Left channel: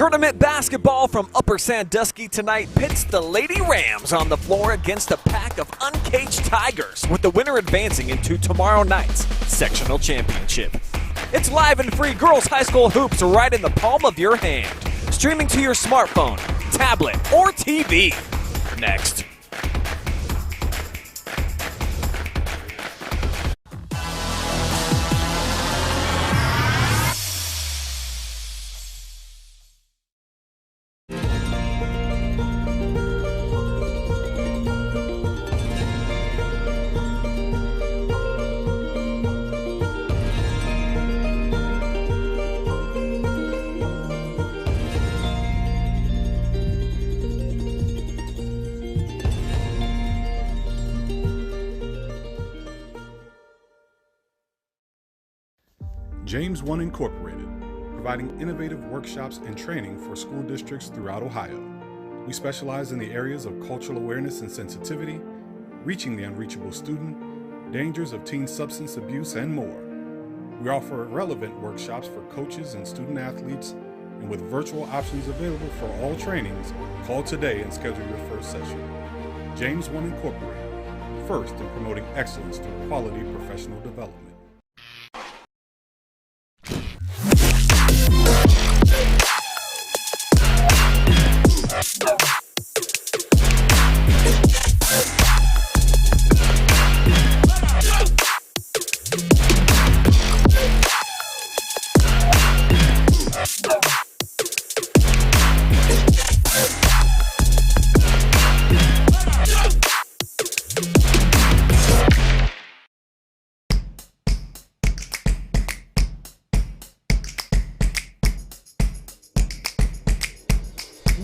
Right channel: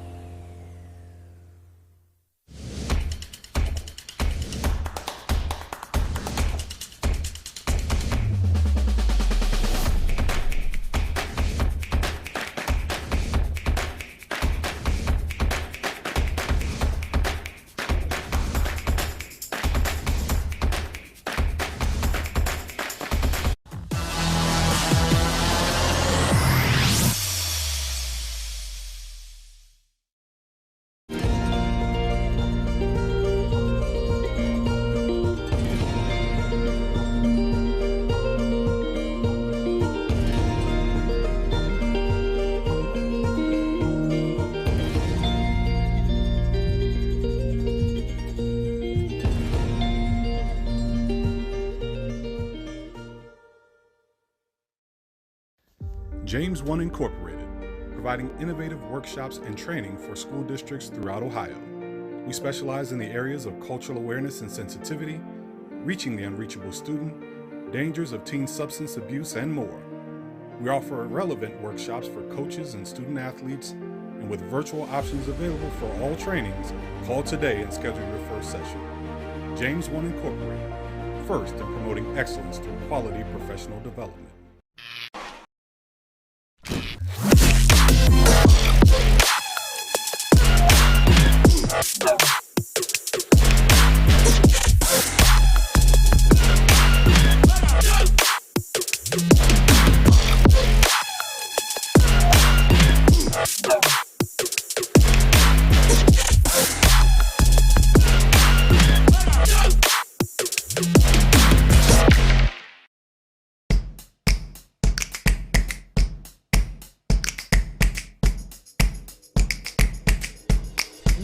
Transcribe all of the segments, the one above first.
Tournament basketball from Upper Sandusky tonight pits the Lady Rams on the floor against a pack of uncaged Tigers, with the winner advancing into tomorrow night's sectional championship. It's live and free girls high school hoops right in the palm of your hand. Streaming to your smartphone, tablet, or TV. Next. James 1 Incorporated, providing innovative workshops and training for school districts throughout Ohio. We specialize in the areas of cultural awareness and sensitivity, reaching the unreachable student, dangers of teen substance abuse, and more. We offer relevant workshops for coaches and student athletes, and with virtual options available for all trainings, call today and schedule your first session. James 1 Incorporated, first in promoting excellence through quality professional development.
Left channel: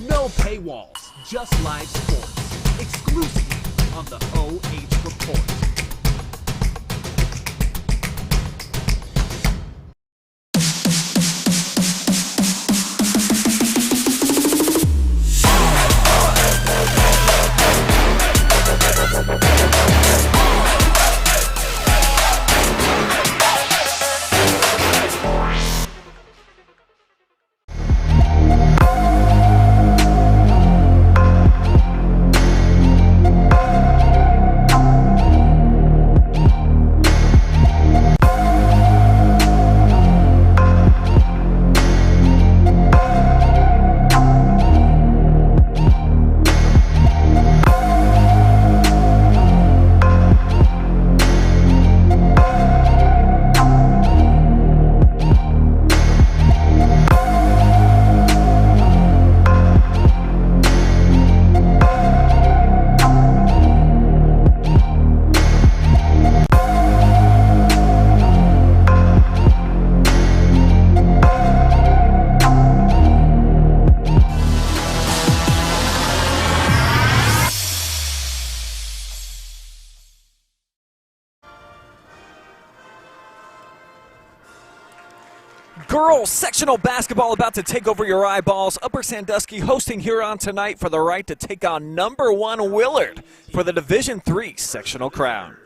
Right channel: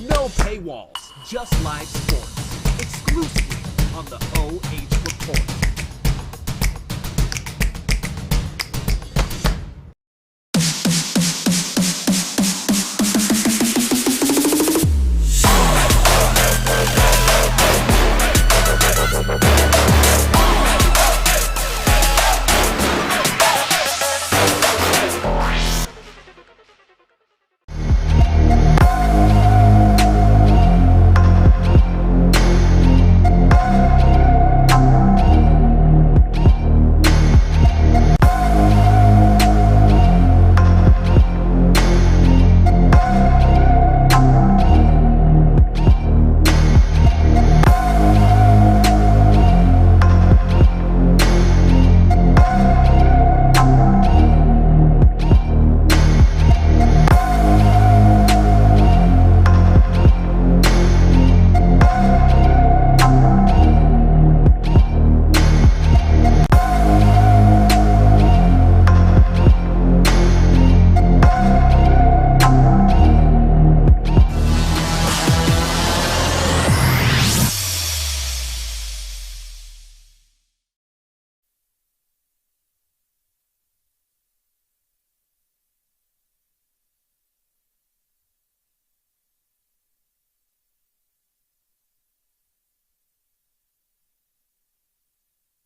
No paywalls, just live sports, exclusively on the OH.Report. Girls sectional basketball about to take over your eyeballs. Upper Sandusky hosting Huron tonight for the right to take on #1 Willard for the Division III sectional crown.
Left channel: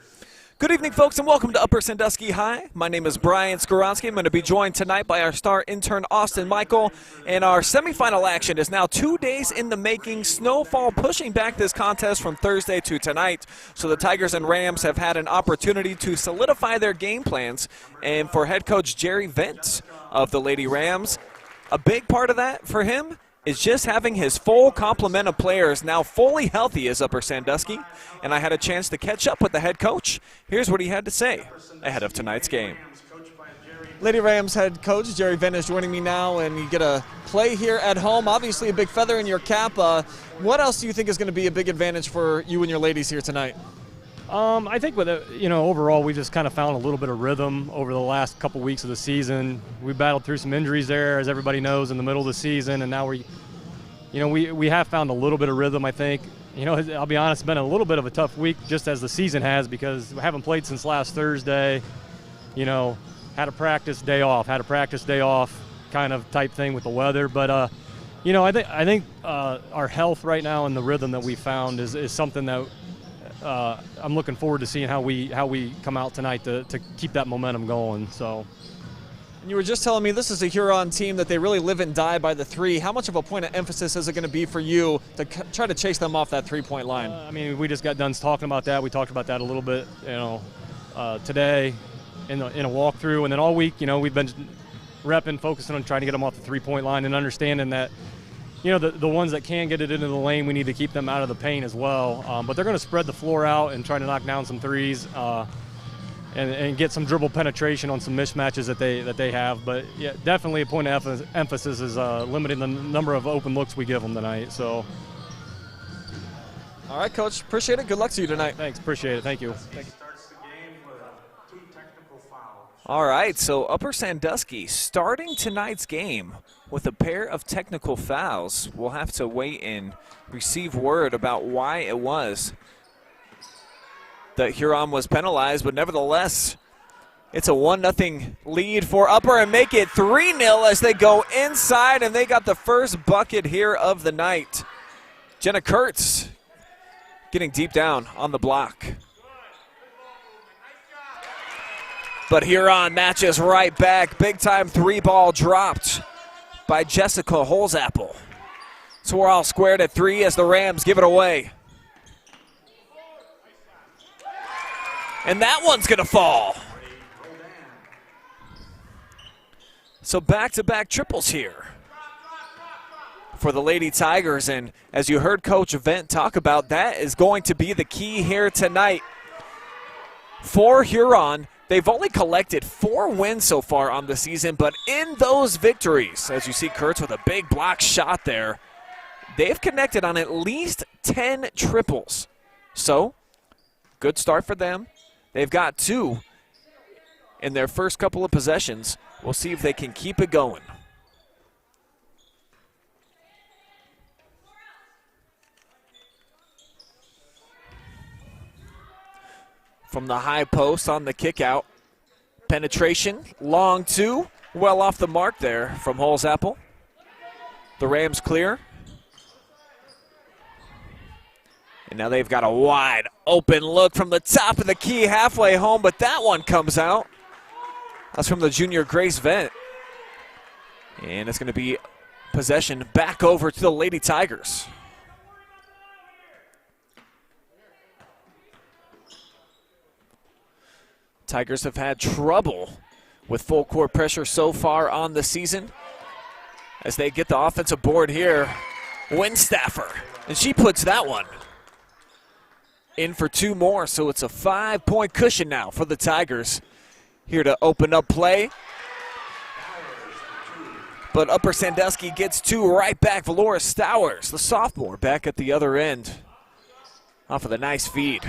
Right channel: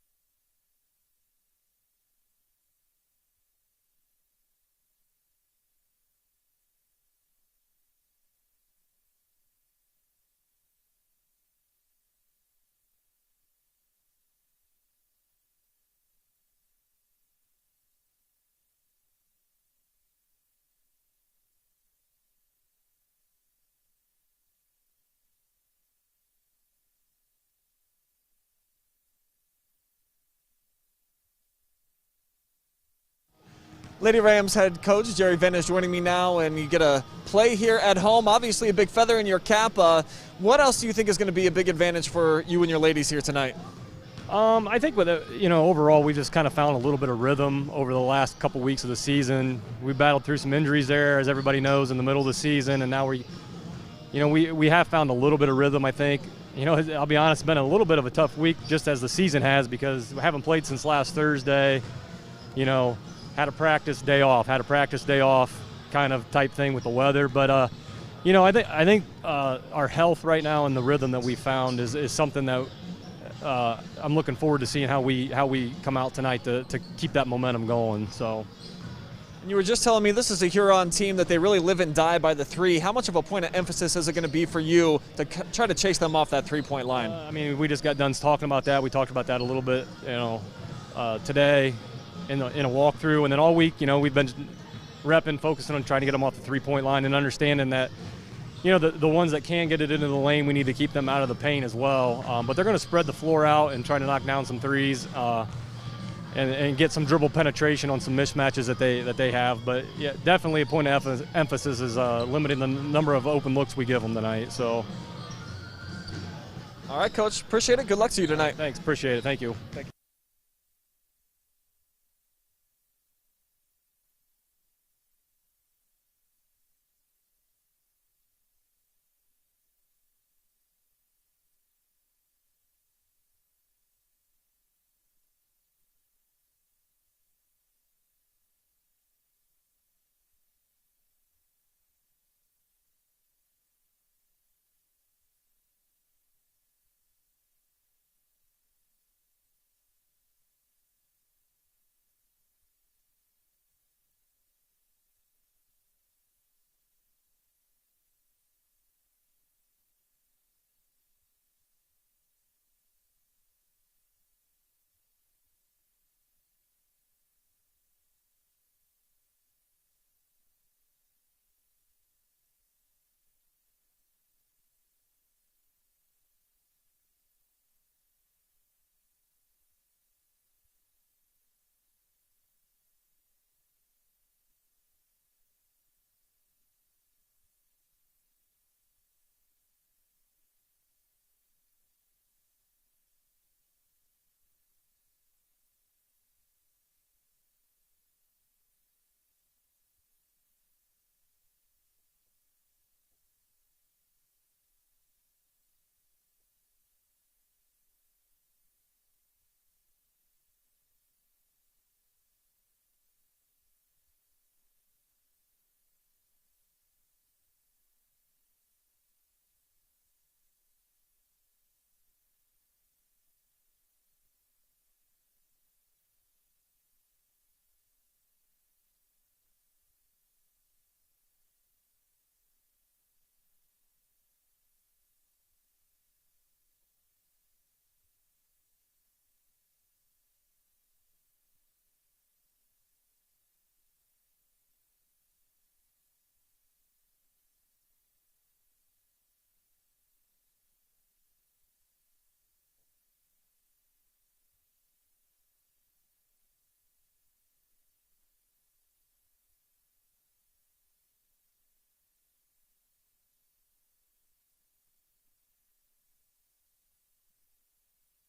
Good evening, folks, and welcome to Upper Sandusky High. My name is Brian Skoronsky. I'm going to be joined tonight by our star intern, Austin Michael. And our semifinal action is now 2 days in the making. Snowfall pushing back this contest from Thursday to tonight. So the Tigers and Rams have had an opportunity to solidify their game plans. And for head coach Jerry Vent of the Lady Rams, a big part of that for him is just having his full complement of players now fully healthy as Upper Sandusky. And I had a chance to catch up with the head coach. Here's what he had to say ahead of tonight's game. Lady Rams head coach Jerry Vent is joining me now, and you get a play here at home. Obviously a big feather in your cap. What else do you think is going to be a big advantage for you and your ladies here tonight? I think with overall we just kind of found a little bit of rhythm over the last couple weeks of the season. We battled through some injuries there, as everybody knows, in the middle of the season, and now we have found a little bit of rhythm, I think. I'll be honest, it's been a little bit of a tough week just as the season has, because we haven't played since last Thursday. Had a practice day off kind of type thing with the weather, but I think our health right now and the rhythm that we found is something that I'm looking forward to seeing how we come out tonight to keep that momentum going. So, And you were just telling me this is a Huron team that they really live and die by the three. How much of a point of emphasis is it going to be for you to try to chase them off that three-point line? I mean, we just got done talking about that. We talked about that a little bit, today in a walkthrough, and then all week, we've been repping, focusing on trying to get them off the three-point line and understanding that, the ones that can get it into the lane, we need to keep them out of the paint as well. But they're going to spread the floor out and try to knock down some threes. And get some dribble penetration on some mismatches that they have. But yeah, definitely a point of emphasis is limiting the number of open looks we give them tonight. So. All right, Coach. Appreciate it. Good luck to you tonight. Thanks. Appreciate it. Thank you. All right, so Upper Sandusky starting tonight's game with a pair of technical fouls. We'll have to wait and receive word about why it was that Huron was penalized, but nevertheless, it's a 1-0 lead for Upper and make it 3-0 as they go inside, and they got the first bucket here of the night. Jenna Kurtz getting deep down on the block. But Huron matches right back. Big-time three-ball dropped by Jessica Holzapple. So we're all squared at 3 as the Rams give it away. And that one's going to fall. So back-to-back triples here for the Lady Tigers. And as you heard Coach Vent talk about, that is going to be the key here tonight. For Huron, they've only collected 4 wins so far on the season, but in those victories, as you see Kurtz with a big block shot there, they've connected on at least 10 triples. So, good start for them. They've got 2 in their first couple of possessions. We'll see if they can keep it going. From the high post on the kick out. Penetration, long 2, well off the mark there from Holzapple. The Rams clear. And now they've got a wide open look from the top of the key halfway home, but that one comes out. That's from the junior Grace Vent. And it's going to be possession back over to the Lady Tigers. Tigers have had trouble with full court pressure so far on the season. As they get the offensive board here, Winstaffer, and she puts that one in for 2 more, so it's a 5-point cushion now for the Tigers. Here to open up play. But Upper Sandusky gets 2 right back. Valora Stowers, the sophomore, back at the other end. Off of the nice feed.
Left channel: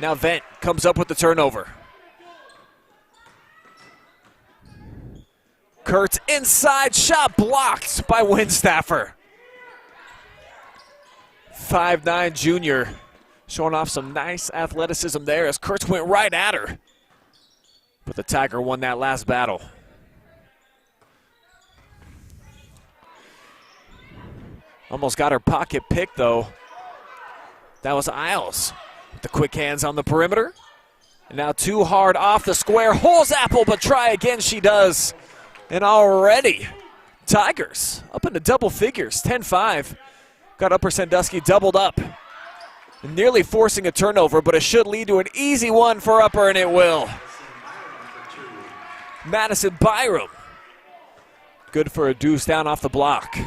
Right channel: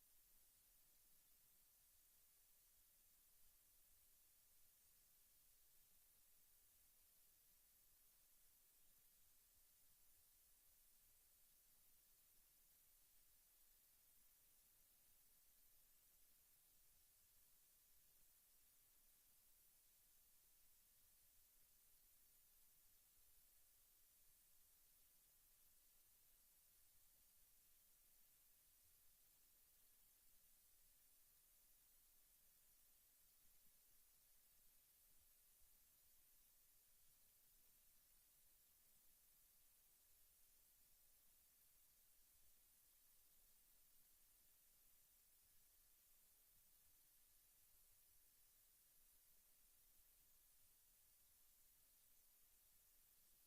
Now Vent comes up with the turnover. Kurtz inside shot blocked by Winstaffer. 5'9" junior showing off some nice athleticism there as Kurtz went right at her. But the Tiger won that last battle. Almost got her pocket pick though. That was Isles. The quick hands on the perimeter. And now too hard off the square. Holzapple, but try again she does. And already, Tigers up into double figures, 10-5. Got Upper Sandusky doubled up. Nearly forcing a turnover, but it should lead to an easy one for Upper, and it will. Madison Byram. Good for a deuce down off the block.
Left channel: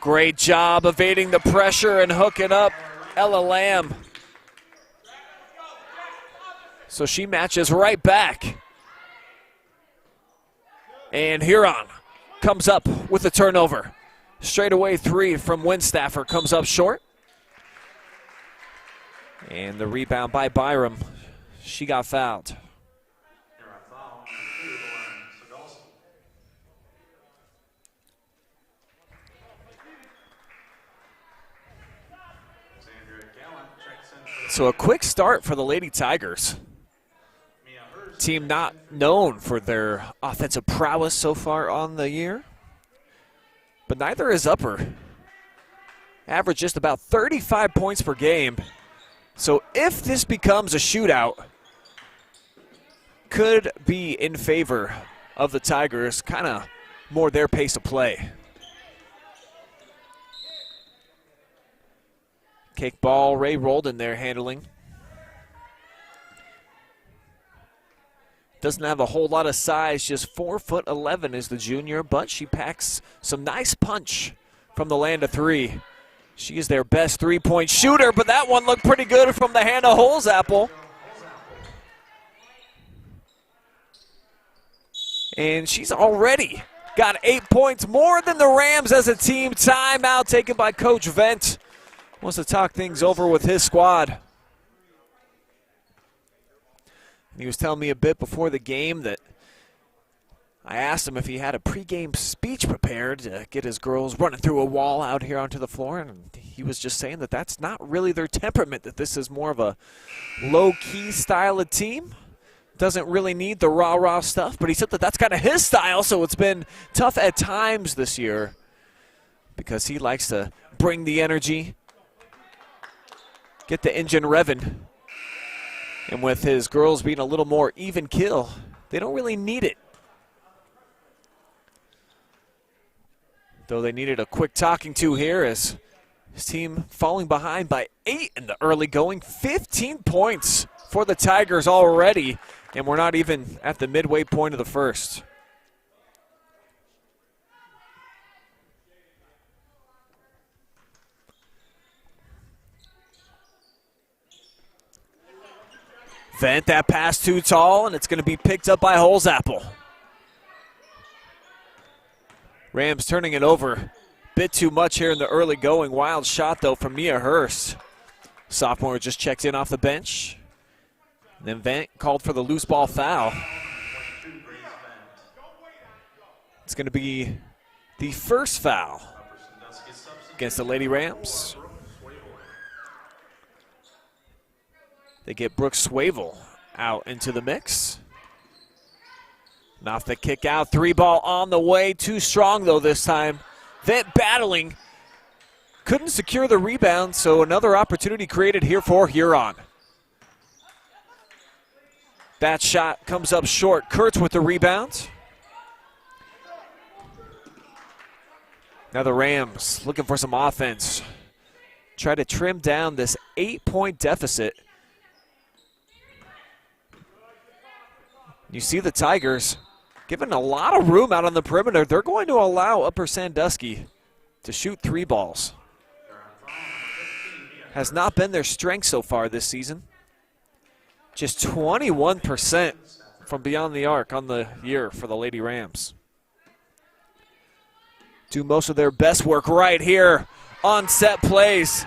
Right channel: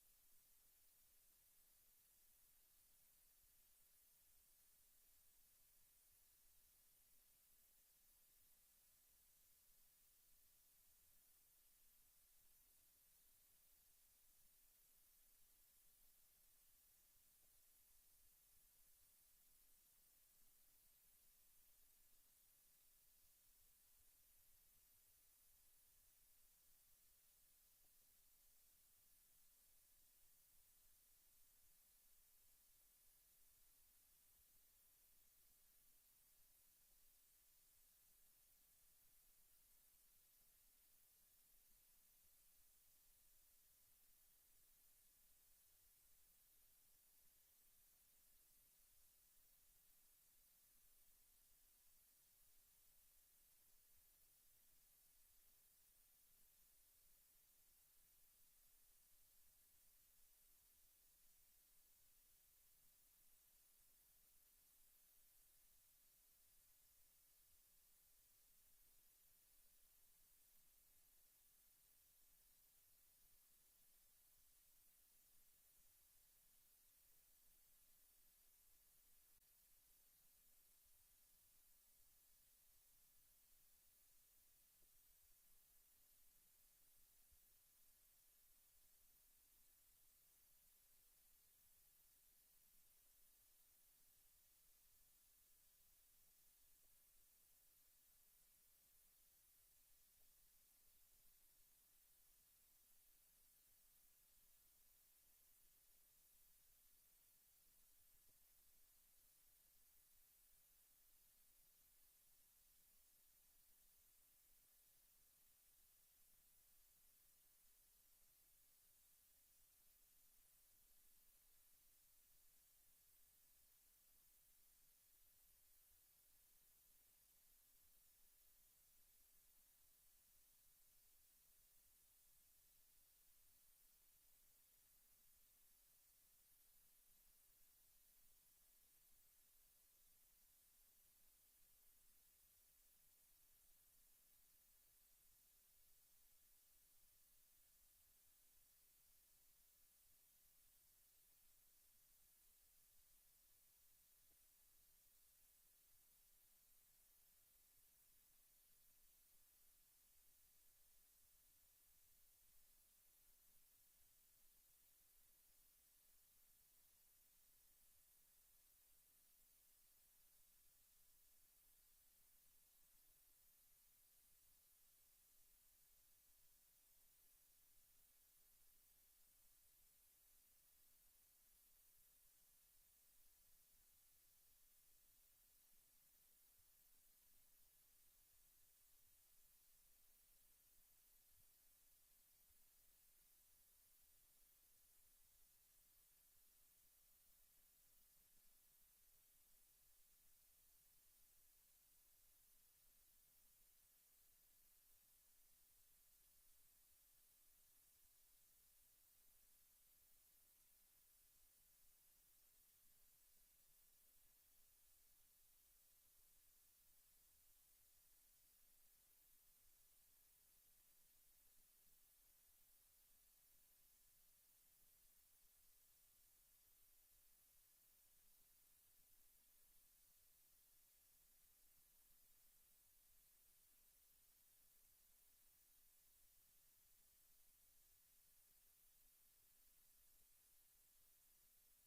Great job evading the pressure and hooking up Ella Lamb. So she matches right back. And Huron comes up with a turnover. Straightaway 3 from Winstaffer comes up short. And the rebound by Byram. She got fouled. So a quick start for the Lady Tigers. Team not known for their offensive prowess so far on the year. But neither is Upper. Average just about 35 points per game. So if this becomes a shootout, could be in favor of the Tigers, kind of more their pace of play. Kick ball, Ray Roldan there handling. Doesn't have a whole lot of size, just 4'11" is the junior, but she packs some nice punch from the land of three. She is their best three-point shooter, but that one looked pretty good from the hand of Holzapfel. And she's already got 8 points, more than the Rams as a team. Timeout taken by Coach Vent. Wants to talk things over with his squad. He was telling me a bit before the game that I asked him if he had a pregame speech prepared to get his girls running through a wall out here onto the floor, and he was just saying that that's not really their temperament, that this is more of a low-key style of team. Doesn't really need the rah-rah stuff, but he said that that's kind of his style, so it's been tough at times this year because he likes to bring the energy, get the engine revving. And with his girls being a little more even kill, they don't really need it. Though they needed a quick talking to here as his team falling behind by 8 in the early going. 15 points for the Tigers already, and we're not even at the midway point of the first. Vent, that pass too tall, and it's going to be picked up by Holzapfel. Rams turning it over. Bit too much here in the early going. Wild shot, though, from Mia Hurst. Sophomore just checked in off the bench. And then Vent called for the loose ball foul. It's going to be the first foul against the Lady Rams. They get Brooke Swavel out into the mix. And off the kick out, three ball on the way. Too strong, though, this time. Vent battling. Couldn't secure the rebound, so another opportunity created here for Huron. That shot comes up short. Kurtz with the rebound. Now the Rams looking for some offense. Try to trim down this 8-point deficit. You see the Tigers given a lot of room out on the perimeter. They're going to allow Upper Sandusky to shoot three balls. Has not been their strength so far this season. Just 21% from beyond the arc on the year for the Lady Rams. Do most of their best work right here on set plays.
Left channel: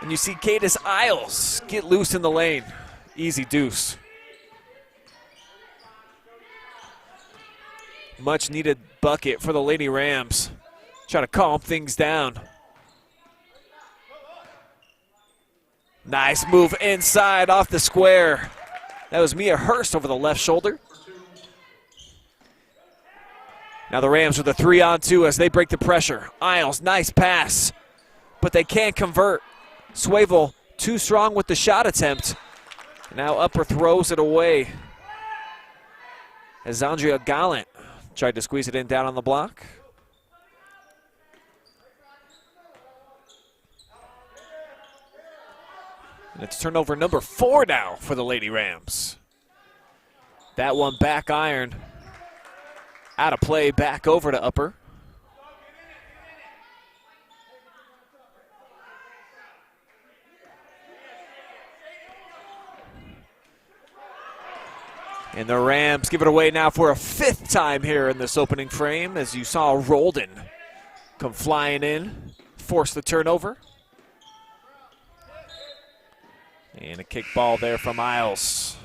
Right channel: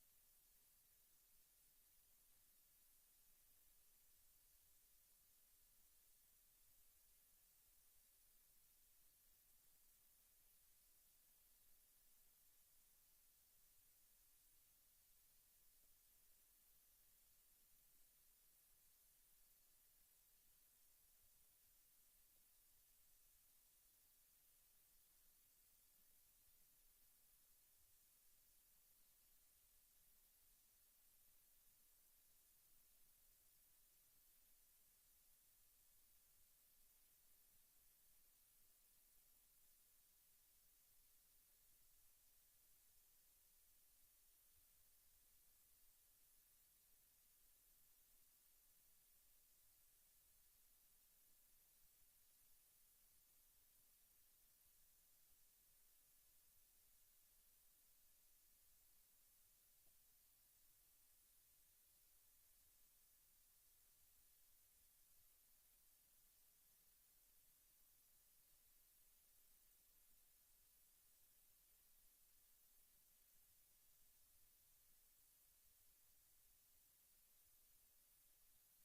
And you see Cadis Isles get loose in the lane. Easy deuce. Much needed bucket for the Lady Rams. Try to calm things down. Nice move inside off the square. That was Mia Hurst over the left shoulder. Now the Rams with a 3-on-2 as they break the pressure. Isles, nice pass, but they can't convert. Swavel too strong with the shot attempt. Now Upper throws it away as Andrea Gallant tried to squeeze it in down on the block. And it's turnover number 4 now for the Lady Rams. That one back iron. Out of play, back over to Upper. And the Rams give it away now for a 5th time here in this opening frame, as you saw Roldan come flying in, force the turnover. And a kick ball there from Isles.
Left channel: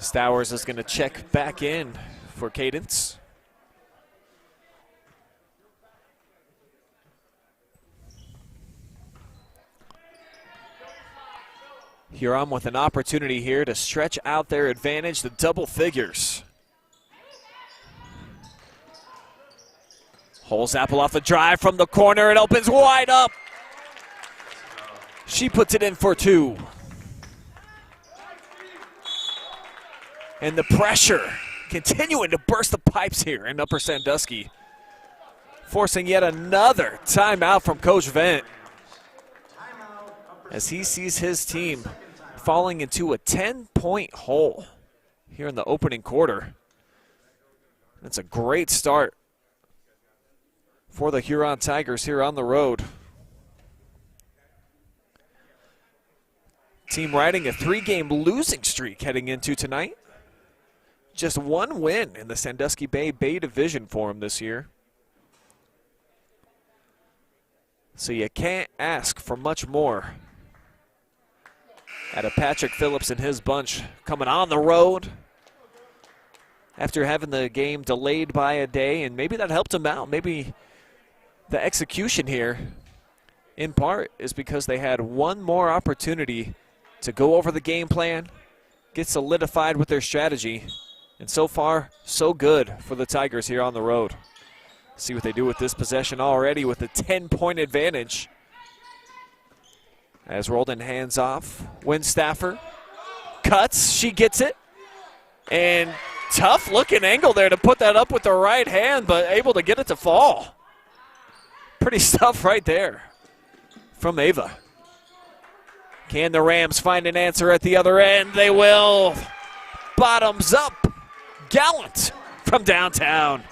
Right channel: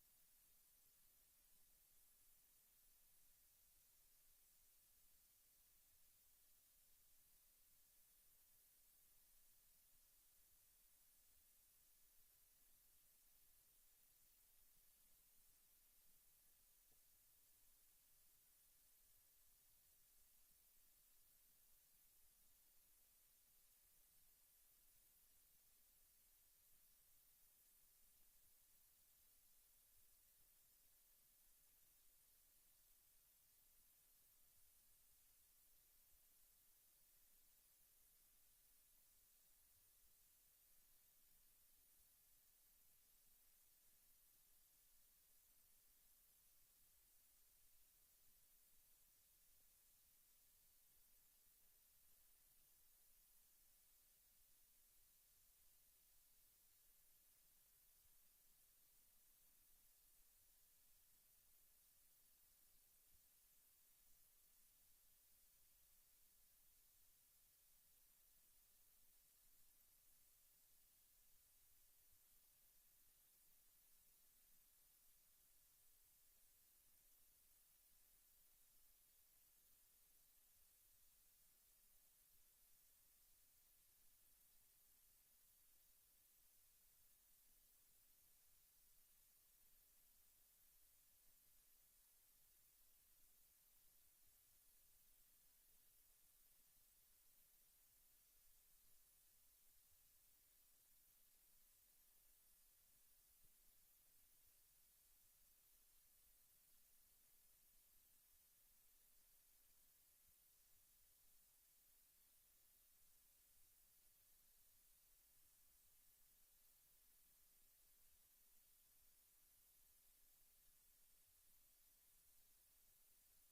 Stowers is going to check back in for Cadence. Huron with an opportunity here to stretch out their advantage to double figures. Holzapfel off the drive from the corner. It opens wide up. She puts it in for 2. And the pressure continuing to burst the pipes here in Upper Sandusky, forcing yet another timeout from Coach Vent as he sees his team falling into a 10-point hole here in the opening quarter. That's a great start for the Huron Tigers here on the road. Team riding a 3-game losing streak heading into tonight. Just one win in the Sandusky Bay Division for them this year. So you can't ask for much more out of Patrick Phillips and his bunch coming on the road after having the game delayed by a day, and maybe that helped them out. Maybe the execution here, in part, is because they had one more opportunity to go over the game plan, get solidified with their strategy, and so far, so good for the Tigers here on the road. See what they do with this possession already with a 10-point advantage. As Roldan hands off, Winstaffer cuts, she gets it, and tough looking angle there to put that up with the right hand, but able to get it to fall. Pretty stuff right there from Ava. Can the Rams find an answer at the other end? They will. Bottoms up. Gallant from downtown.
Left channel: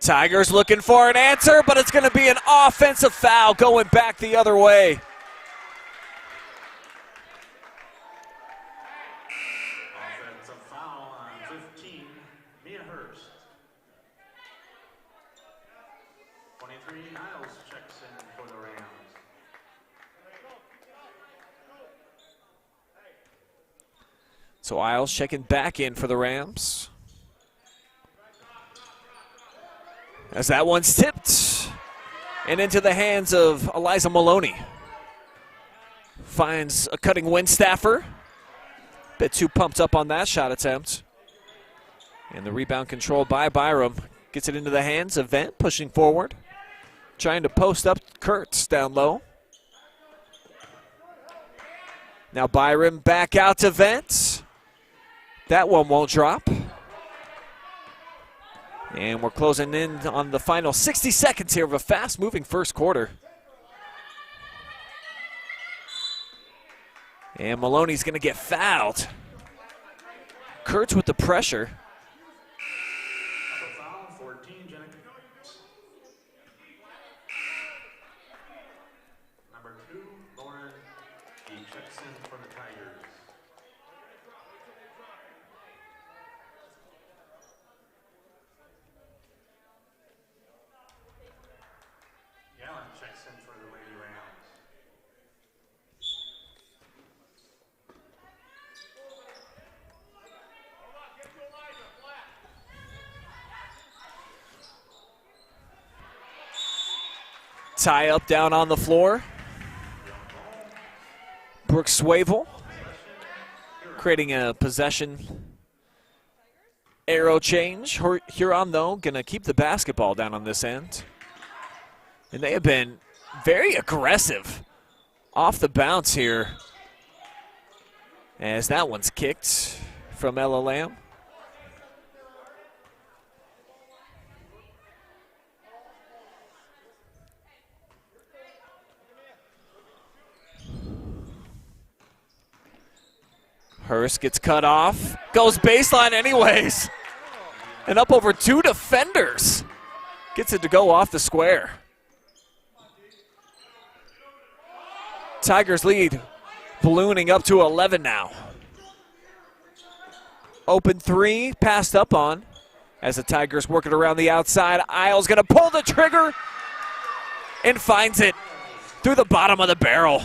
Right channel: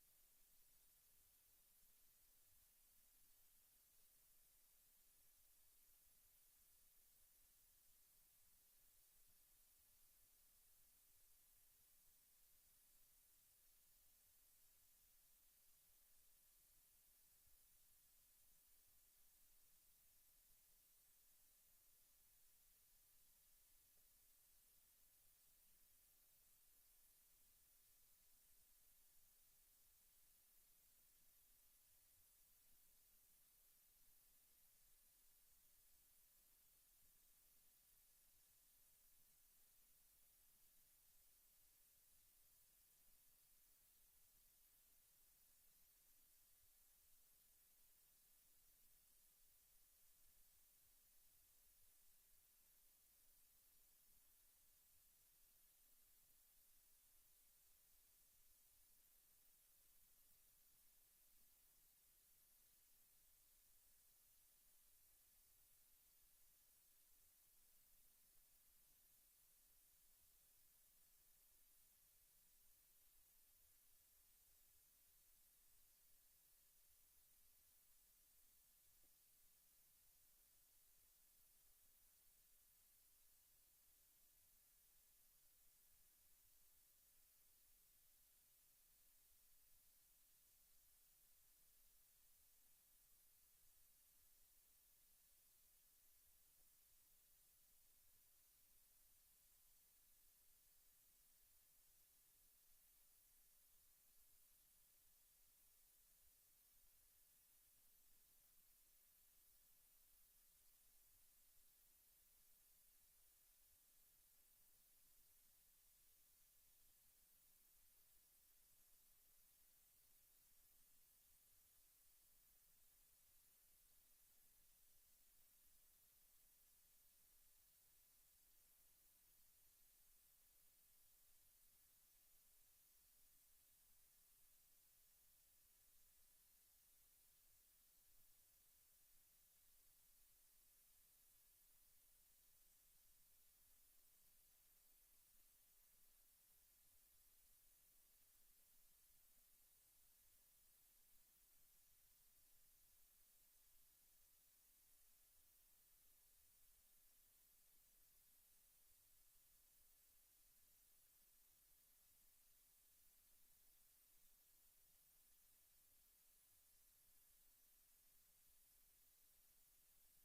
Tigers looking for an answer, but it's going to be an offensive foul going back the other way. Offensive foul on 15, Mia Hurst. 23, Niles checks in for the Rams. So Isles checking back in for the Rams. As that one's tipped and into the hands of Eliza Maloney. Finds a cutting Winstaffer. Bit too pumped up on that shot attempt. And the rebound controlled by Byram. Gets it into the hands of Vent, pushing forward. Trying to post up Kurtz down low. Now Byram back out to Vent. That one won't drop. And we're closing in on the final 60 seconds here of a fast-moving first quarter. And Maloney's going to get fouled. Kurtz with the pressure. Foul, 14, Jennifer. Number 2, Lauren. He checks in for the Tigers. Gallant checks in for the Lady Rams. Tie up down on the floor. Brooks Swavel creating a possession arrow change. Huron, though, going to keep the basketball down on this end. And they have been very aggressive off the bounce here as that one's kicked from Ella Lamb. Hurst gets cut off, goes baseline anyways. And up over 2 defenders. Gets it to go off the square. Tigers lead ballooning up to 11 now. Open 3, passed up on as the Tigers work it around the outside. Isles gonna pull the trigger and finds it through the bottom of the barrel.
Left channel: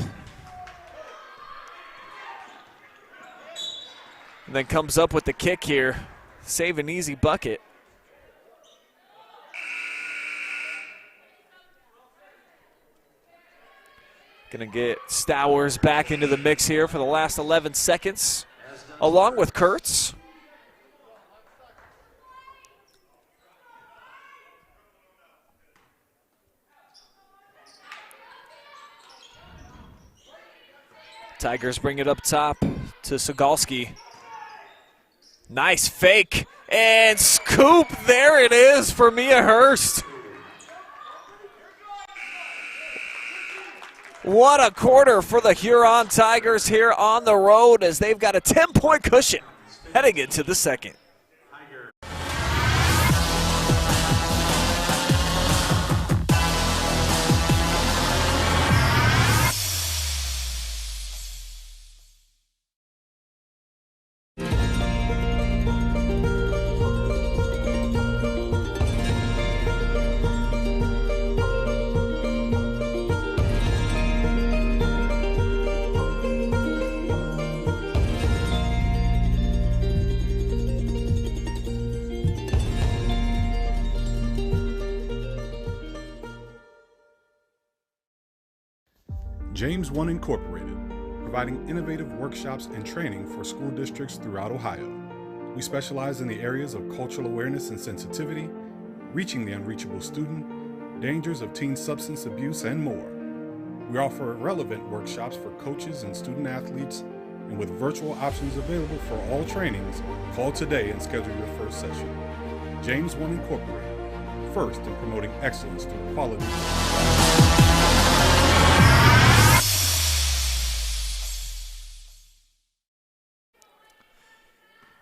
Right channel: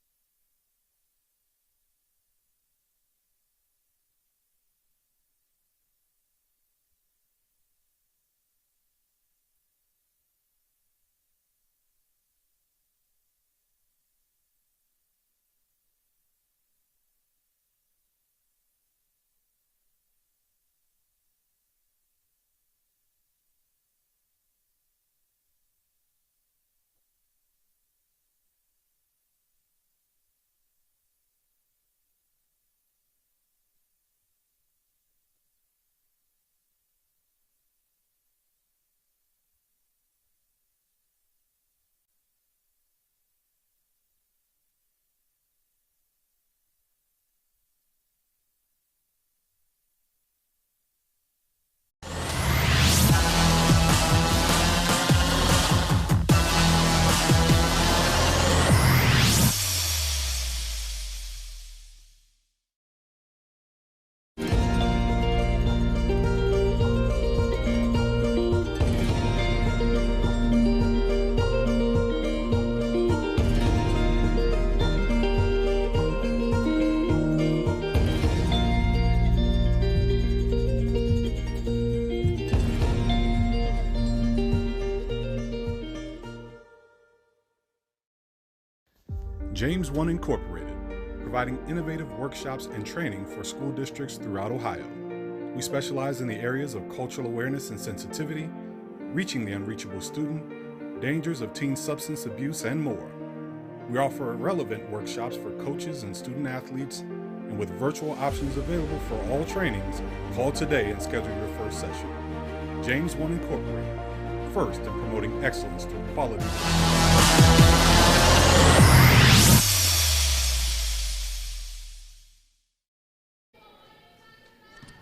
And then comes up with the kick here. Save an easy bucket. Gonna get Stowers back into the mix here for the last 11 seconds, along with Kurtz. Tigers bring it up top to Sandusky. Nice fake and scoop. There it is for Mia Hurst. What a quarter for the Huron Tigers here on the road as they've got a 10-point cushion heading into the second. James One Incorporated, providing innovative workshops and training for school districts throughout Ohio. We specialize in the areas of cultural awareness and sensitivity, reaching the unreachable student, dangers of teen substance abuse, and more. We offer relevant workshops for coaches and student athletes, and with virtual options available for all trainings, call today and schedule your first session. James One Incorporated, first in promoting excellence through quality.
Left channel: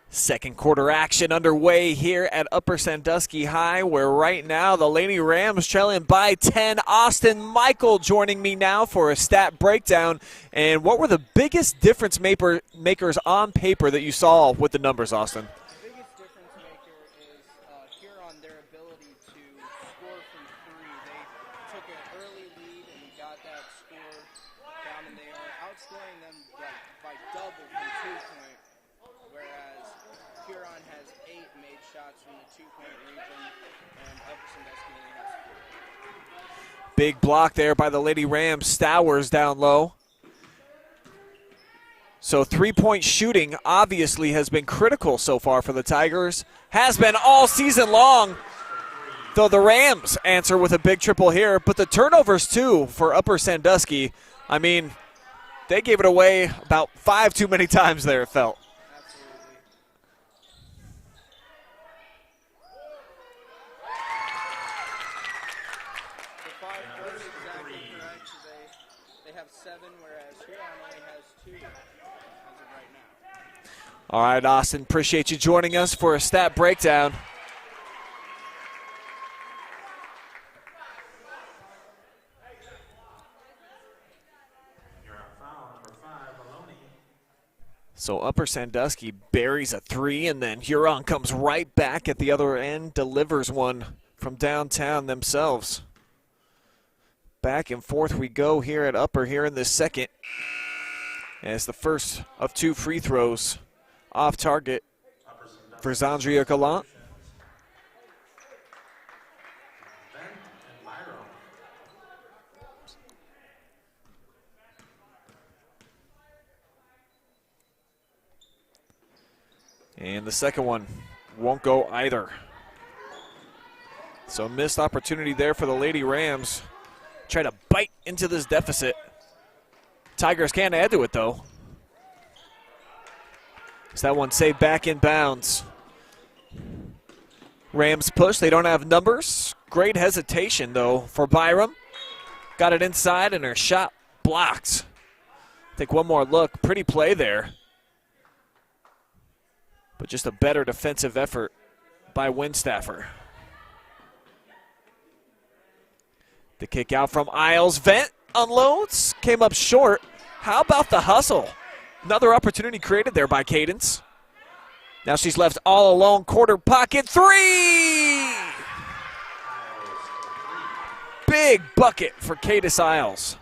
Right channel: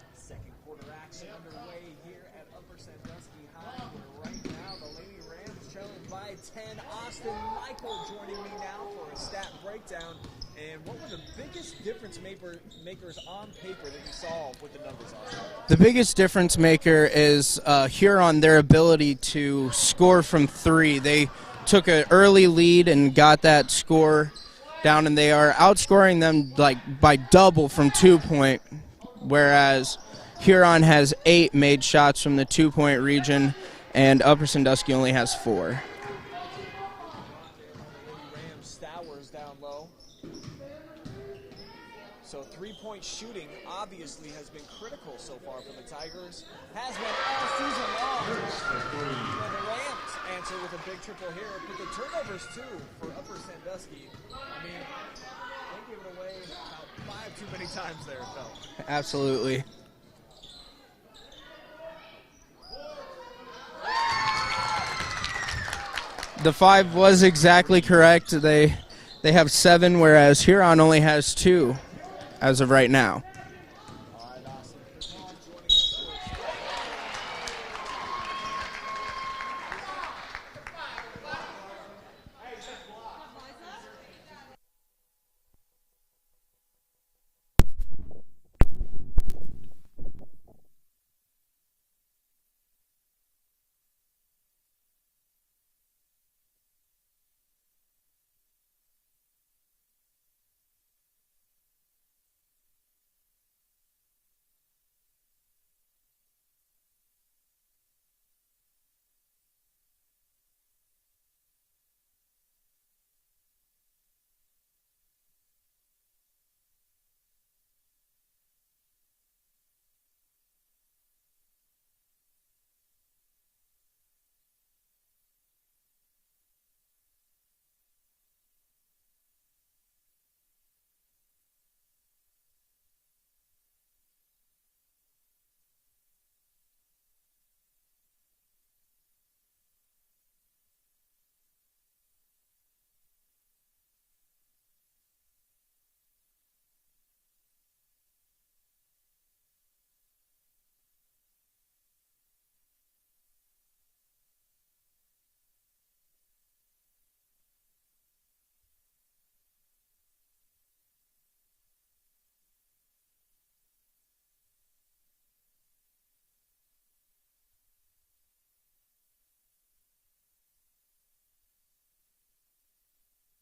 Second quarter action underway here at Upper Sandusky High, where right now the Lady Rams trailing by 10. Austin Michael joining me now for a stat breakdown. And what were the biggest difference makers on paper that you saw with the numbers, Austin? The biggest difference maker is Huron, their ability to score from three. They took an early lead and got that score down, and they are outscoring them like by double from 2-point, whereas Huron has 8 made shots from the 2-point region, and Upper Sandusky only has 4. Big block there by the Lady Rams. Stowers down low. So 3-point shooting obviously has been critical so far for the Tigers. Has been all season long. Though the Rams answer with a big triple here, but the turnovers too for Upper Sandusky. I mean, they gave it away about 5 too many times there, it felt. Absolutely. The 5 was exactly correct. They have 7, whereas Huron only has 2 as of right now. All right, Austin, appreciate you joining us for a stat breakdown. So Upper Sandusky buries a 3, and then Huron comes right back at the other end, delivers one from downtown themselves. Back and forth we go here at Upper here in this second, as the first of 2 free throws off target for Zandria Gallant. And the second one won't go either. So missed opportunity there for the Lady Rams. Try to bite into this deficit. Tigers can't add to it though. Is that one saved back in bounds? Rams push, they don't have numbers. Great hesitation though for Byram. Got it inside and her shot blocked. Take one more look, pretty play there. But just a better defensive effort by Winstaffer. The kick out from Isles. Vent unloads, came up short. How about the hustle? Another opportunity created there by Cadence. Now she's left all alone, quarter pocket, 3! Big bucket for Cadence Isles.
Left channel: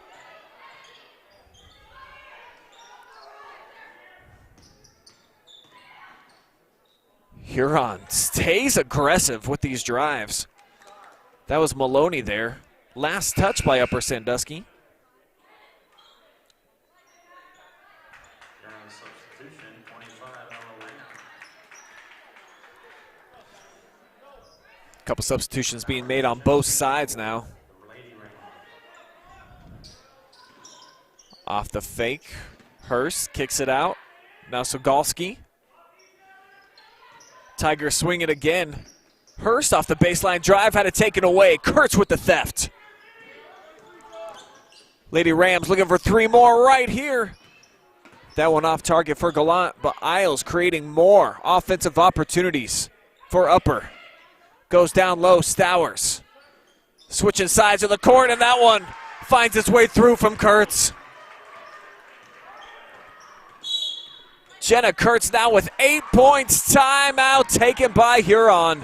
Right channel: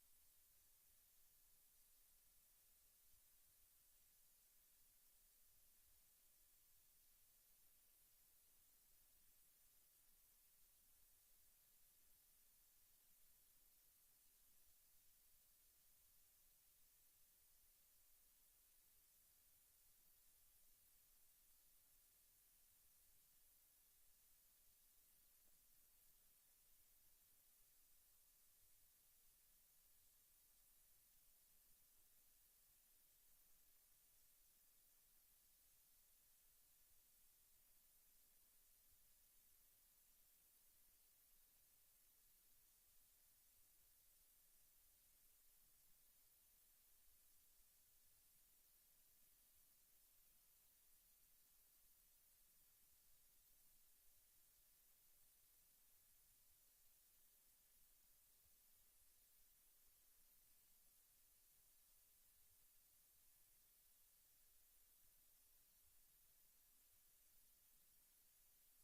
Huron stays aggressive with these drives. That was Maloney there. Last touch by Upper Sandusky. Couple substitutions being made on both sides now. Off the fake. Hurst kicks it out. Now Sogalski. Tigers swing it again. Hurst off the baseline drive, had it taken away. Kurtz with the theft. Lady Rams looking for 3 more right here. That one off target for Gallant, but Isles creating more offensive opportunities for Upper. Goes down low, Stowers. Switching sides of the court, and that one finds its way through from Kurtz. Jenna Kurtz now with 8 points. Timeout taken by Huron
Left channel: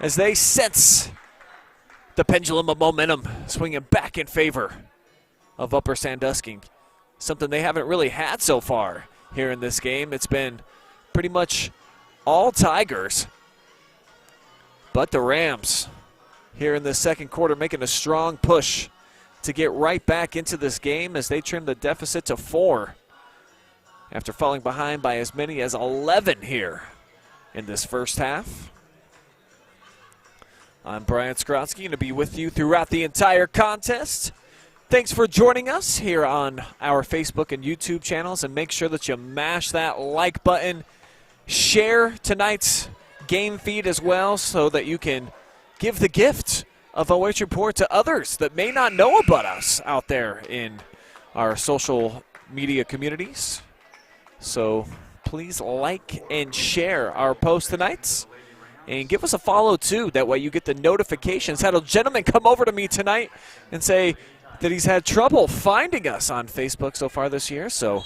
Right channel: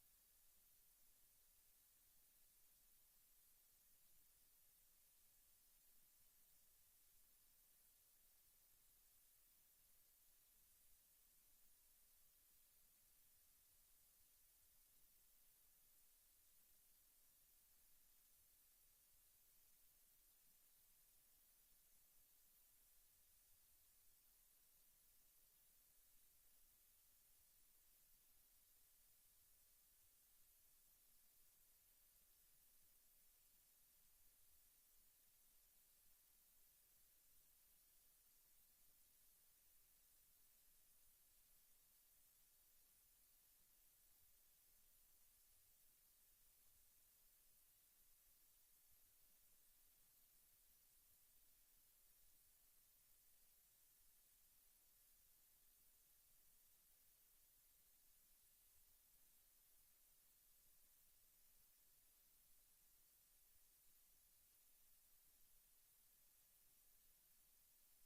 as they sense the pendulum of momentum swinging back in favor of Upper Sandusky. Something they haven't really had so far here in this game. It's been pretty much all Tigers. But the Rams here in the second quarter making a strong push to get right back into this game as they trim the deficit to 4 after falling behind by as many as 11 here in this first half. I'm Brian Skrotsky, going to be with you throughout the entire contest. Thanks for joining us here on our Facebook and YouTube channels, and make sure that you mash that like button. Share tonight's game feed as well so that you can give the gift of OH.Report to others that may not know about us out there in our social media communities. So please like and share our post tonights. And give us a follow, too. That way you get the notifications. Had a gentleman come over to me tonight and say that he's had trouble finding us on Facebook so far this year. So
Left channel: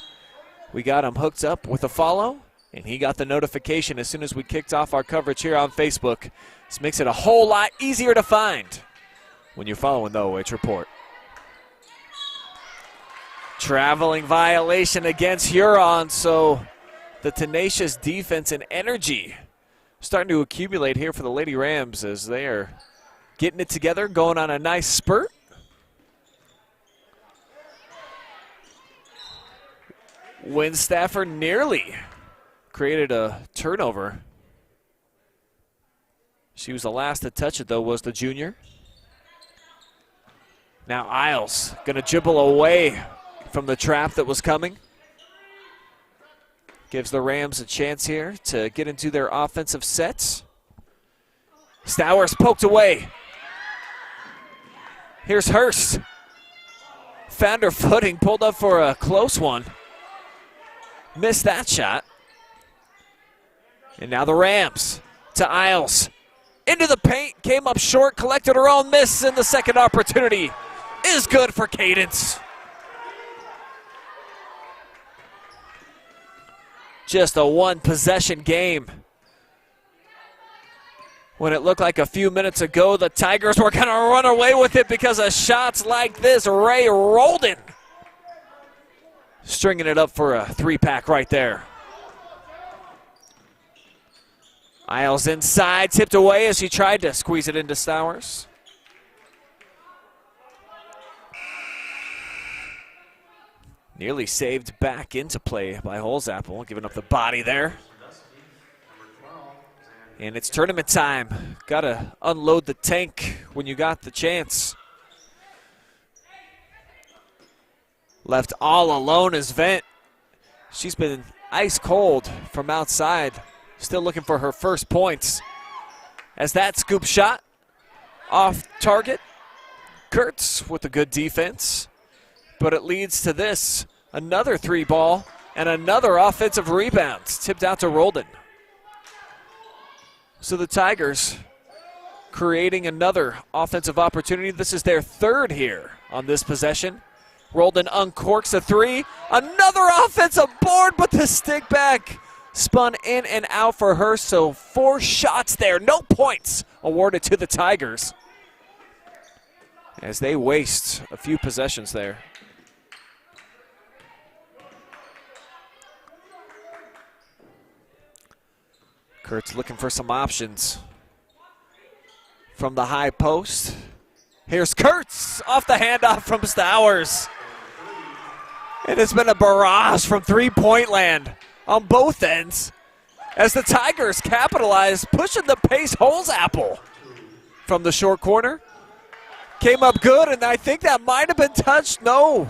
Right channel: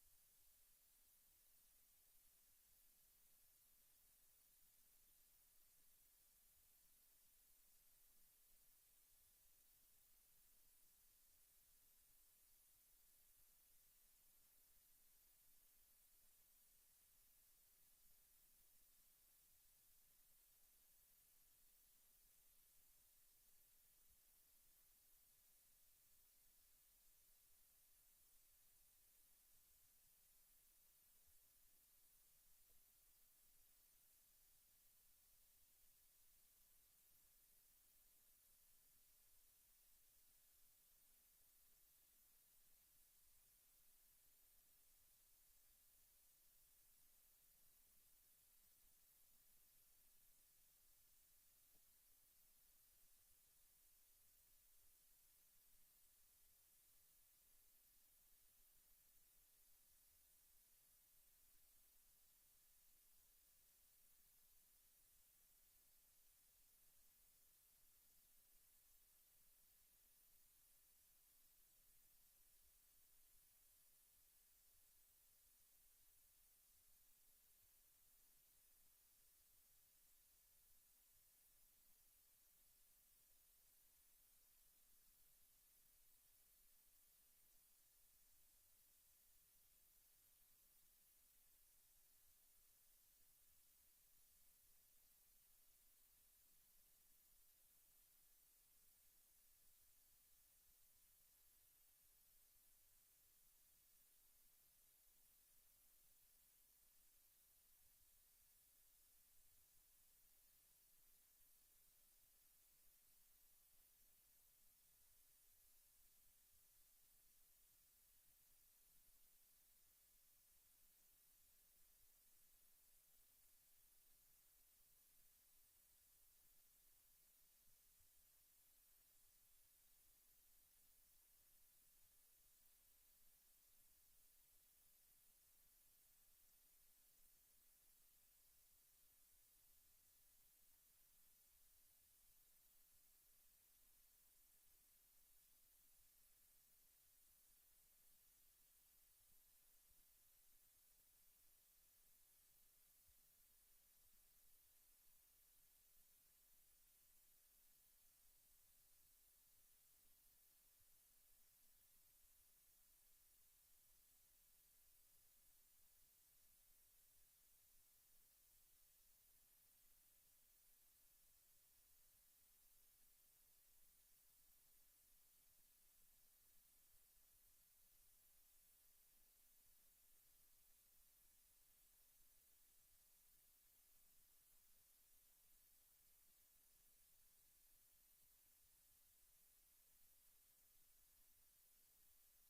we got him hooked up with a follow, and he got the notification as soon as we kicked off our coverage here on Facebook. This makes it a whole lot easier to find when you're following the OH.Report. Traveling violation against Huron, so the tenacious defense and energy starting to accumulate here for the Lady Rams as they are getting it together, going on a nice spurt. Winstaffer nearly created a turnover. She was the last to touch it, though, was the junior. Now Isles going to dribble away from the trap that was coming. Gives the Rams a chance here to get into their offensive sets. Stowers poked away. Here's Hurst. Found her footing, pulled up for a close one. Missed that shot. And now the Rams to Isles. Into the paint, came up short, collected her own miss, and the second opportunity is good for Cadence. Just a one-possession game. When it looked like a few minutes ago the Tigers were going to run away with it because of shots like this. Ray Roldan stringing it up for a 3-pack right there. Isles inside, tipped away as she tried to squeeze it into Stowers. Nearly saved back into play by Holzapfel, giving up the body there. And it's tournament time. Got to unload the tank when you got the chance. Left all alone is Vent. She's been ice cold from outside. Still looking for her first points. As that scoop shot off target. Kurtz with a good defense. But it leads to this. Another 3-ball and another offensive rebound. Tipped out to Roldan. So the Tigers creating another offensive opportunity. This is their third here on this possession. Roldan uncorks a 3. Another offensive board, but the stick back spun in and out for her. So 4 shots there. No points awarded to the Tigers as they waste a few possessions there. Kurtz looking for some options from the high post. Here's Kurtz off the handoff from Stowers. And it's been a barrage from three-point land on both ends as the Tigers capitalize, pushing the pace. Holzapfel from the short corner. Came up good, and I think that might have been touched. No.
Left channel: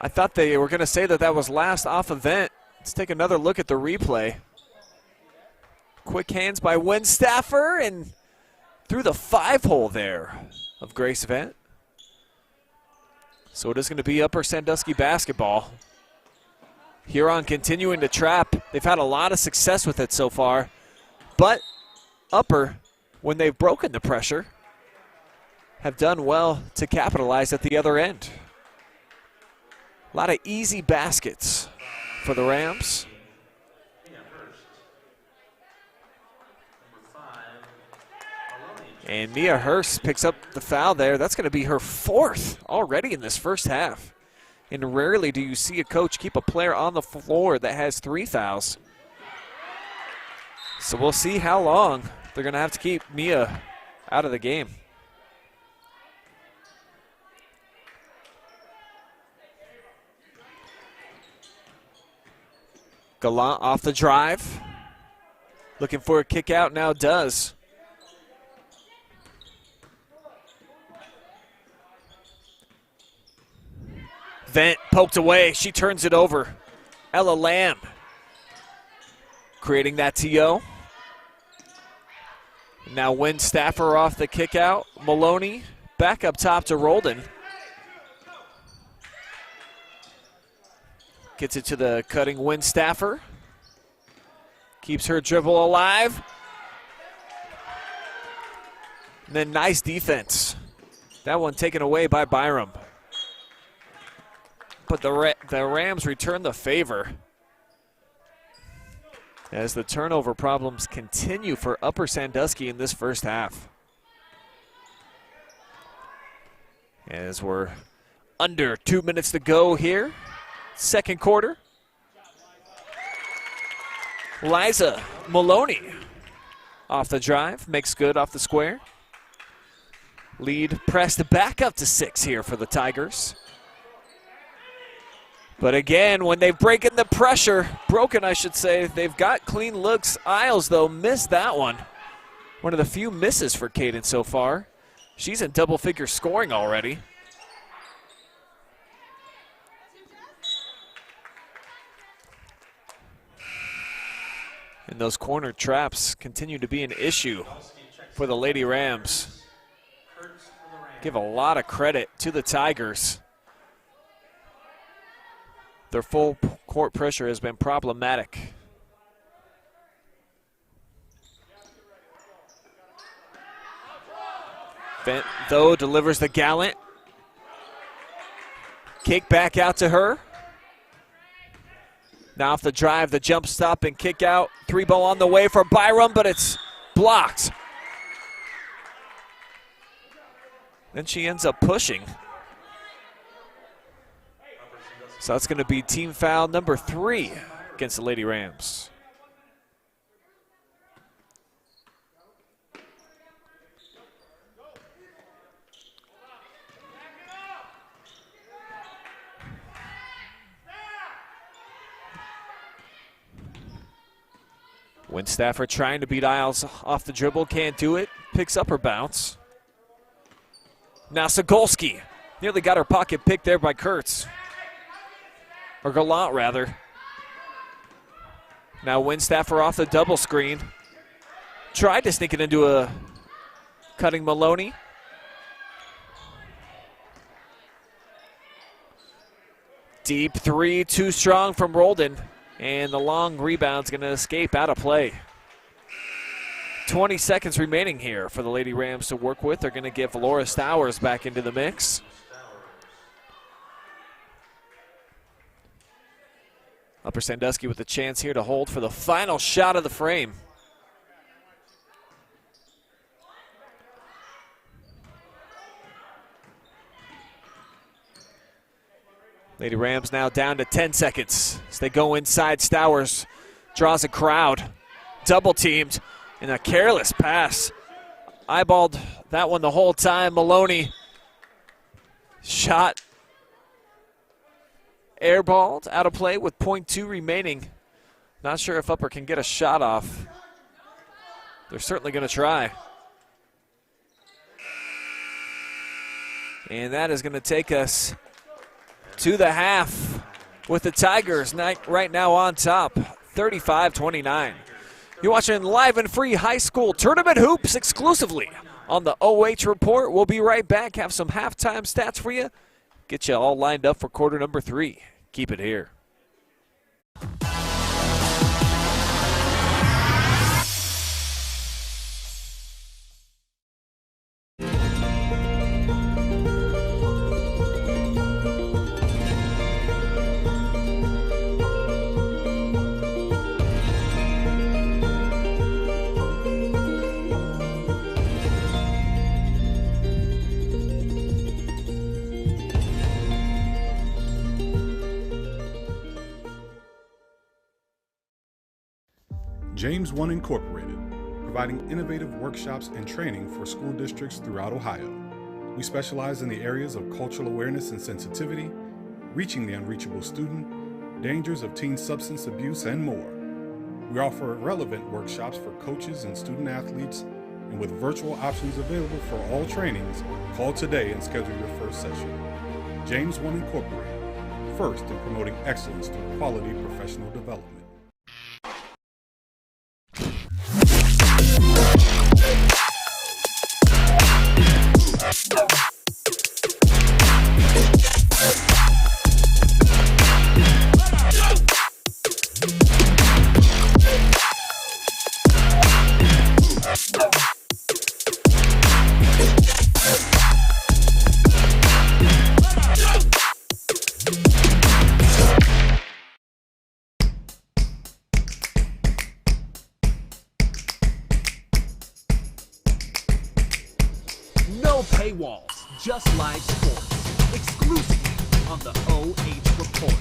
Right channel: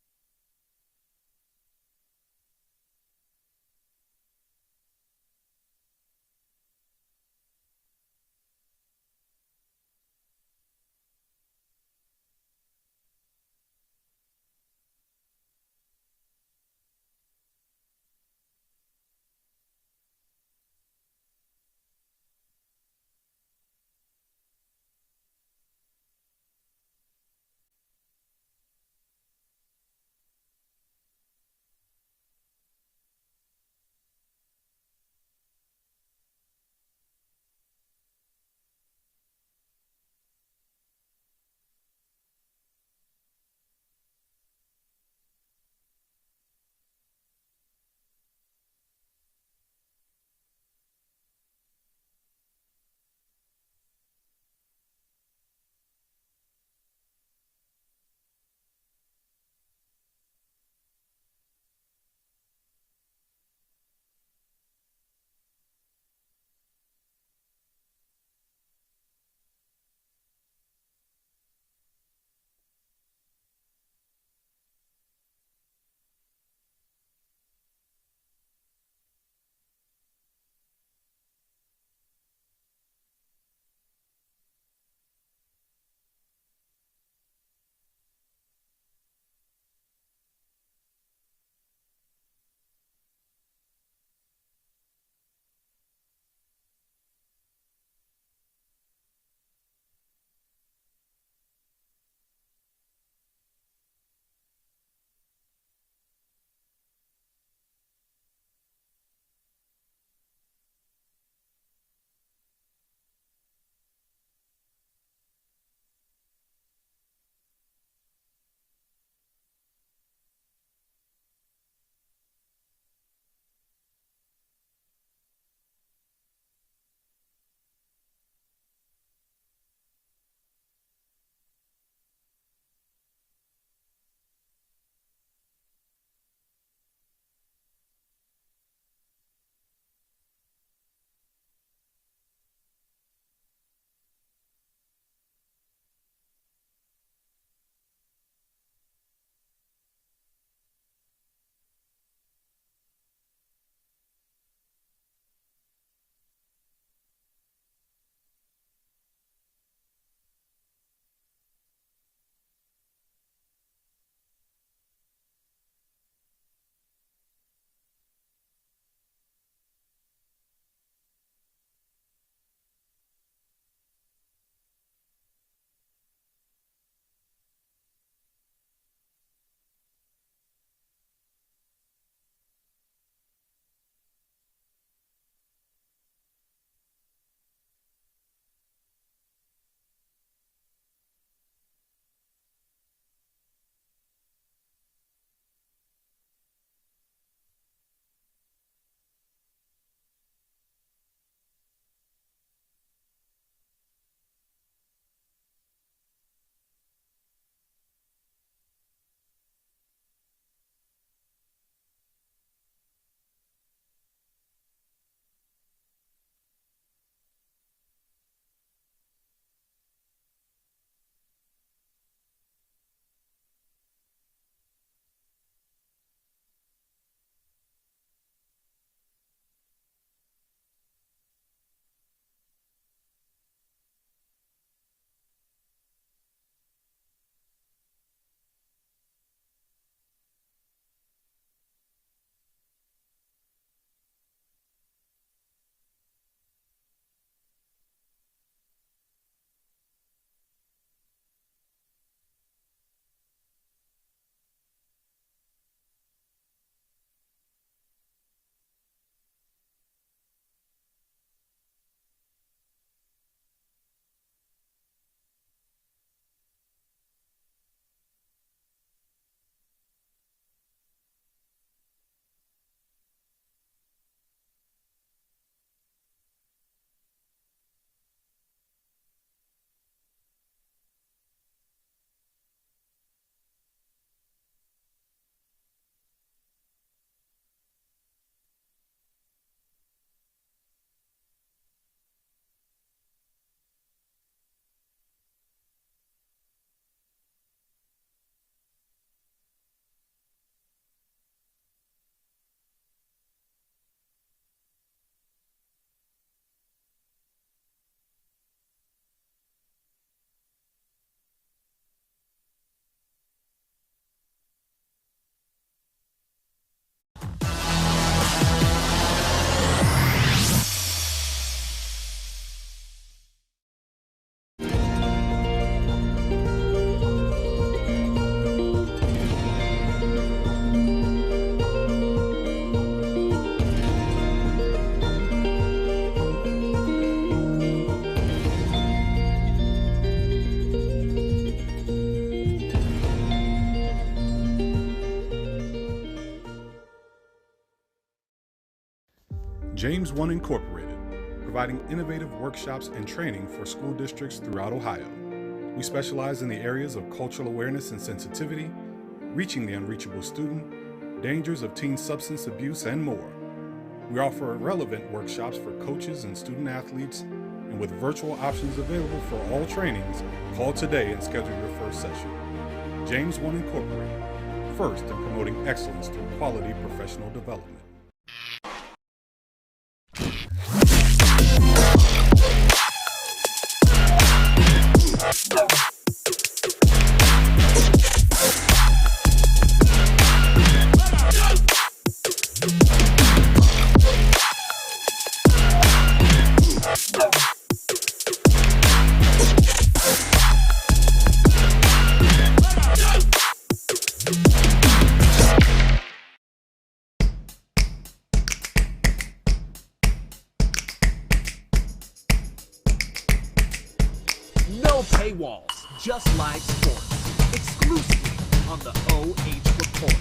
I thought they were going to say that that was last off event. Let's take another look at the replay. Quick hands by Winstaffer and through the 5-hole there of Grace Vent. So it is going to be Upper Sandusky basketball. Huron continuing to trap. They've had a lot of success with it so far. But Upper, when they've broken the pressure, have done well to capitalize at the other end. A lot of easy baskets for the Rams. And Mia Hurst picks up the foul there. That's going to be her 4th already in this first half. And rarely do you see a coach keep a player on the floor that has 3 fouls. So we'll see how long they're going to have to keep Mia out of the game. Gallant off the drive. Looking for a kick out, now does. Vent poked away, she turns it over. Ella Lamb creating that TO. Now Winstaffer off the kick out. Maloney back up top to Roldan. Gets it to the cutting Winstaffer. Keeps her dribble alive. And then nice defense. That one taken away by Byram. But the Rams return the favor as the turnover problems continue for Upper Sandusky in this first half. As we're under 2 minutes to go here. Second quarter. Liza Maloney off the drive, makes good off the square. Lead pressed back up to 6 here for the Tigers. But again, when they've broken the pressure, I should say, they've got clean looks. Isles, though, missed that one. One of the few misses for Caden so far. She's in double-figure scoring already. And those corner traps continue to be an issue for the Lady Rams. Give a lot of credit to the Tigers. Their full court pressure has been problematic. Vent, though, delivers the gallant. Kick back out to her. Now off the drive, the jump stop and kick out. 3-ball on the way for Byram, but it's blocked. Then she ends up pushing. So that's going to be team foul number 3 against the Lady Rams. Winstaffer trying to beat Isles off the dribble, can't do it. Picks up her bounce. Now Sigolski nearly got her pocket picked there by Kurtz. Or Gallant, rather. Now Winstaffer off the double screen. Tried to sneak it into a cutting Maloney. Deep 3, too strong from Roldan. And the long rebound's going to escape out of play. 20 seconds remaining here for the Lady Rams to work with. They're going to get Laura Stowers back into the mix. Upper Sandusky with a chance here to hold for the final shot of the frame. Lady Rams now down to 10 seconds as they go inside. Stowers draws a crowd, double teamed, and a careless pass. Eyeballed that one the whole time. Maloney shot airballed out of play with .2 remaining. Not sure if Upper can get a shot off. They're certainly going to try. And that is going to take us to the half with the Tigers right now on top, 35-29. You're watching live and free high school tournament hoops exclusively on the OH Report. We'll be right back, have some halftime stats for you, get you all lined up for quarter number 3. Keep it here. James One Incorporated, providing innovative workshops and training for school districts throughout Ohio. We specialize in the areas of cultural awareness and sensitivity, reaching the unreachable student, dangers of teen substance abuse, and more. We offer relevant workshops for coaches and student athletes, and with virtual options available for all trainings, call today and schedule your first session. James One Incorporated, first in promoting excellence through quality professional development. No paywalls, just live sports, exclusively on the OH.Report.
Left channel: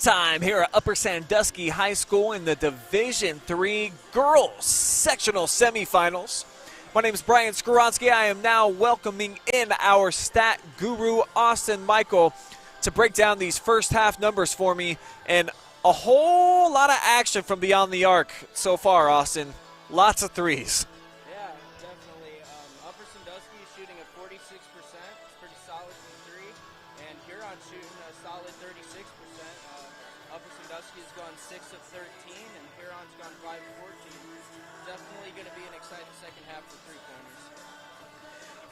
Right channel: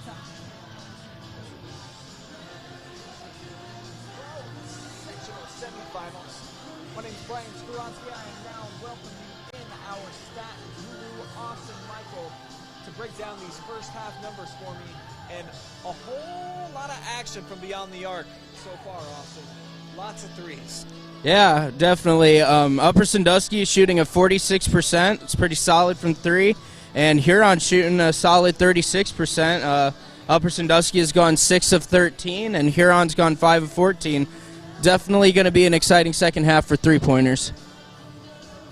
halftime here at Upper Sandusky High School in the Division III Girls Sectional Semifinals. My name is Brian Skoronsky. I am now welcoming in our stat guru, Austin Michael, to break down these first half numbers for me, and a whole lot of action from beyond the arc so far, Austin. Lots of threes. Yeah, definitely. Upper Sandusky is shooting at 46%. It's pretty solid from three. And Huron shooting a solid 36%. Upper Sandusky has gone 6 of 13, and Huron's gone 5 of 14. Definitely going to be an exciting second half for three-pointers.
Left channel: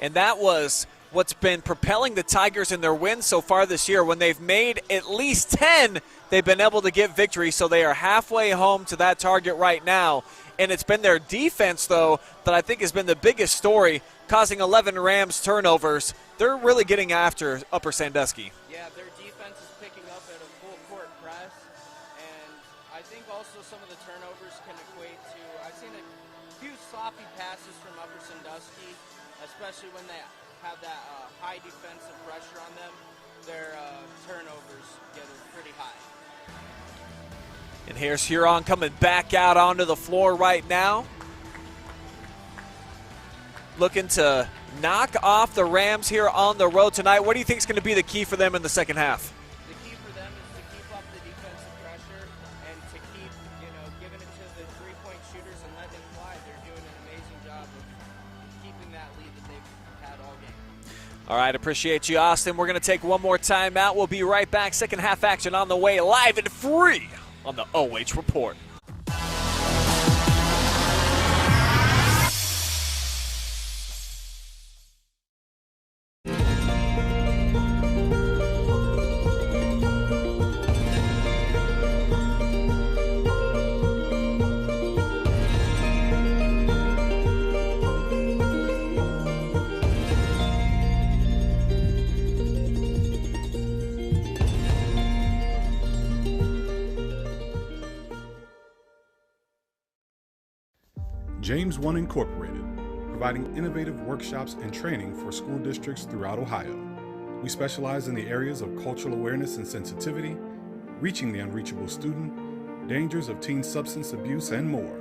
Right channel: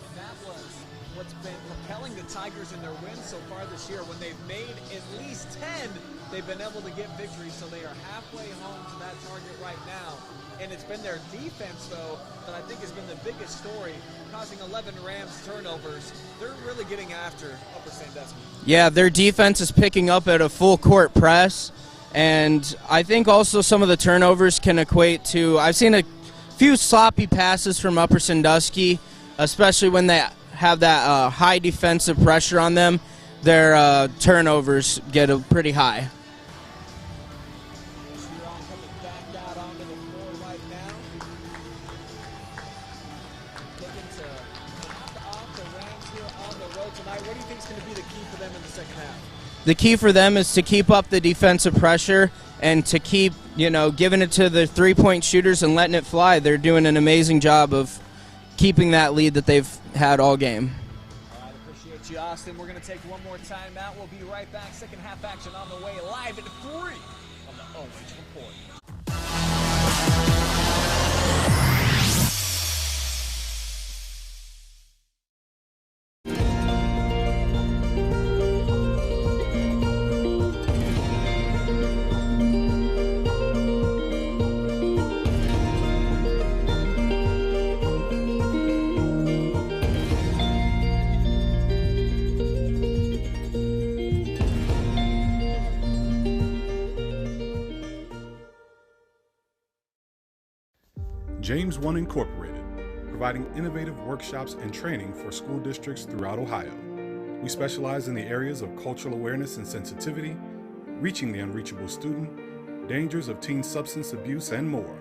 And that was what's been propelling the Tigers in their wins so far this year. When they've made at least 10, they've been able to get victory, so they are halfway home to that target right now. And it's been their defense, though, that I think has been the biggest story, causing 11 Rams turnovers. They're really getting after Upper Sandusky. Yeah, their defense is picking up at a full-court press. And I think also some of the turnovers can equate to, I've seen a few sloppy passes from Upper Sandusky, especially when they have that high defensive pressure on them. Their turnovers get pretty high. And here's Huron coming back out onto the floor right now, looking to knock off the Rams here on the road tonight. What do you think is going to be the key for them in the second half? The key for them is to keep up the defensive pressure and to keep, giving it to the three-point shooters and letting it fly. They're doing an amazing job of keeping that lead that they've had all game. All right, appreciate you, Austin. We're going to take one more timeout. We'll be right back. Second half action on the way, live and free on the OH.Report. James 1 Incorporated, providing innovative workshops and training for school districts throughout Ohio. We specialize in the areas of cultural awareness and sensitivity, reaching the unreachable student, dangers of teen substance abuse, and more.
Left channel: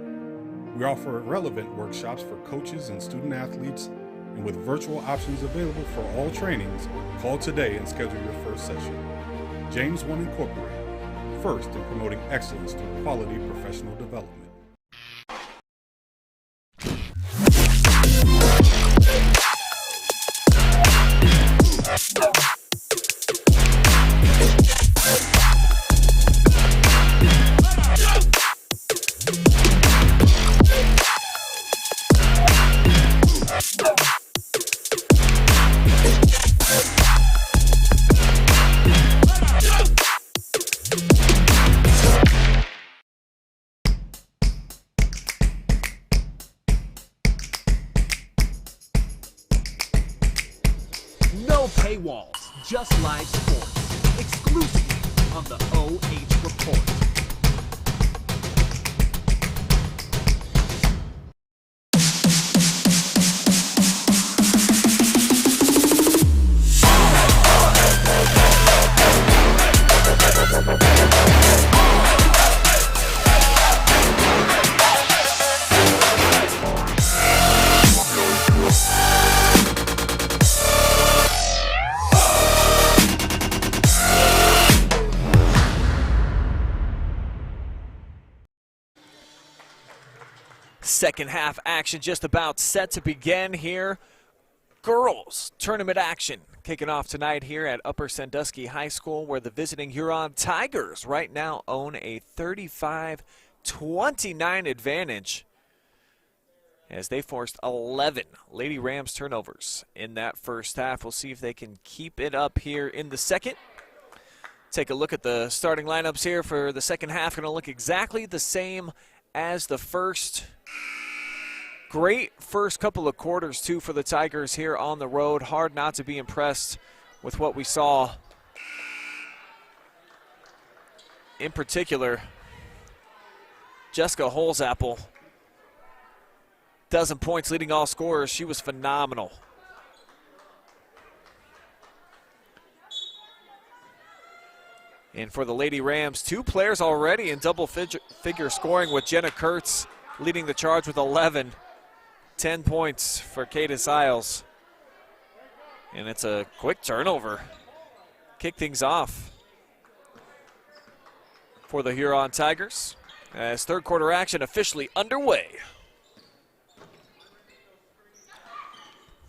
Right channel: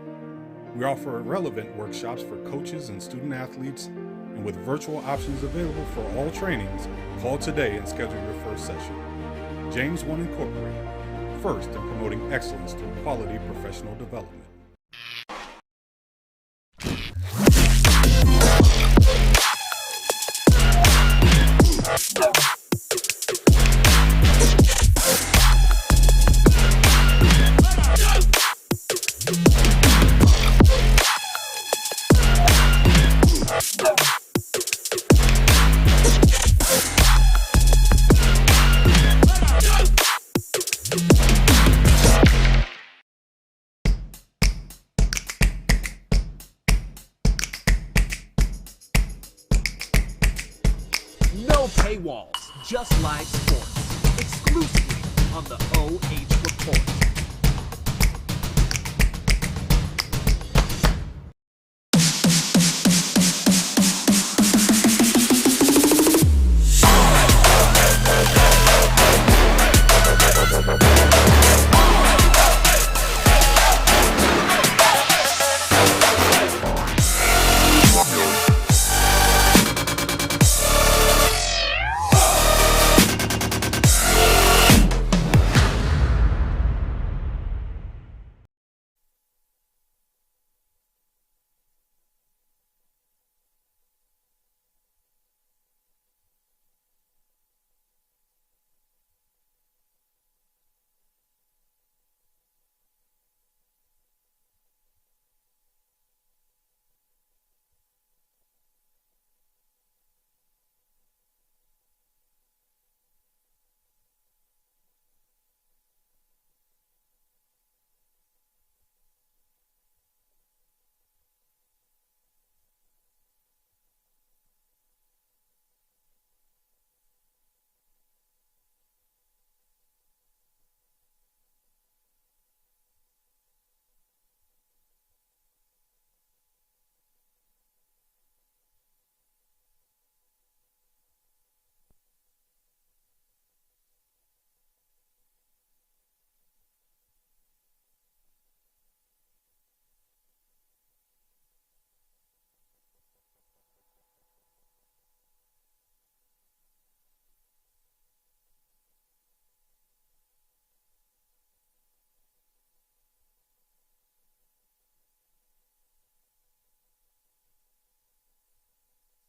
We offer relevant workshops for coaches and student athletes, and with virtual options available for all trainings, call today and schedule your first session. James 1 Incorporated, first in promoting excellence through quality professional development. No paywalls, just live sports. Exclusively on the OH.Report. Second half action just about set to begin here. Girls tournament action kicking off tonight here at Upper Sandusky High School, where the visiting Huron Tigers right now own a 35-29 advantage as they forced 11 Lady Rams turnovers in that first half. We'll see if they can keep it up here in the second. Take a look at the starting lineups here for the second half. Going to look exactly the same as the first. Great first couple of quarters, too, for the Tigers here on the road. Hard not to be impressed with what we saw. In particular, Jessica Holzapple, dozen points, leading all scorers. She was phenomenal. And for the Lady Rams, 2 players already in double figure scoring, with Jenna Kurtz leading the charge with 11. 10 points for Cadence Isles. And it's a quick turnover. Kick things off for the Huron Tigers as third quarter action officially underway.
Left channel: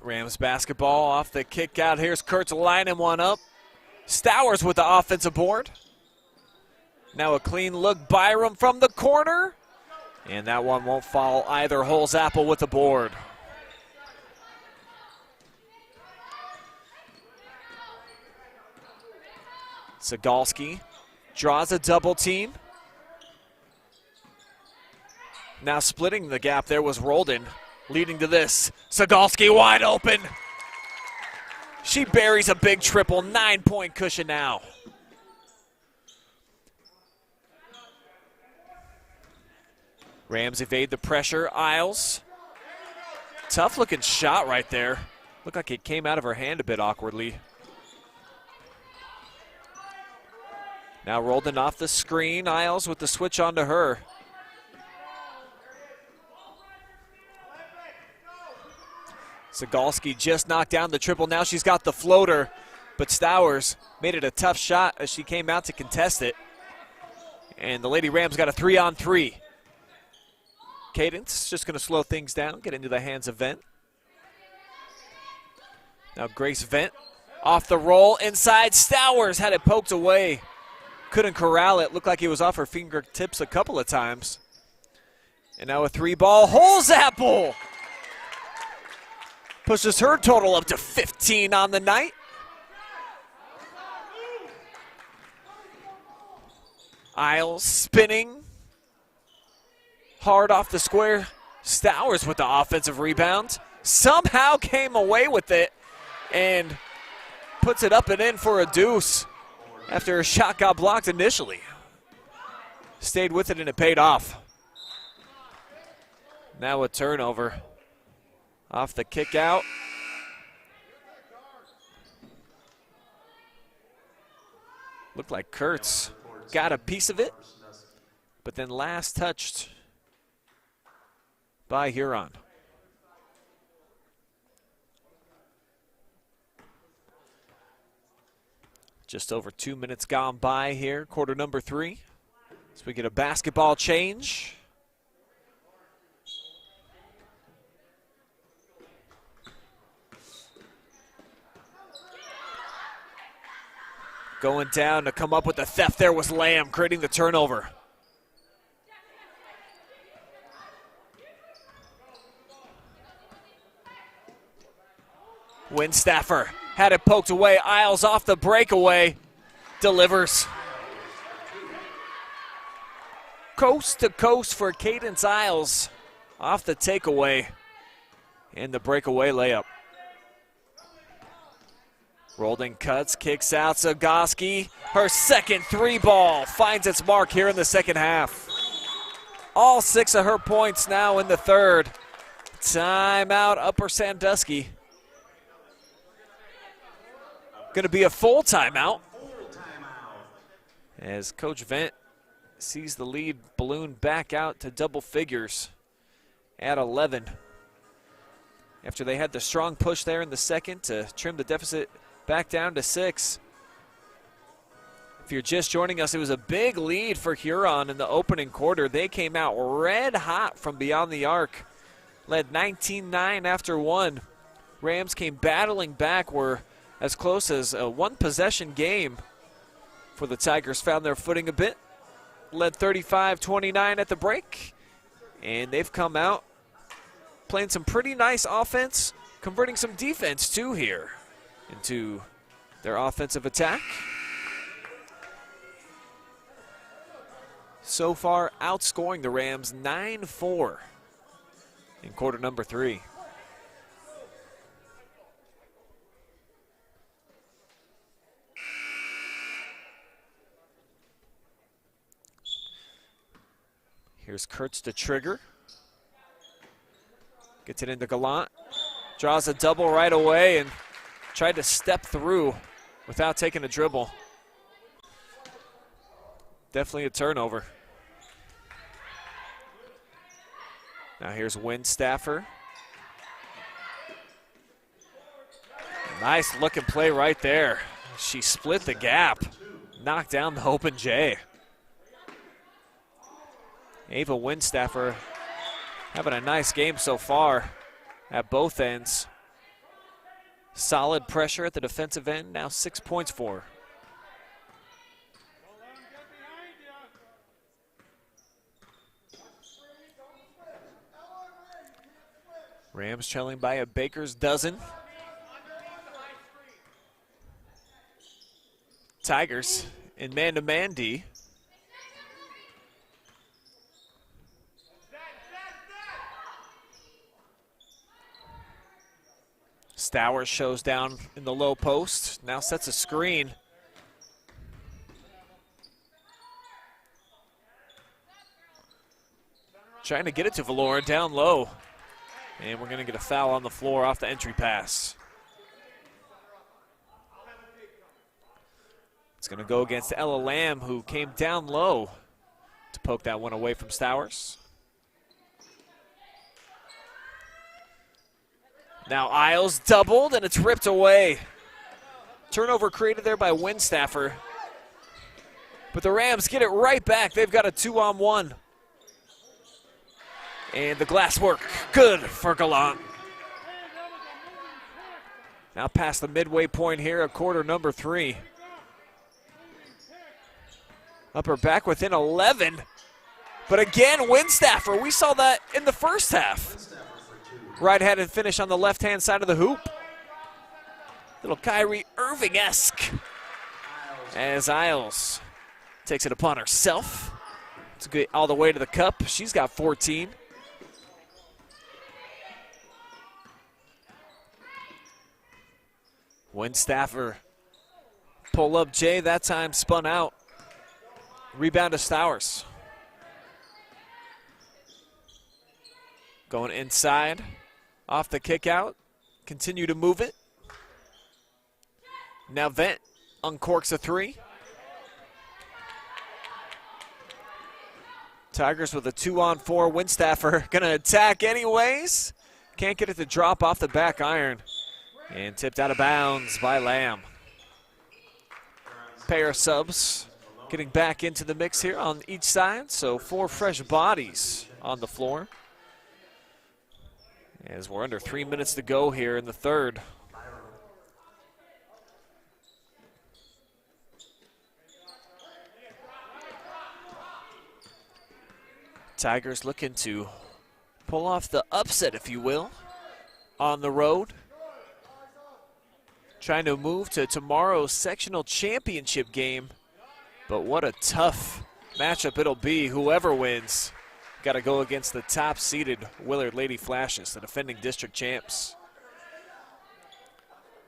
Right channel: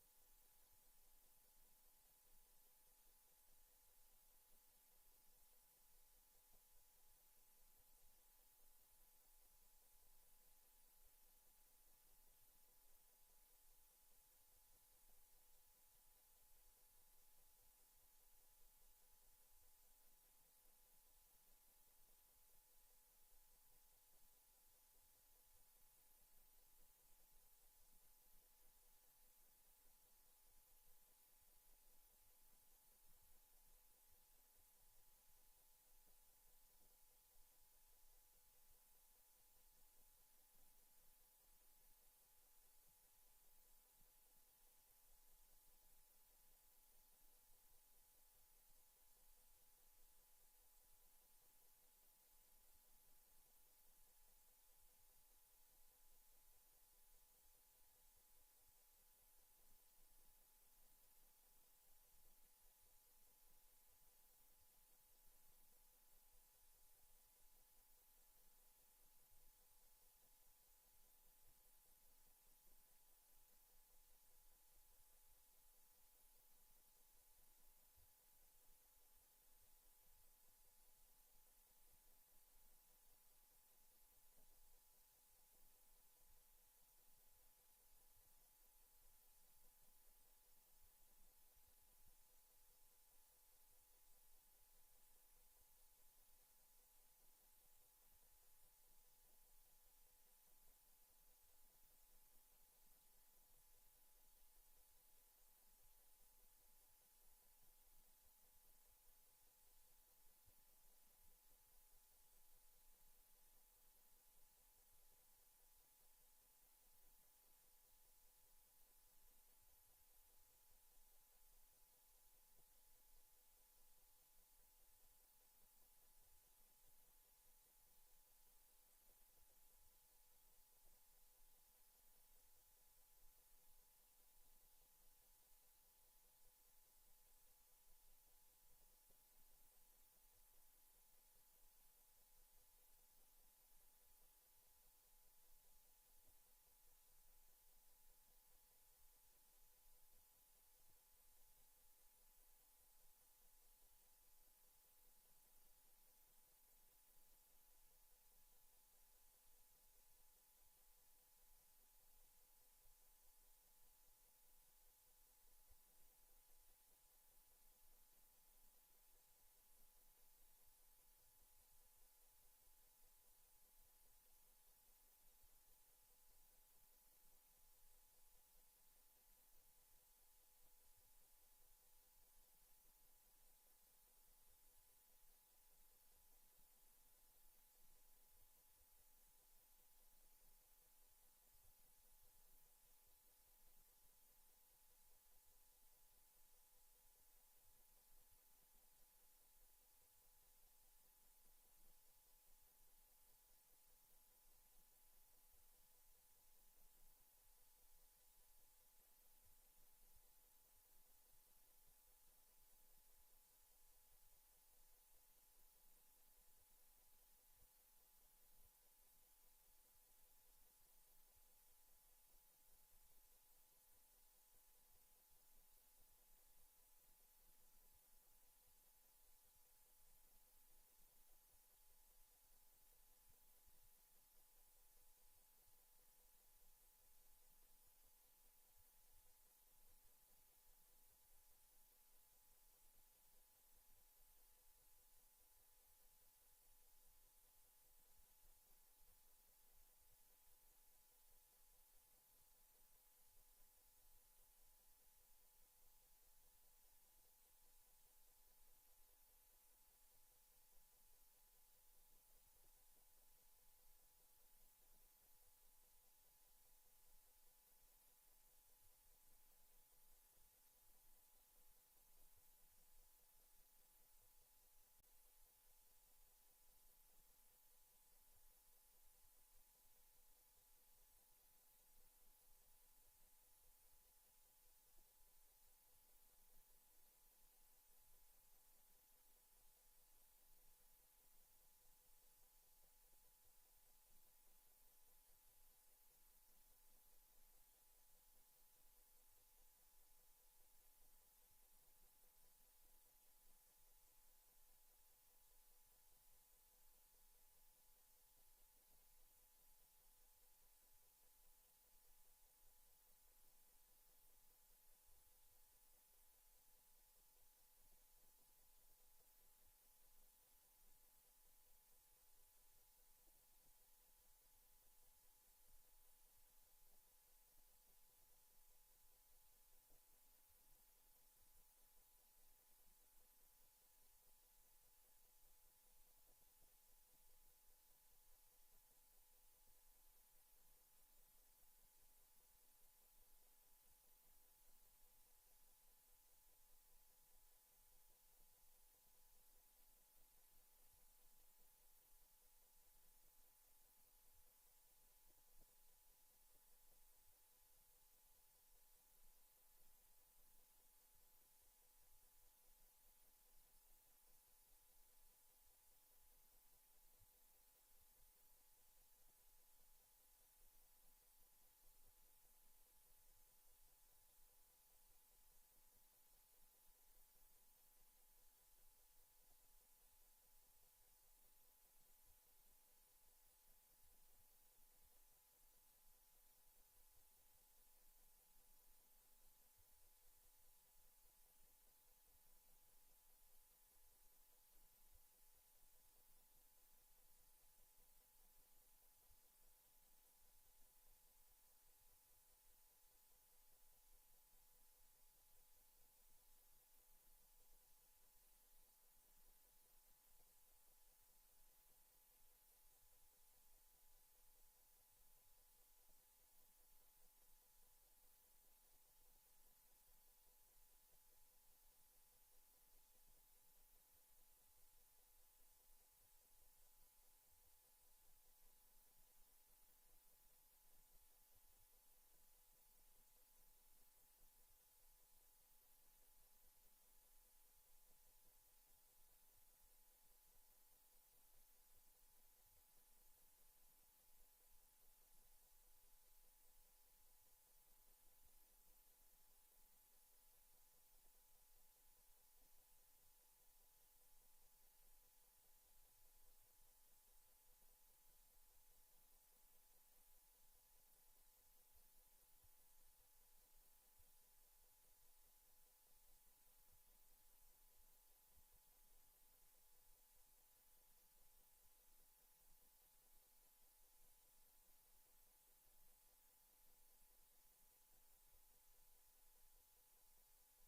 Rams basketball off the kick out. Here's Kurtz lining one up. Stowers with the offensive board. Now a clean look. Byram from the corner. And that one won't fall either. Holzapfel with the board. Zagalski draws a double team. Now splitting the gap there was Roldan, leading to this. Zagalski wide open. She buries a big triple, 9-point cushion now. Rams evade the pressure. Isles. Tough looking shot right there. Looked like it came out of her hand a bit awkwardly. Now Roldan off the screen. Isles with the switch onto her. Zagalski just knocked down the triple. Now she's got the floater, but Stowers made it a tough shot as she came out to contest it. And the Lady Rams got a 3-on-3. Cadence just going to slow things down, get into the hands of Vent. Now Grace Vent off the roll inside. Stowers had it poked away. Couldn't corral it. Looked like it was off her fingertips a couple of times. And now a 3-ball. Holzapfel pushes her total up to 15 on the night. Isles spinning. Hard off the square. Stowers with the offensive rebound. Somehow came away with it and puts it up and in for a deuce after her shot got blocked initially. Stayed with it and it paid off. Now a turnover. Off the kick out. Looked like Kurtz got a piece of it, but then last touched by Huron. Just over 2 minutes gone by here, quarter number 3. So we get a basketball change. Going down to come up with the theft there was Lamb, creating the turnover. Winstaffer had it poked away. Isles off the breakaway. Delivers. Coast to coast for Cadence Isles. Off the takeaway. And the breakaway layup. Roldan cuts, kicks out. Zagalski, her second 3-ball, finds its mark here in the second half. All 6 of her points now in the third. Timeout, Upper Sandusky. Going to be a full timeout as Coach Vent sees the lead balloon back out to double figures at 11. After they had the strong push there in the second to trim the deficit back down to 6. If you're just joining us, it was a big lead for Huron in the opening quarter. They came out red hot from beyond the arc, led 19-9 after 1. Rams came battling back, were as close as a 1-possession game for the Tigers. Found their footing a bit, led 35-29 at the break, and they've come out playing some pretty nice offense, converting some defense too here into their offensive attack. So far, outscoring the Rams 9-4 in quarter number 3. Here's Kurtz to trigger. Gets it into Gallant. Draws a double right away and tried to step through without taking a dribble. Definitely a turnover. Now here's Windstaffer. Nice looking play right there. She split the gap, knocked down the open J. Ava Windstaffer having a nice game so far at both ends. Solid pressure at the defensive end, now 6 points for her. Rams trailing by a baker's dozen. Tigers in man-to-man D. Stowers shows down in the low post, now sets a screen. Trying to get it to Valora down low. And we're going to get a foul on the floor off the entry pass. It's going to go against Ella Lamb, who came down low to poke that one away from Stowers. Now Isles doubled, and it's ripped away. Turnover created there by Windstaffer. But the Rams get it right back. They've got a 2-on-1. And the glass work, good for Gallant. Now past the midway point here of quarter number 3. Upper back within 11. But again, Windstaffer, we saw that in the first half. Right-handed finish on the left-hand side of the hoop. Little Kyrie Irving-esque as Isles takes it upon herself to get all the way to the cup. She's got 14. Windstaffer pull up Jay, that time spun out. Rebound to Stowers. Going inside, off the kick out, continue to move it. Now Vent uncorks a 3. Tigers with a 2-on-4. Windstaffer gonna attack anyways. Can't get it to drop off the back iron. And tipped out of bounds by Lamb. Pair of subs getting back into the mix here on each side. So 4 fresh bodies on the floor. As we're under 3 minutes to go here in the third. Tigers looking to pull off the upset, if you will, on the road. Trying to move to tomorrow's sectional championship game. But what a tough matchup it'll be. Whoever wins, got to go against the top-seeded Willard Lady Flashes, the defending district champs.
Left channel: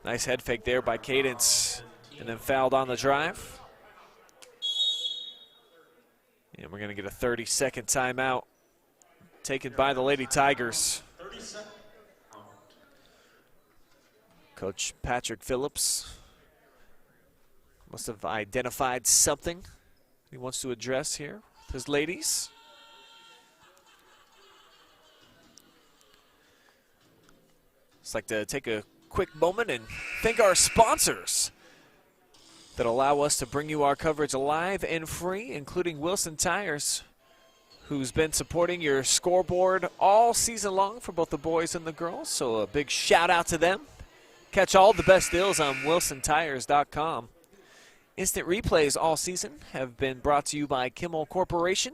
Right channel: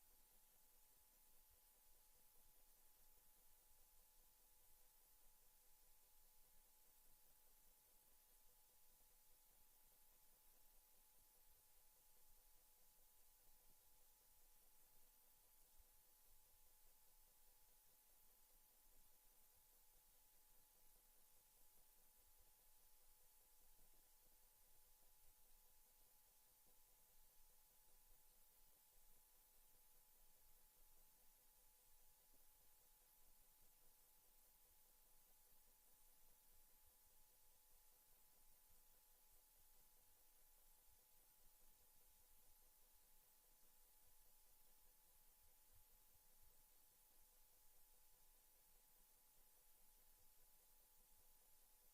Nice head fake there by Cadence, and then fouled on the drive. And we're going to get a 30-second timeout taken by the Lady Tigers. Coach Patrick Phillips must have identified something he wants to address here with his ladies. Just like to take a quick moment and thank our sponsors that allow us to bring you our coverage live and free, including Wilson Tires, who's been supporting your scoreboard all season long for both the boys and the girls. So a big shout out to them. Catch all the best deals on wilsontires.com. Instant replays all season have been brought to you by Kimmel Corporation.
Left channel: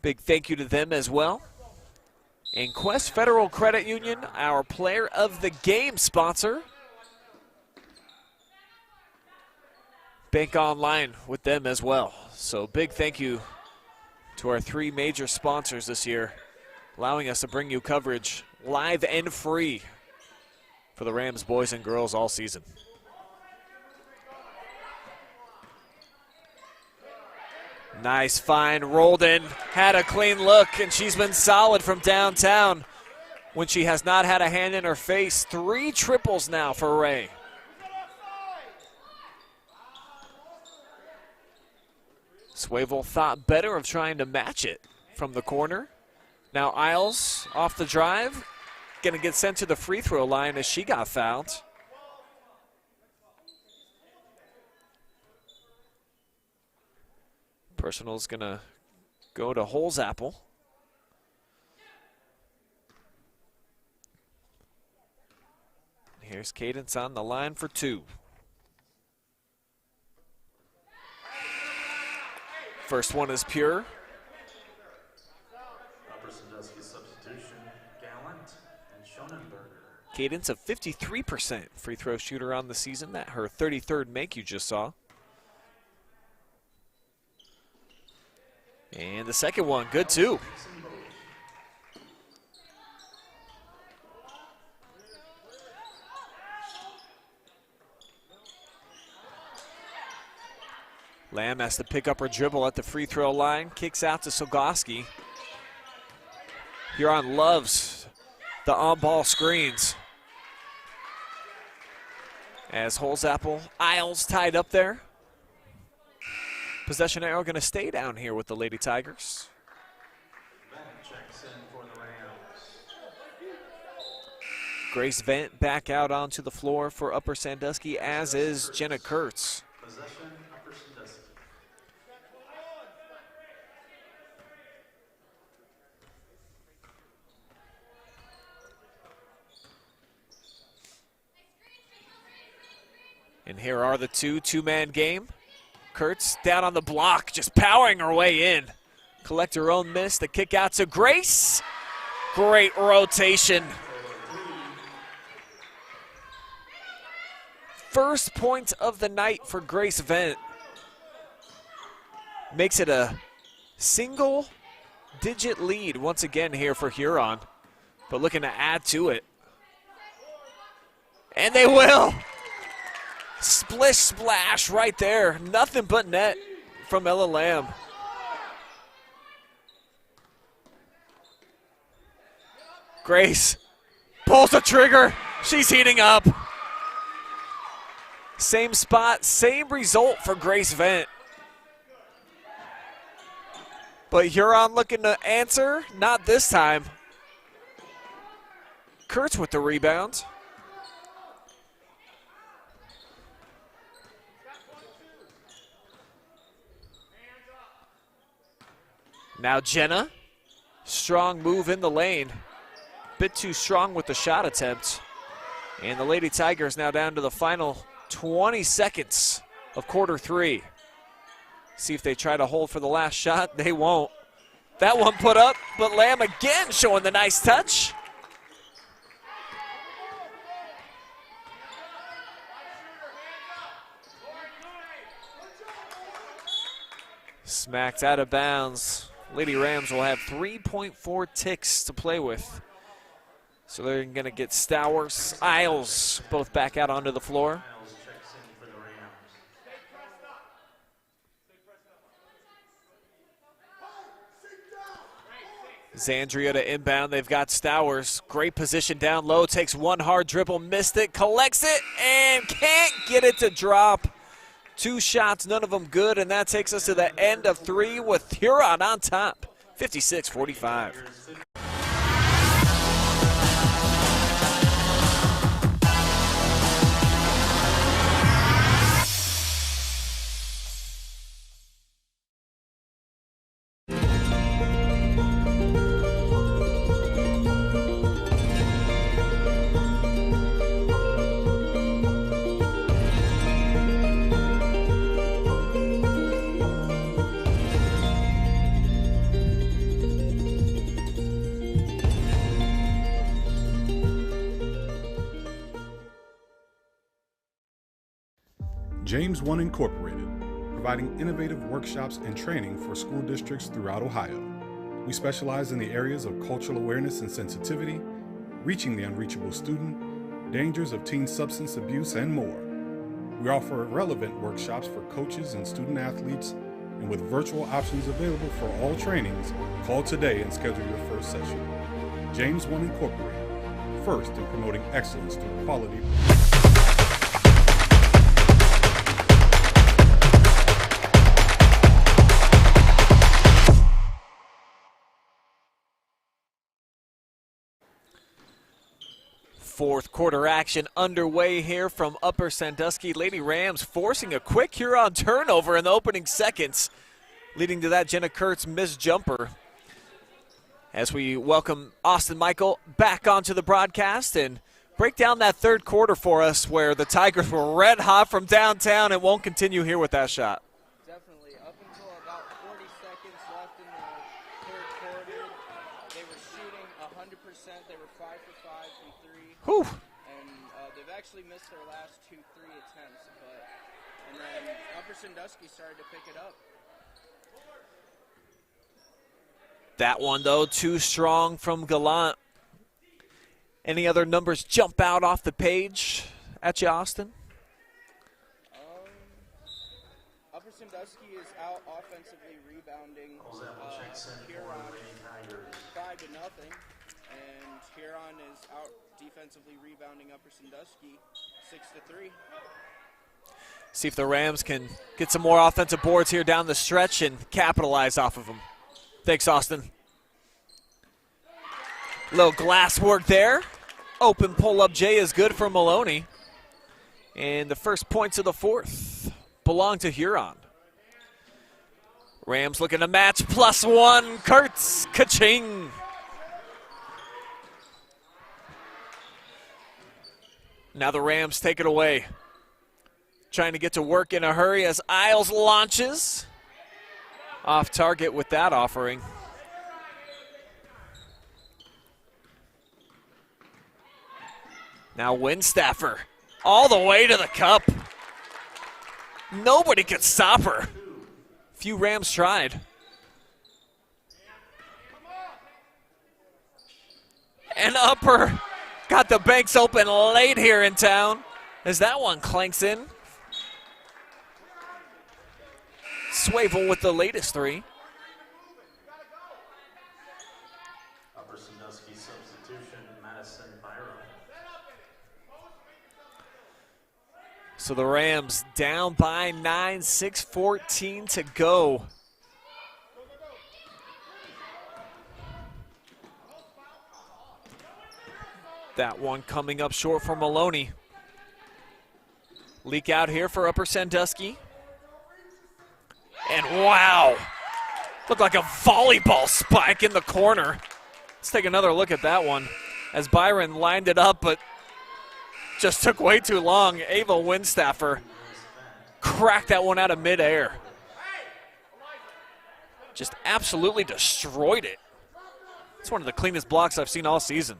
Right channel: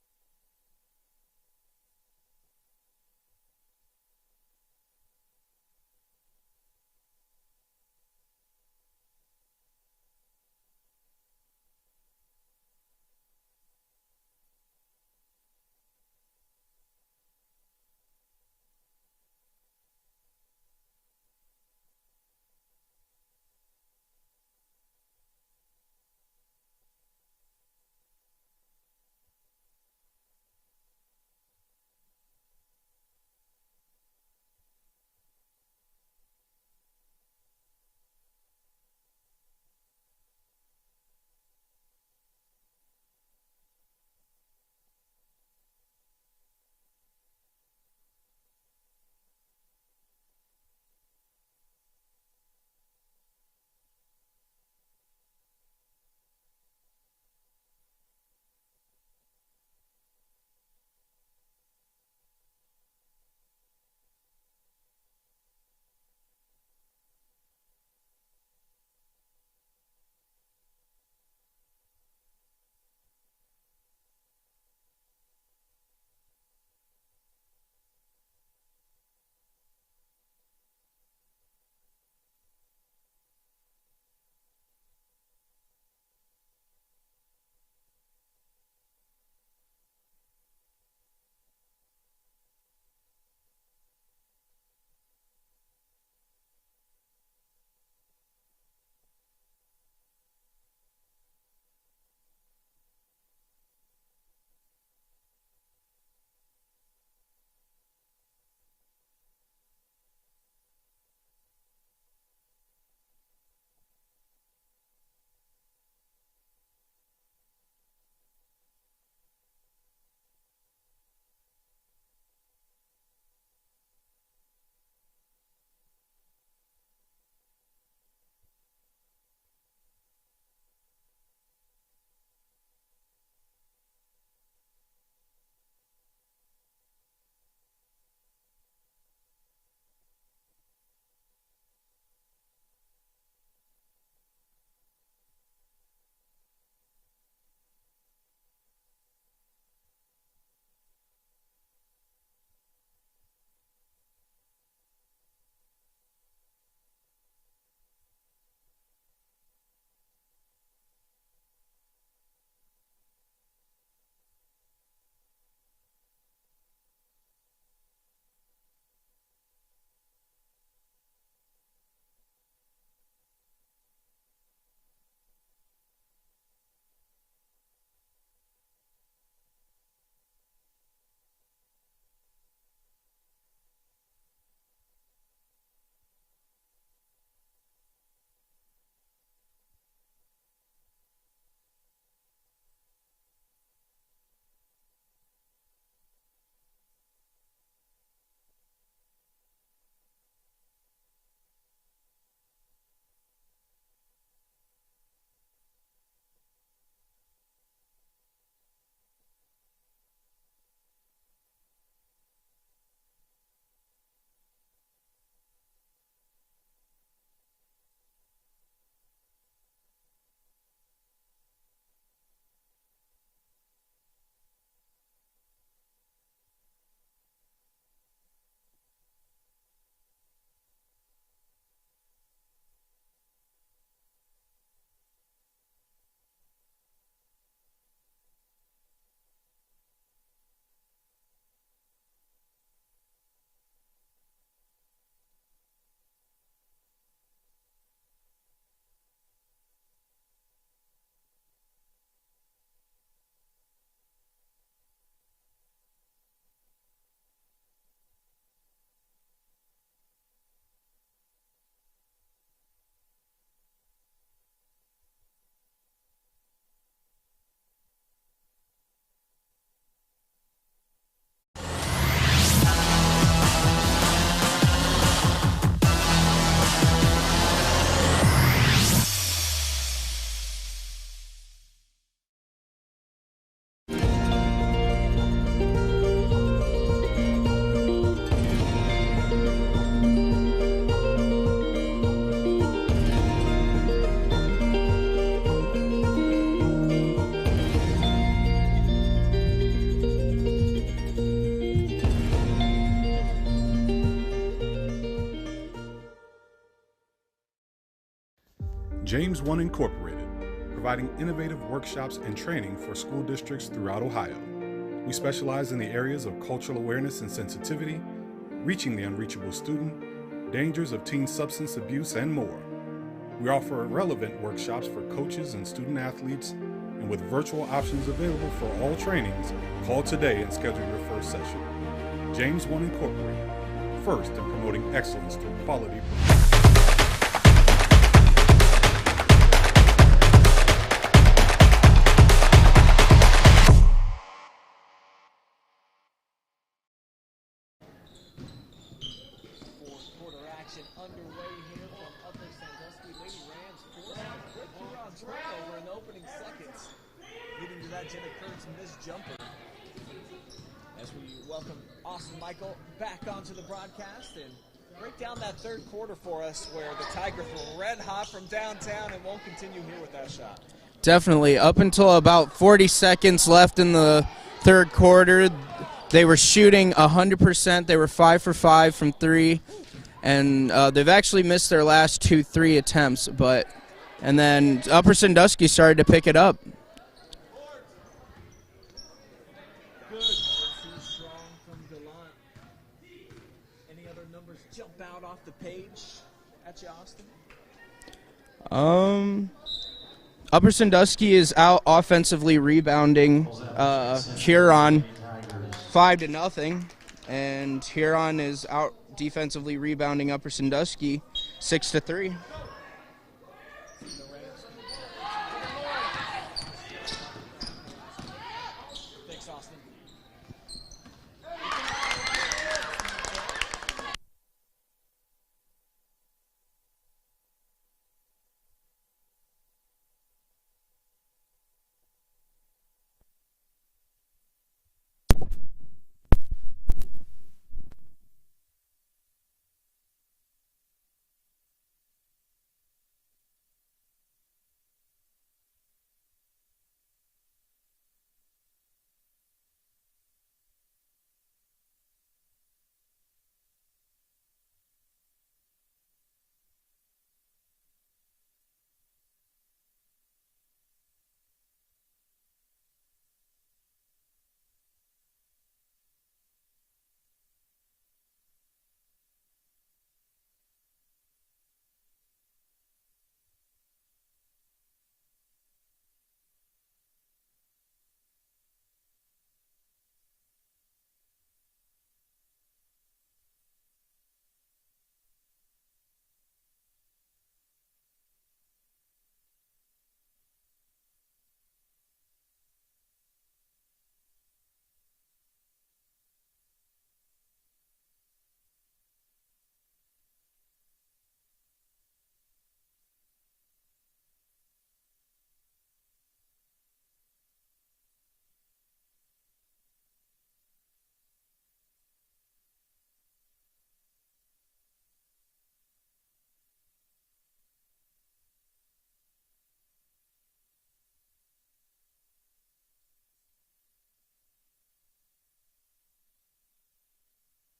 Big thank you to them as well. And Quest Federal Credit Union, our player of the game sponsor. Bank online with them as well. So big thank you to our 3 major sponsors this year, allowing us to bring you coverage live and free for the Rams boys and girls all season. Nice find, rolled in, had a clean look, and she's been solid from downtown when she has not had a hand in her face. 3 triples now for Ray. Swavel thought better of trying to match it from the corner. Now Isles off the drive, gonna get sent to the free throw line as she got fouled. Personal's gonna go to Holzapple. Here's Cadence on the line for two. First one is pure. Upper Sandusky substitution, Gallant and Schonenberger. Cadence a 53% free throw shooter on the season. That her 33rd make you just saw. And the second one, good too. Lamb has to pick up her dribble at the free throw line, kicks out to Sandusky. Huron loves the on-ball screens. As Holzapple, Isles tied up there. Possession arrow going to stay down here with the Lady Tigers. Bennett checks in for the Rams. Grace Vent back out onto the floor for Upper Sandusky, as is Jenna Kurtz. Possession, Upper Sandusky. And here are the two-man game. Kurtz down on the block, just powering her way in. Collect her own miss, the kick out to Grace. Great rotation. First point of the night for Grace Vent. Makes it a single-digit lead once again here for Huron, but looking to add to it. And they will. Splish splash right there. Nothing but net from Ella Lamb. Grace pulls the trigger. She's heating up. Same spot, same result for Grace Vent. But Huron looking to answer, not this time. Kurtz with the rebound. Now Jenna, strong move in the lane. Bit too strong with the shot attempt. And the Lady Tigers now down to the final 20 seconds of quarter three. See if they try to hold for the last shot. They won't. That one put up, but Lamb again showing the nice touch. Smacked out of bounds. Lady Rams will have 3.4 ticks to play with. So they're going to get Stowers, Isles, both back out onto the floor. Isles checks in for the Rams. Zandria to inbound. They've got Stowers. Great position down low. Takes one hard dribble, missed it, collects it, and can't get it to drop. Two shots, none of them good, and that takes us to the end of three with Huron on top, 56-45. James 1 Incorporated, providing innovative workshops and training for school districts throughout Ohio. We specialize in the areas of cultural awareness and sensitivity, reaching the unreachable student, dangers of teen substance abuse, and more. We offer relevant workshops for coaches and student athletes, and with virtual options available for all trainings, call today and schedule your first session. James 1 Incorporated, first in promoting excellence through quality. Fourth quarter action underway here from Upper Sandusky. Lady Rams forcing a quick Huron turnover in the opening seconds, leading to that Jenna Kurtz missed jumper. As we welcome Austin Michael back onto the broadcast and break down that third quarter for us, where the Tigers were red hot from downtown and won't continue here with that shot. Definitely. Up until about 40 seconds left in the third quarter, they were shooting 100%. They were 5 for 5 from 3. Whew. And they've actually missed their last 2-3 attempts. And then Upper Sandusky started to pick it up. That one, though, too strong from Gallant. Any other numbers jump out off the page at you, Austin? Upper Sandusky is out offensively rebounding Huron 5-0, and Huron is out defensively rebounding Upper Sandusky 6-3. See if the Rams can get some more offensive boards here down the stretch and capitalize off of them. Thanks, Austin. Little glass work there. Open pull-up J is good for Maloney. And the first points of the fourth belong to Huron. Rams looking to match +1. Kurtz, ka-ching. Now the Rams take it away. Trying to get to work in a hurry as Isles launches. Off target with that offering. Now Winstaffer all the way to the cup. Nobody could stop her. Few Rams tried. And Upper got the banks open late here in town as that one clanks in. Swavel with the latest 3. Upper Sandusky substitution, Madison Byron. So the Rams down by 9, 6:14 to go. That one coming up short for Maloney. Leak out here for Upper Sandusky. And wow, looked like a volleyball spike in the corner. Let's take another look at that one as Byron lined it up, but just took way too long. Ava Winstaffer cracked that one out of midair. Just absolutely destroyed it. It's one of the cleanest blocks I've seen all season.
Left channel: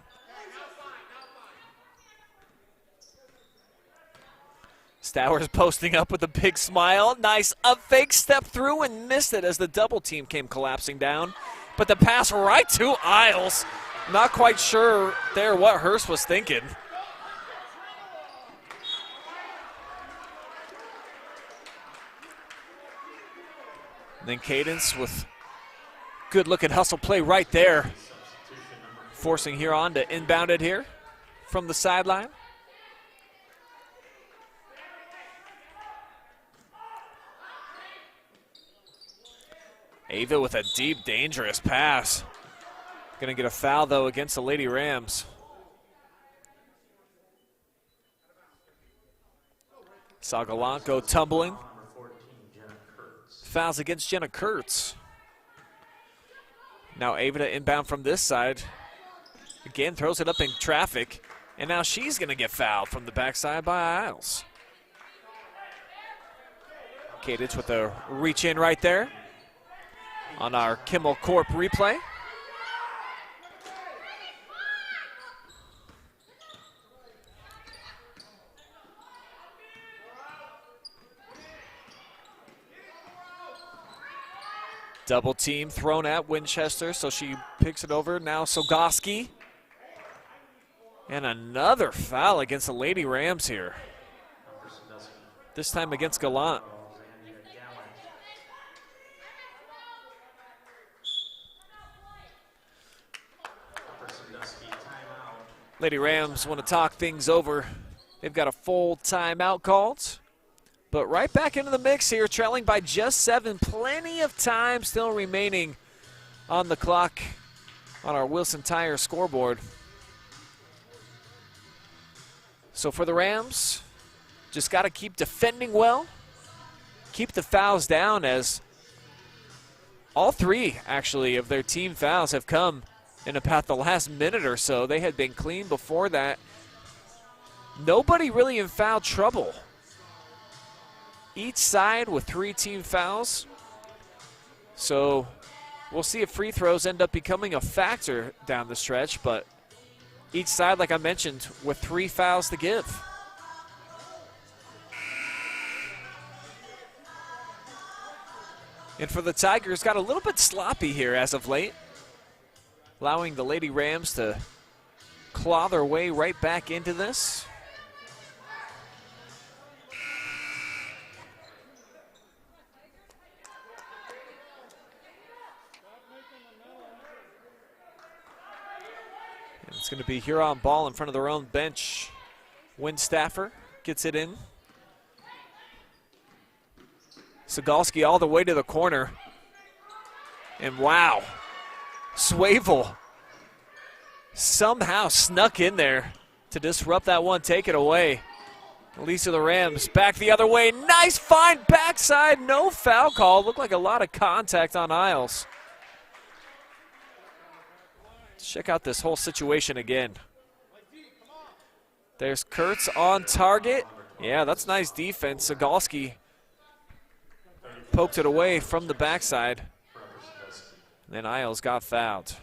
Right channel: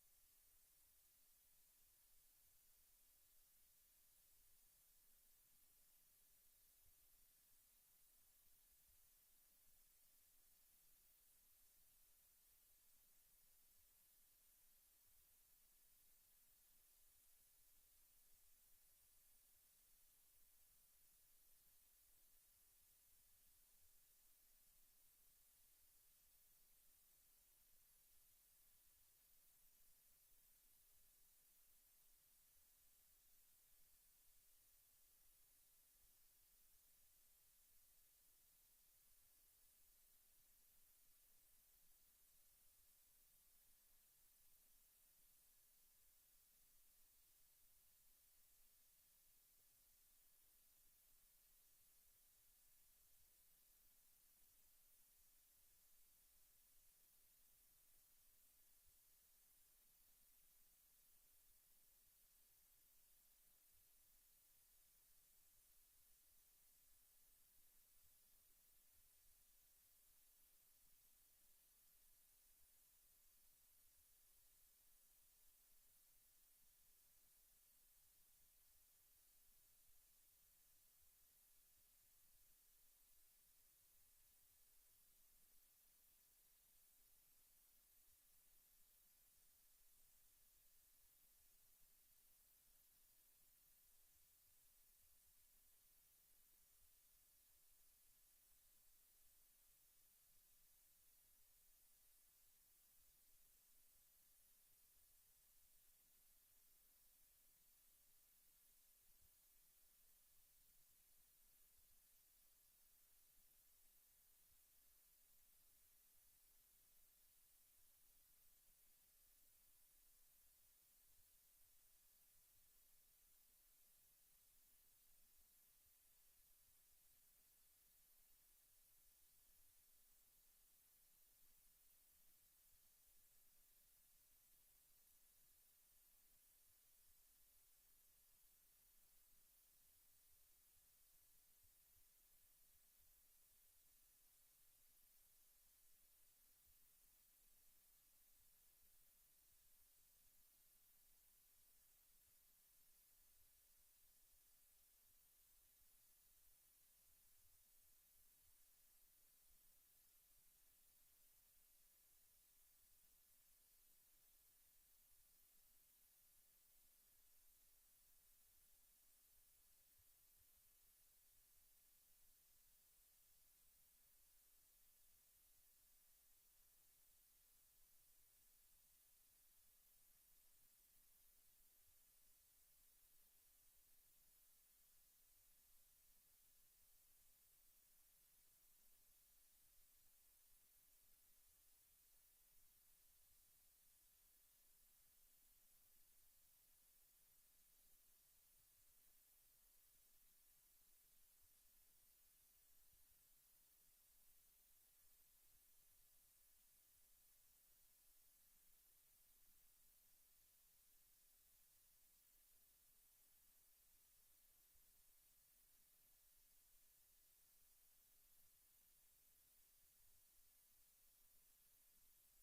Stowers posting up with a big smile. Nice up fake, step through and missed it as the double team came collapsing down. But the pass right to Isles. Not quite sure there what Hurst was thinking. And then Cadence with good looking hustle play right there. Forcing Huron to inbound it here from the sideline. Ava with a deep, dangerous pass. Gonna get a foul, though, against the Lady Rams. Saw Gallant go tumbling. Fouls against Jenna Kurtz. Now Ava to inbound from this side. Again, throws it up in traffic. And now she's gonna get fouled from the backside by Isles. Cadence with a reach in right there on our Kimmel Corp replay. Double team thrown at Winchester, so she picks it over. Now Sogoski. And another foul against the Lady Rams here. This time against Gallant. Lady Rams want to talk things over. They've got a full timeout called. But right back into the mix here, trailing by just 7. Plenty of time still remaining on the clock on our Wilson Tire scoreboard. So for the Rams, just got to keep defending well, keep the fouls down, as all three, actually, of their team fouls have come in about the last minute or so. They had been clean before that. Nobody really in foul trouble. Each side with 3 team fouls. So we'll see if free throws end up becoming a factor down the stretch, but each side, like I mentioned, with 3 fouls to give. And for the Tigers, got a little bit sloppy here as of late, allowing the Lady Rams to claw their way right back into this. And it's going to be Huron ball in front of their own bench. Windstaffer gets it in. Sandusky all the way to the corner. And wow, Swavel somehow snuck in there to disrupt that one, take it away. Lisa the Rams back the other way. Nice find backside, no foul call. Looked like a lot of contact on Isles. Check out this whole situation again. There's Kurtz on target. Yeah, that's nice defense. Sandusky poked it away from the backside. Then Isles got fouled.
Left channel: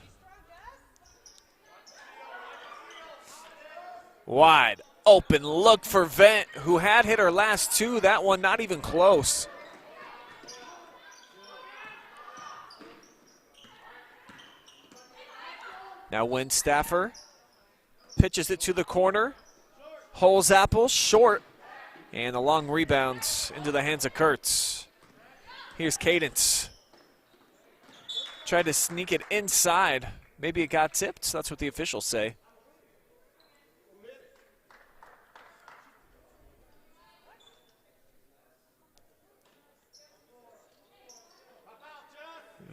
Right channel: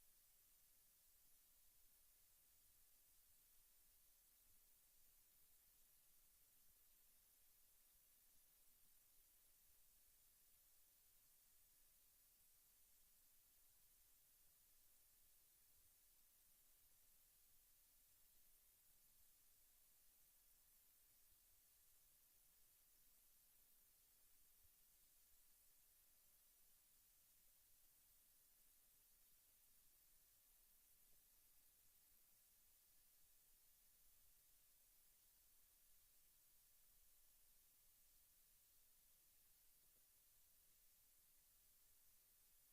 Wide open look for Vent, who had hit her last 2. That one not even close. Now Windstaffer pitches it to the corner. Holds Apple short. And a long rebound into the hands of Kurtz. Here's Cadence. Tried to sneak it inside. Maybe it got tipped. That's what the officials say.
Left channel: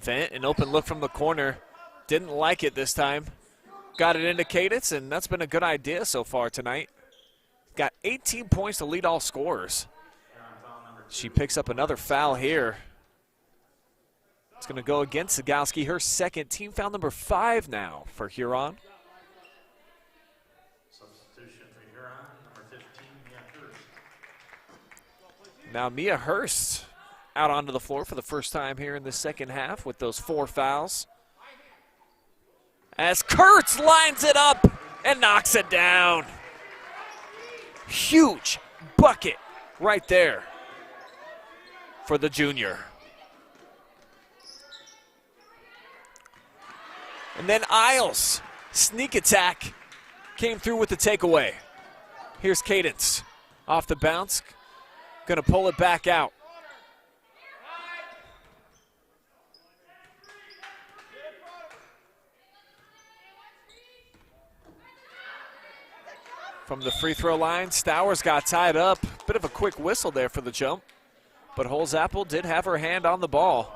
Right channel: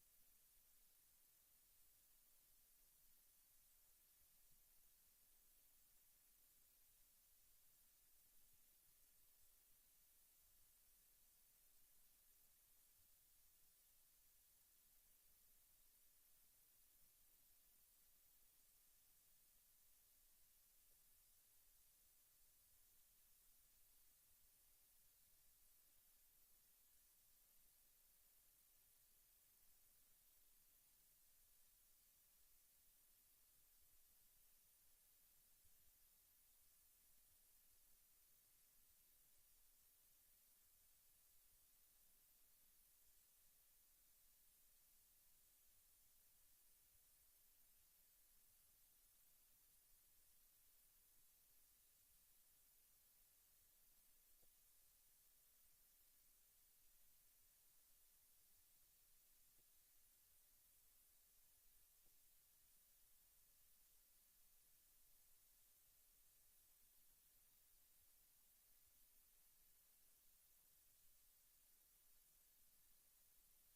Vent, an open look from the corner. Didn't like it this time. Got it into Cadence, and that's been a good idea so far tonight. Got 18 points to lead all scorers. She picks up another foul here. It's going to go against Sandusky, her second, team foul number 5 now for Huron. Substitution for Huron, number 15, Mia Hurst. Now Mia Hurst out onto the floor for the first time here in the second half with those 4 fouls. As Kurtz lines it up and knocks it down. Huge bucket right there for the junior. And then Isles, sneak attack, came through with the takeaway. Here's Cadence, off the bounce, gonna pull it back out. From the free throw line, Stowers got tied up. Bit of a quick whistle there for the jump, but Holzapfel did have her hand on the ball.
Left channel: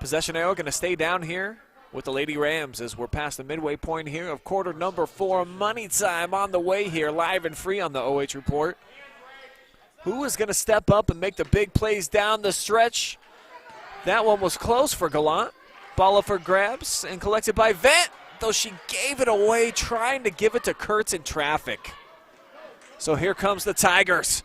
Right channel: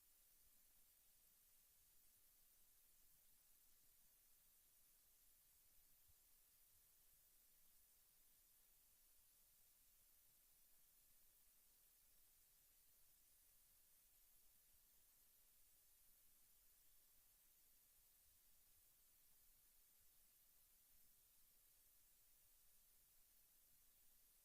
Possession arrow gonna stay down here with the Lady Rams as we're past the midway point here of quarter number 4. Money time on the way here, live and free on the OH Report. Who is going to step up and make the big plays down the stretch? That one was close for Gallant. Ball up for grabs and collected by Vent, though she gave it away trying to give it to Kurtz in traffic. So here comes the Tigers.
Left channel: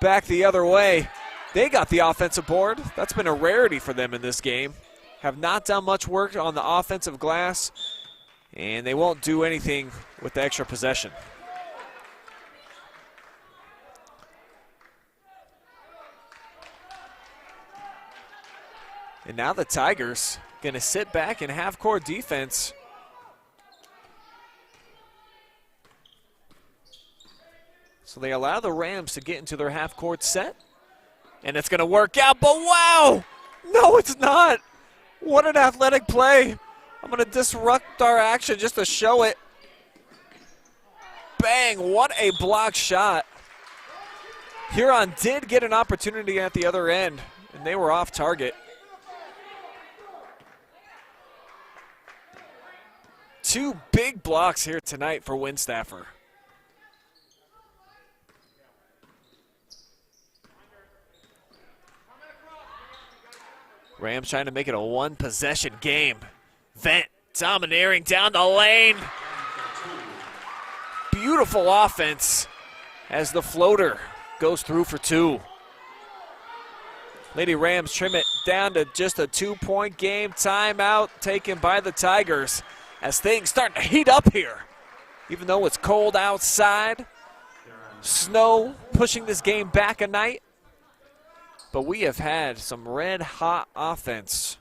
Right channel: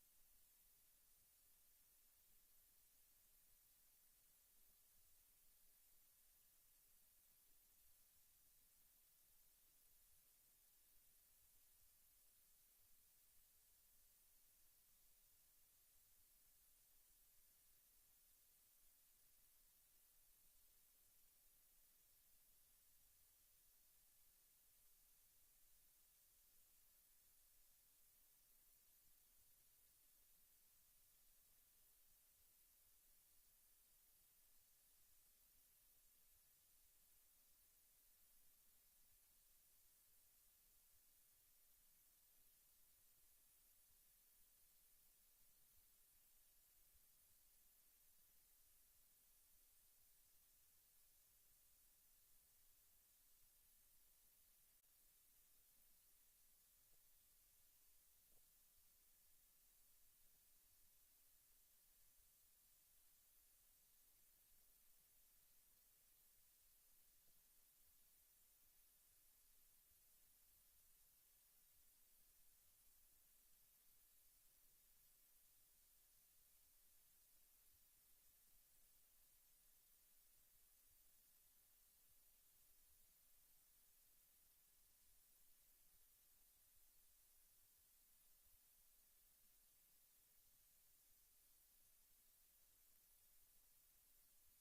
Back the other way. They got the offensive board. That's been a rarity for them in this game. Have not done much work on the offensive glass, and they won't do anything with the extra possession. And now the Tigers gonna sit back in half-court defense. So they allow the Rams to get into their half-court set, and it's gonna work out, but wow! No, it's not. What an athletic play. I'm going to disrupt our action just to show it. Bang, what a block shot. Huron did get an opportunity at the other end, and they were off target. 2 big blocks here tonight for Windstaffer. Rams trying to make it a one-possession game. Vent domineering down the lane. Beautiful offense as the floater goes through for 2. Lady Rams trim it down to just a 2-point game. Timeout taken by the Tigers as things start to heat up here. Even though it's cold outside, snow pushing this game back a night. But we have had some red-hot offense,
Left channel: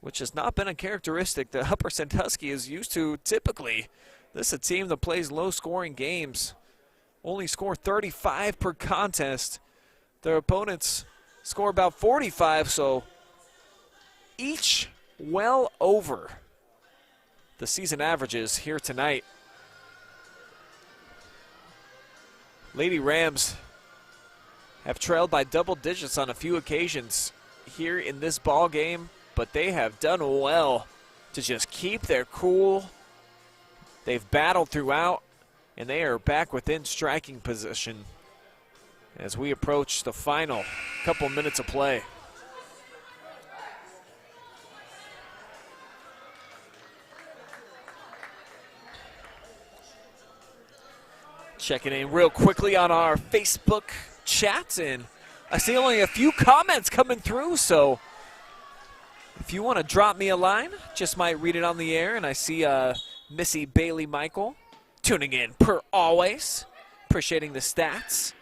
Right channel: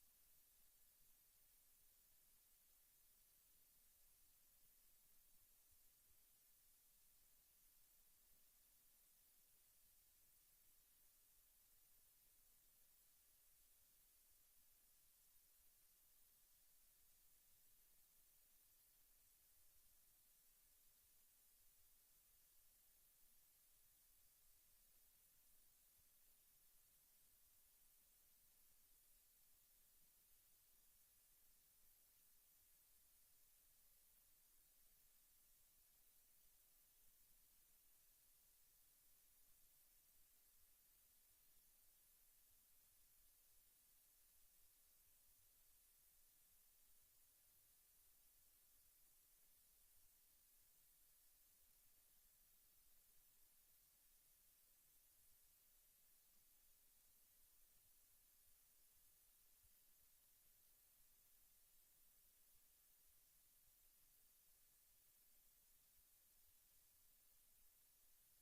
which has not been a characteristic that Upper Sandusky is used to typically. This is a team that plays low-scoring games, only score 35 per contest. Their opponents score about 45, so each well over the season averages here tonight. Lady Rams have trailed by double digits on a few occasions here in this ball game, but they have done well to just keep their cool. They've battled throughout, and they are back within striking position as we approach the final couple minutes of play. Checking in real quickly on our Facebook chat, and I see only a few comments coming through, so if you want to drop me a line, just might read it on the air. And I see Missy Bailey Michael tuning in per always, appreciating the stats.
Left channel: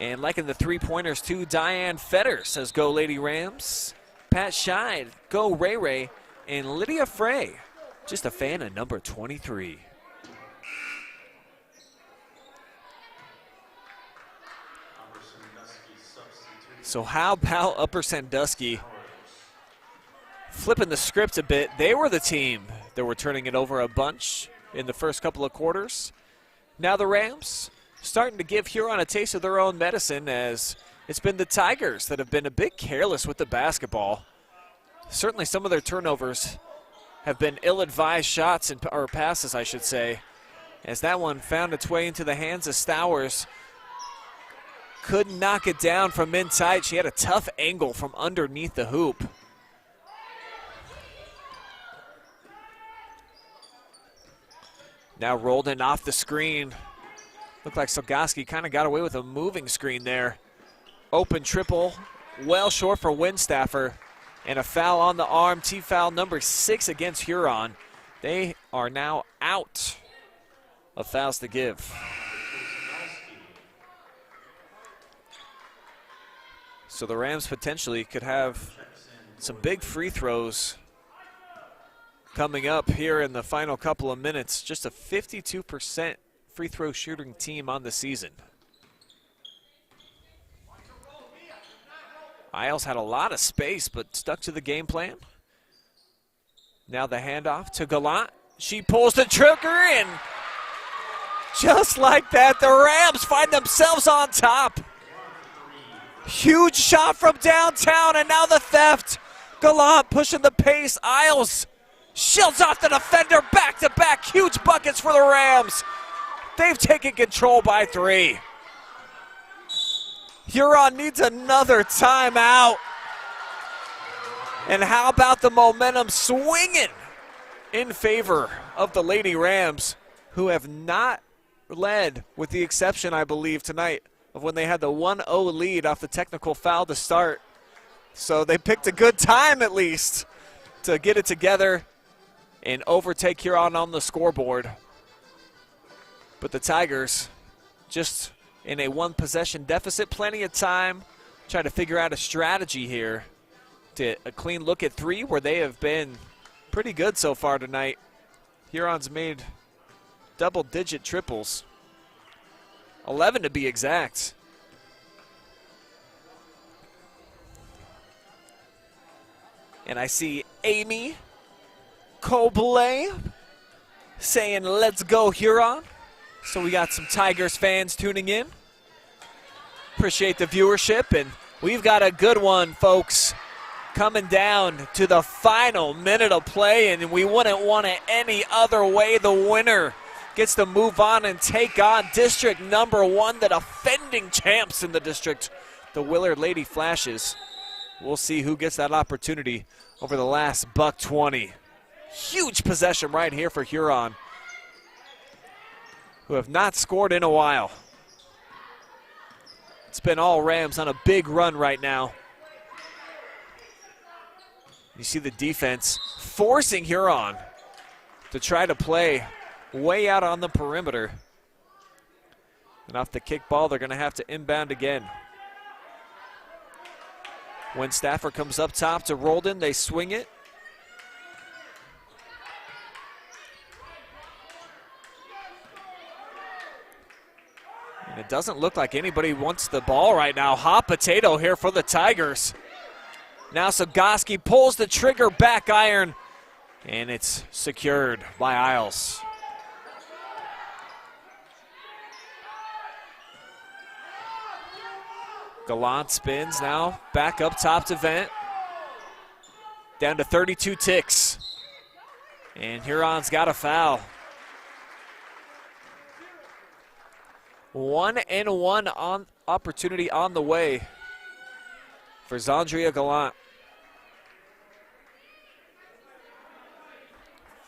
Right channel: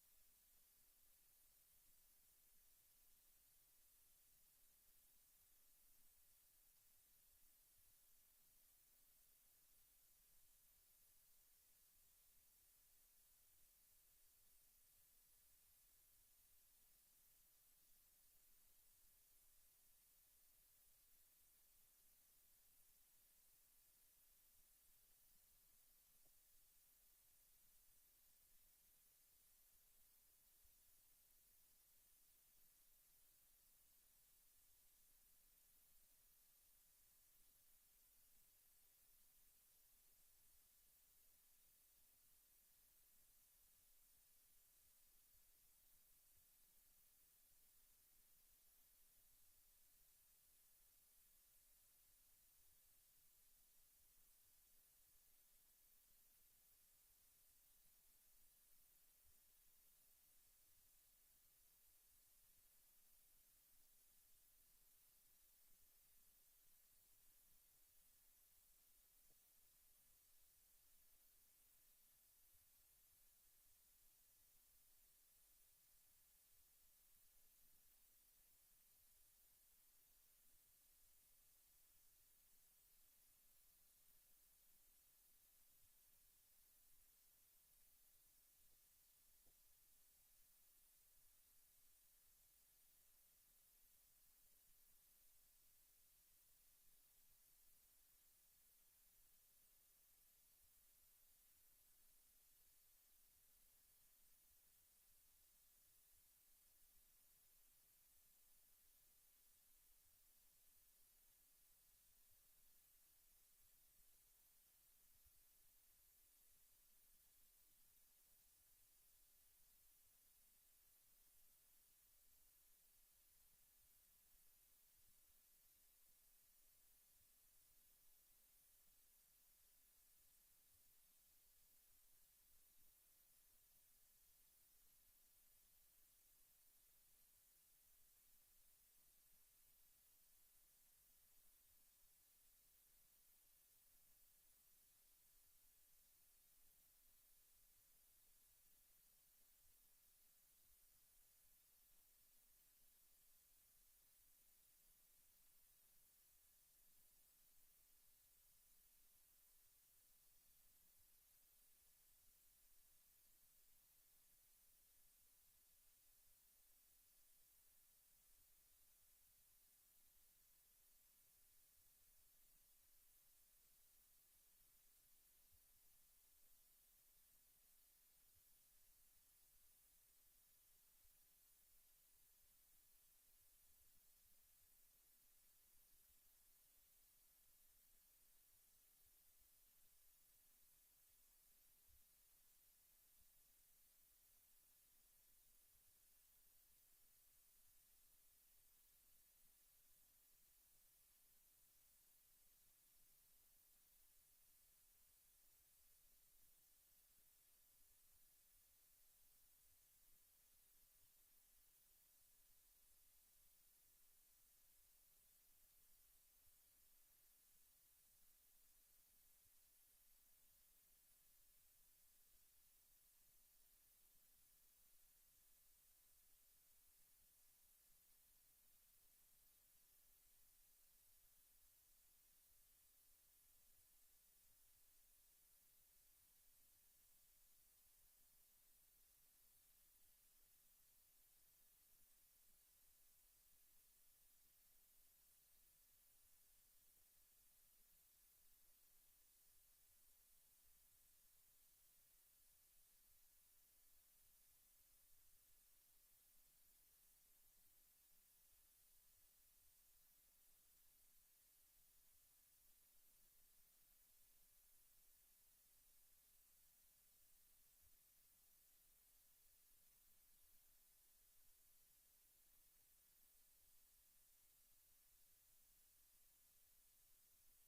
And liking the three-pointers too. Diane Fetter says, go Lady Rams. Pat Scheid, go Ray Ray. And Lydia Frey, just a fan of number 23. So how about Upper Sandusky flipping the script a bit? They were the team that were turning it over a bunch in the first couple of quarters. Now the Rams starting to give Huron a taste of their own medicine, as it's been the Tigers that have been a bit careless with the basketball. Certainly some of their turnovers have been ill-advised shots, or passes, I should say, as that one found its way into the hands of Stowers. Couldn't knock it down from in tight. She had a tough angle from underneath the hoop. Now rolled in off the screen. Looked like Sandusky kind of got away with a moving screen there. Open triple, well short for Winstaffer. And a foul on the arm, T-foul number 6 against Huron. They are now out of fouls to give. So the Rams potentially could have some big free throws coming up here in the final couple of minutes. Just a 52% free throw shooting team on the season. Isles had a lot of space but stuck to the game plan. Now the handoff to Gallant. She pulls the trigger, and just like that, the Rams find themselves on top. Huge shot from downtown, and now the theft. Gallant pushing the pace. Isles shields off the defender, back-to-back huge buckets for the Rams. They've taken control by 3. Huron needs another timeout. And how about the momentum swinging in favor of the Lady Rams, who have not led, with the exception, I believe, tonight of when they had the 1-0 lead off the technical foul to start. So they picked a good time, at least, to get it together and overtake Huron on the scoreboard. But the Tigers just in a one-possession deficit. Plenty of time. Try to figure out a strategy here to a clean look at 3, where they have been pretty good so far tonight. Huron's made double-digit triples. 11 to be exact. And I see Amy Cobley saying, let's go Huron. So we got some Tigers fans tuning in. Appreciate the viewership, and we've got a good one, folks, coming down to the final minute of play, and we wouldn't want it any other way. The winner gets to move on and take on District number 1, the defending champs in the district, the Willard Lady Flashes. we'll see who gets that opportunity over the last $120. Huge possession right here for Huron, who have not scored in a while. It's been all Rams on a big run right now. You see the defense forcing Huron to try to play way out on the perimeter. And off the kick ball, they're going to have to inbound again. When Stafford comes up top to Roldan, they swing it. And it doesn't look like anybody wants the ball right now. Hot potato here for the Tigers. Now Sandusky pulls the trigger, back iron, and it's secured by Isles. Gallant spins now, back up top to Vent. Down to 32 ticks. And Huron's got a foul. 1-and-1 on opportunity on the way for Zandria Gallant.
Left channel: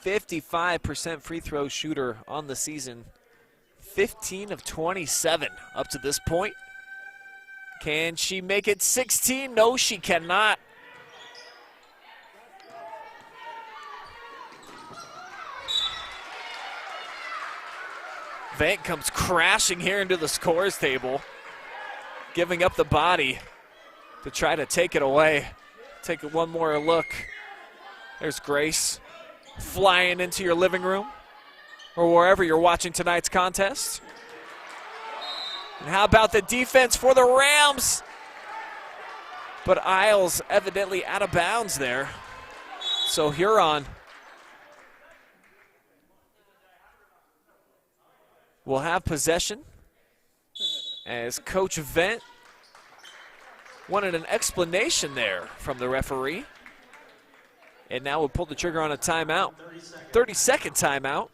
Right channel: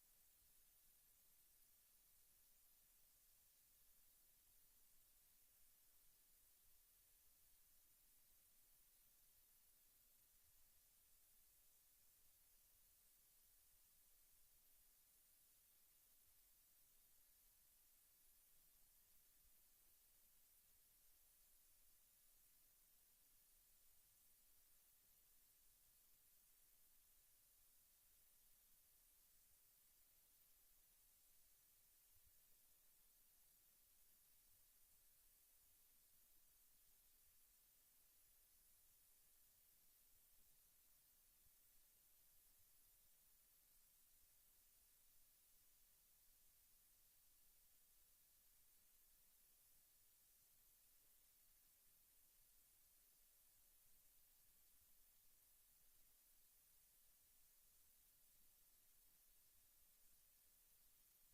55% free throw shooter on the season. 15 of 27 up to this point. Can she make it 16? No, she cannot. Vant comes crashing here into the scores table, giving up the body to try to take it away. Take one more look. There's Grace flying into your living room or wherever you're watching tonight's contest. And how about the defense for the Rams? But Isles evidently out of bounds there. So Huron will have possession as Coach Vent wanted an explanation there from the referee. And now we'll pull the trigger on a timeout. 30-second timeout.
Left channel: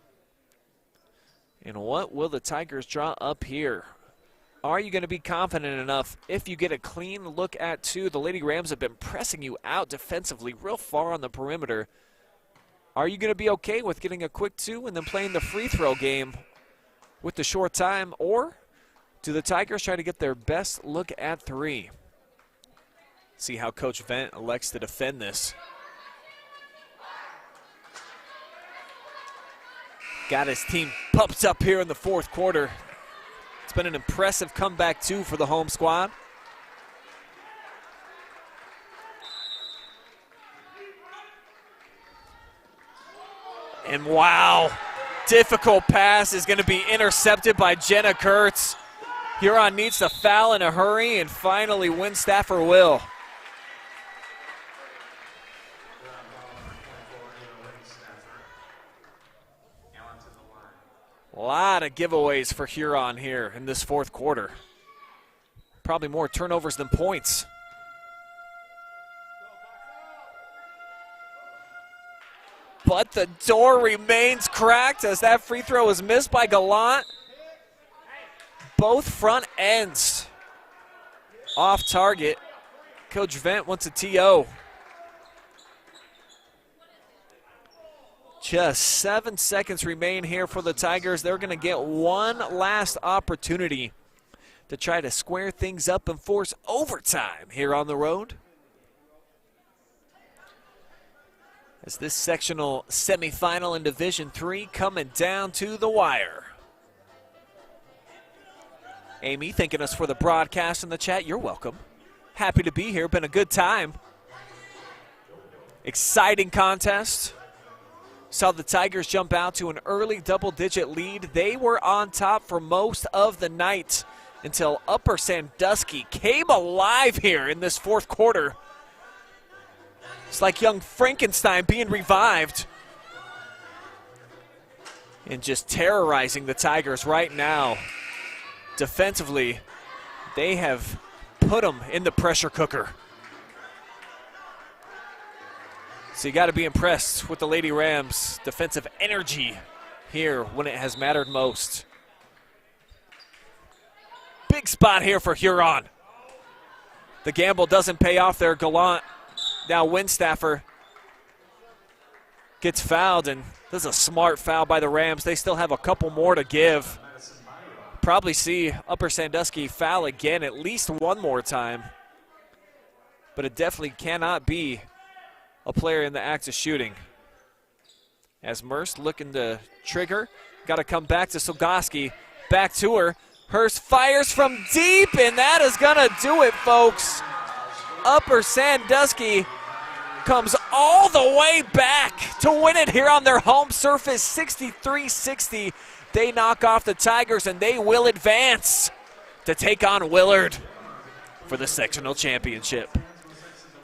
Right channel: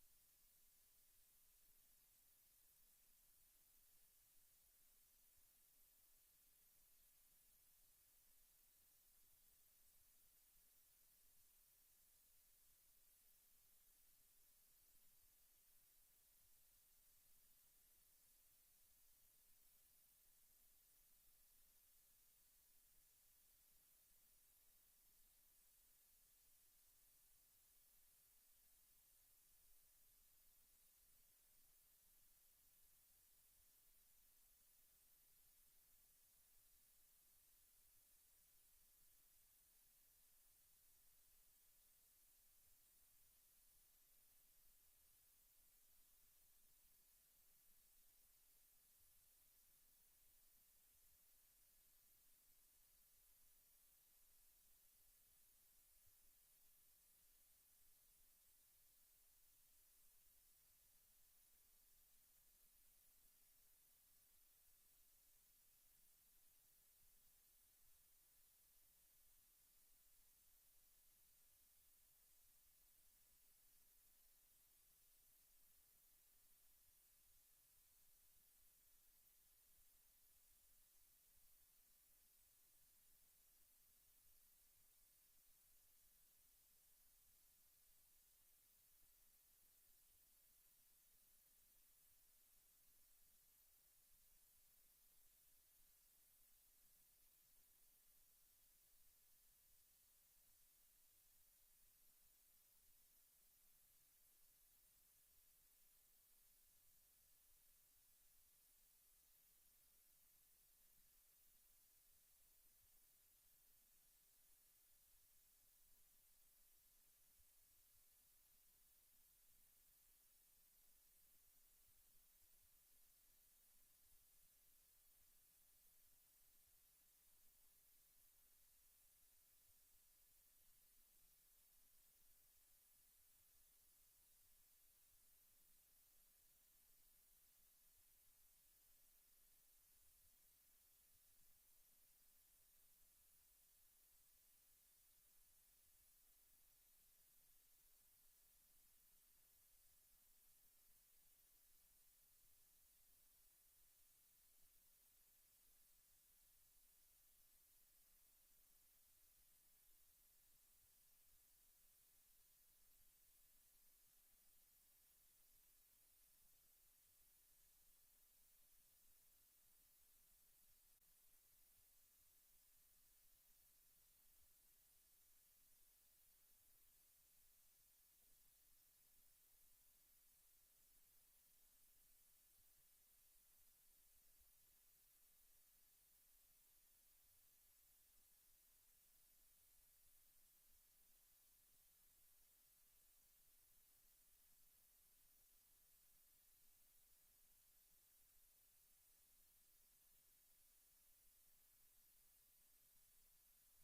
And what will the Tigers draw up here? Are you going to be confident enough if you get a clean look at two? The Lady Rams have been pressing you out defensively real far on the perimeter. Are you going to be okay with getting a quick two and then playing the free throw game with the short time? Or do the Tigers try to get their best look at three? See how Coach Vent elects to defend this. Got his team pumped up here in the fourth quarter. It's been an impressive comeback, too, for the home squad. And wow, difficult pass is going to be intercepted by Jenna Kurtz. Huron needs to foul in a hurry, and finally Winstaffer will. A lot of giveaways for Huron here in this fourth quarter. Probably more turnovers than points. But the door remains cracked as that free throw is missed by Gallant. Both front ends off target. Coach Vent wants a TO. Just 7 seconds remain here for the Tigers. They're going to get one last opportunity to try to square things up and force overtime here on the road. As this sectional semifinal in Division III coming down to the wire. Amy, thanking us for the broadcast in the chat. You're welcome. Happy to be here. Been a good time. Exciting contest. Saw the Tigers jump out to an early double-digit lead. They were on top for most of the night until Upper Sandusky came alive here in this fourth quarter. It's like young Frankenstein being revived and just terrorizing the Tigers right now. Defensively, they have put them in the pressure cooker. So you got to be impressed with the Lady Rams' defensive energy here when it has mattered most. Big spot here for Huron. The gamble doesn't pay off there. Gallant, now Winstaffer, gets fouled, and this is a smart foul by the Rams. They still have a couple more to give. Probably see Upper Sandusky foul again at least one more time. But it definitely cannot be a player in the act of shooting. As Merce looking to trigger, got to come back to Sandusky. Back to her. Hurst fires from deep, and that is going to do it, folks. Upper Sandusky comes all the way back to win it here on their home surface, 63-60. They knock off the Tigers, and they will advance to take on Willard for the sectional championship.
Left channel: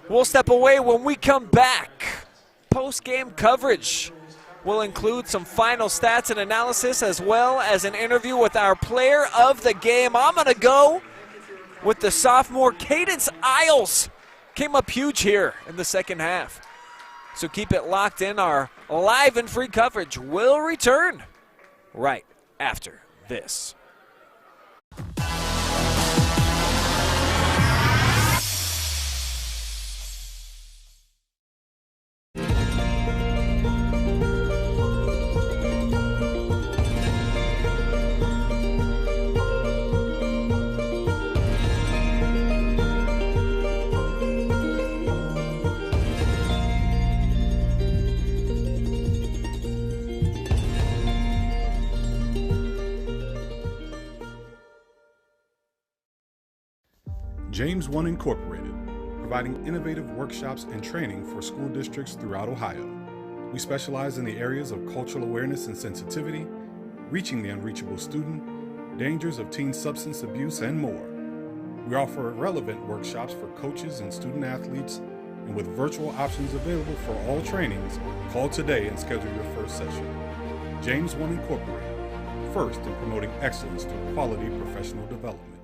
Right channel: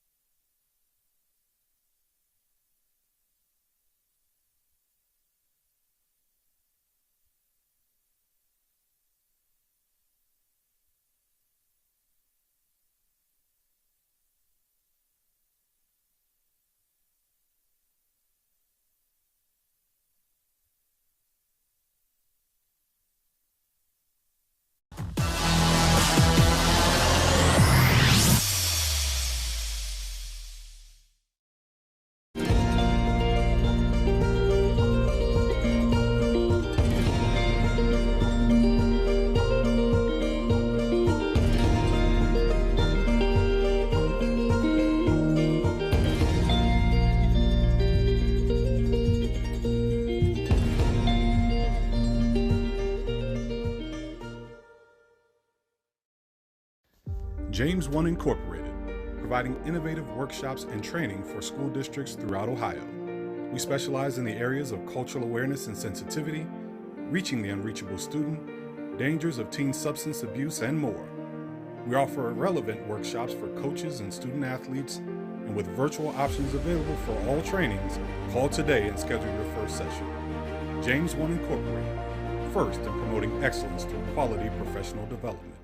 We'll step away. When we come back. Post-game coverage will include some final stats and analysis, as well as an interview with our player of the game. I'm going to go with the sophomore Cadence Isles. Came up huge here in the second half. So keep it locked in. Our live and free coverage will return right after this. James 1 Incorporated, providing innovative workshops and training for school districts throughout Ohio. We specialize in the areas of cultural awareness and sensitivity, reaching the unreachable student, dangers of teen substance abuse, and more. We offer relevant workshops for coaches and student athletes, and with virtual options available for all trainings, call today and schedule your first session. James 1 Incorporated, first in promoting excellence through quality professional development.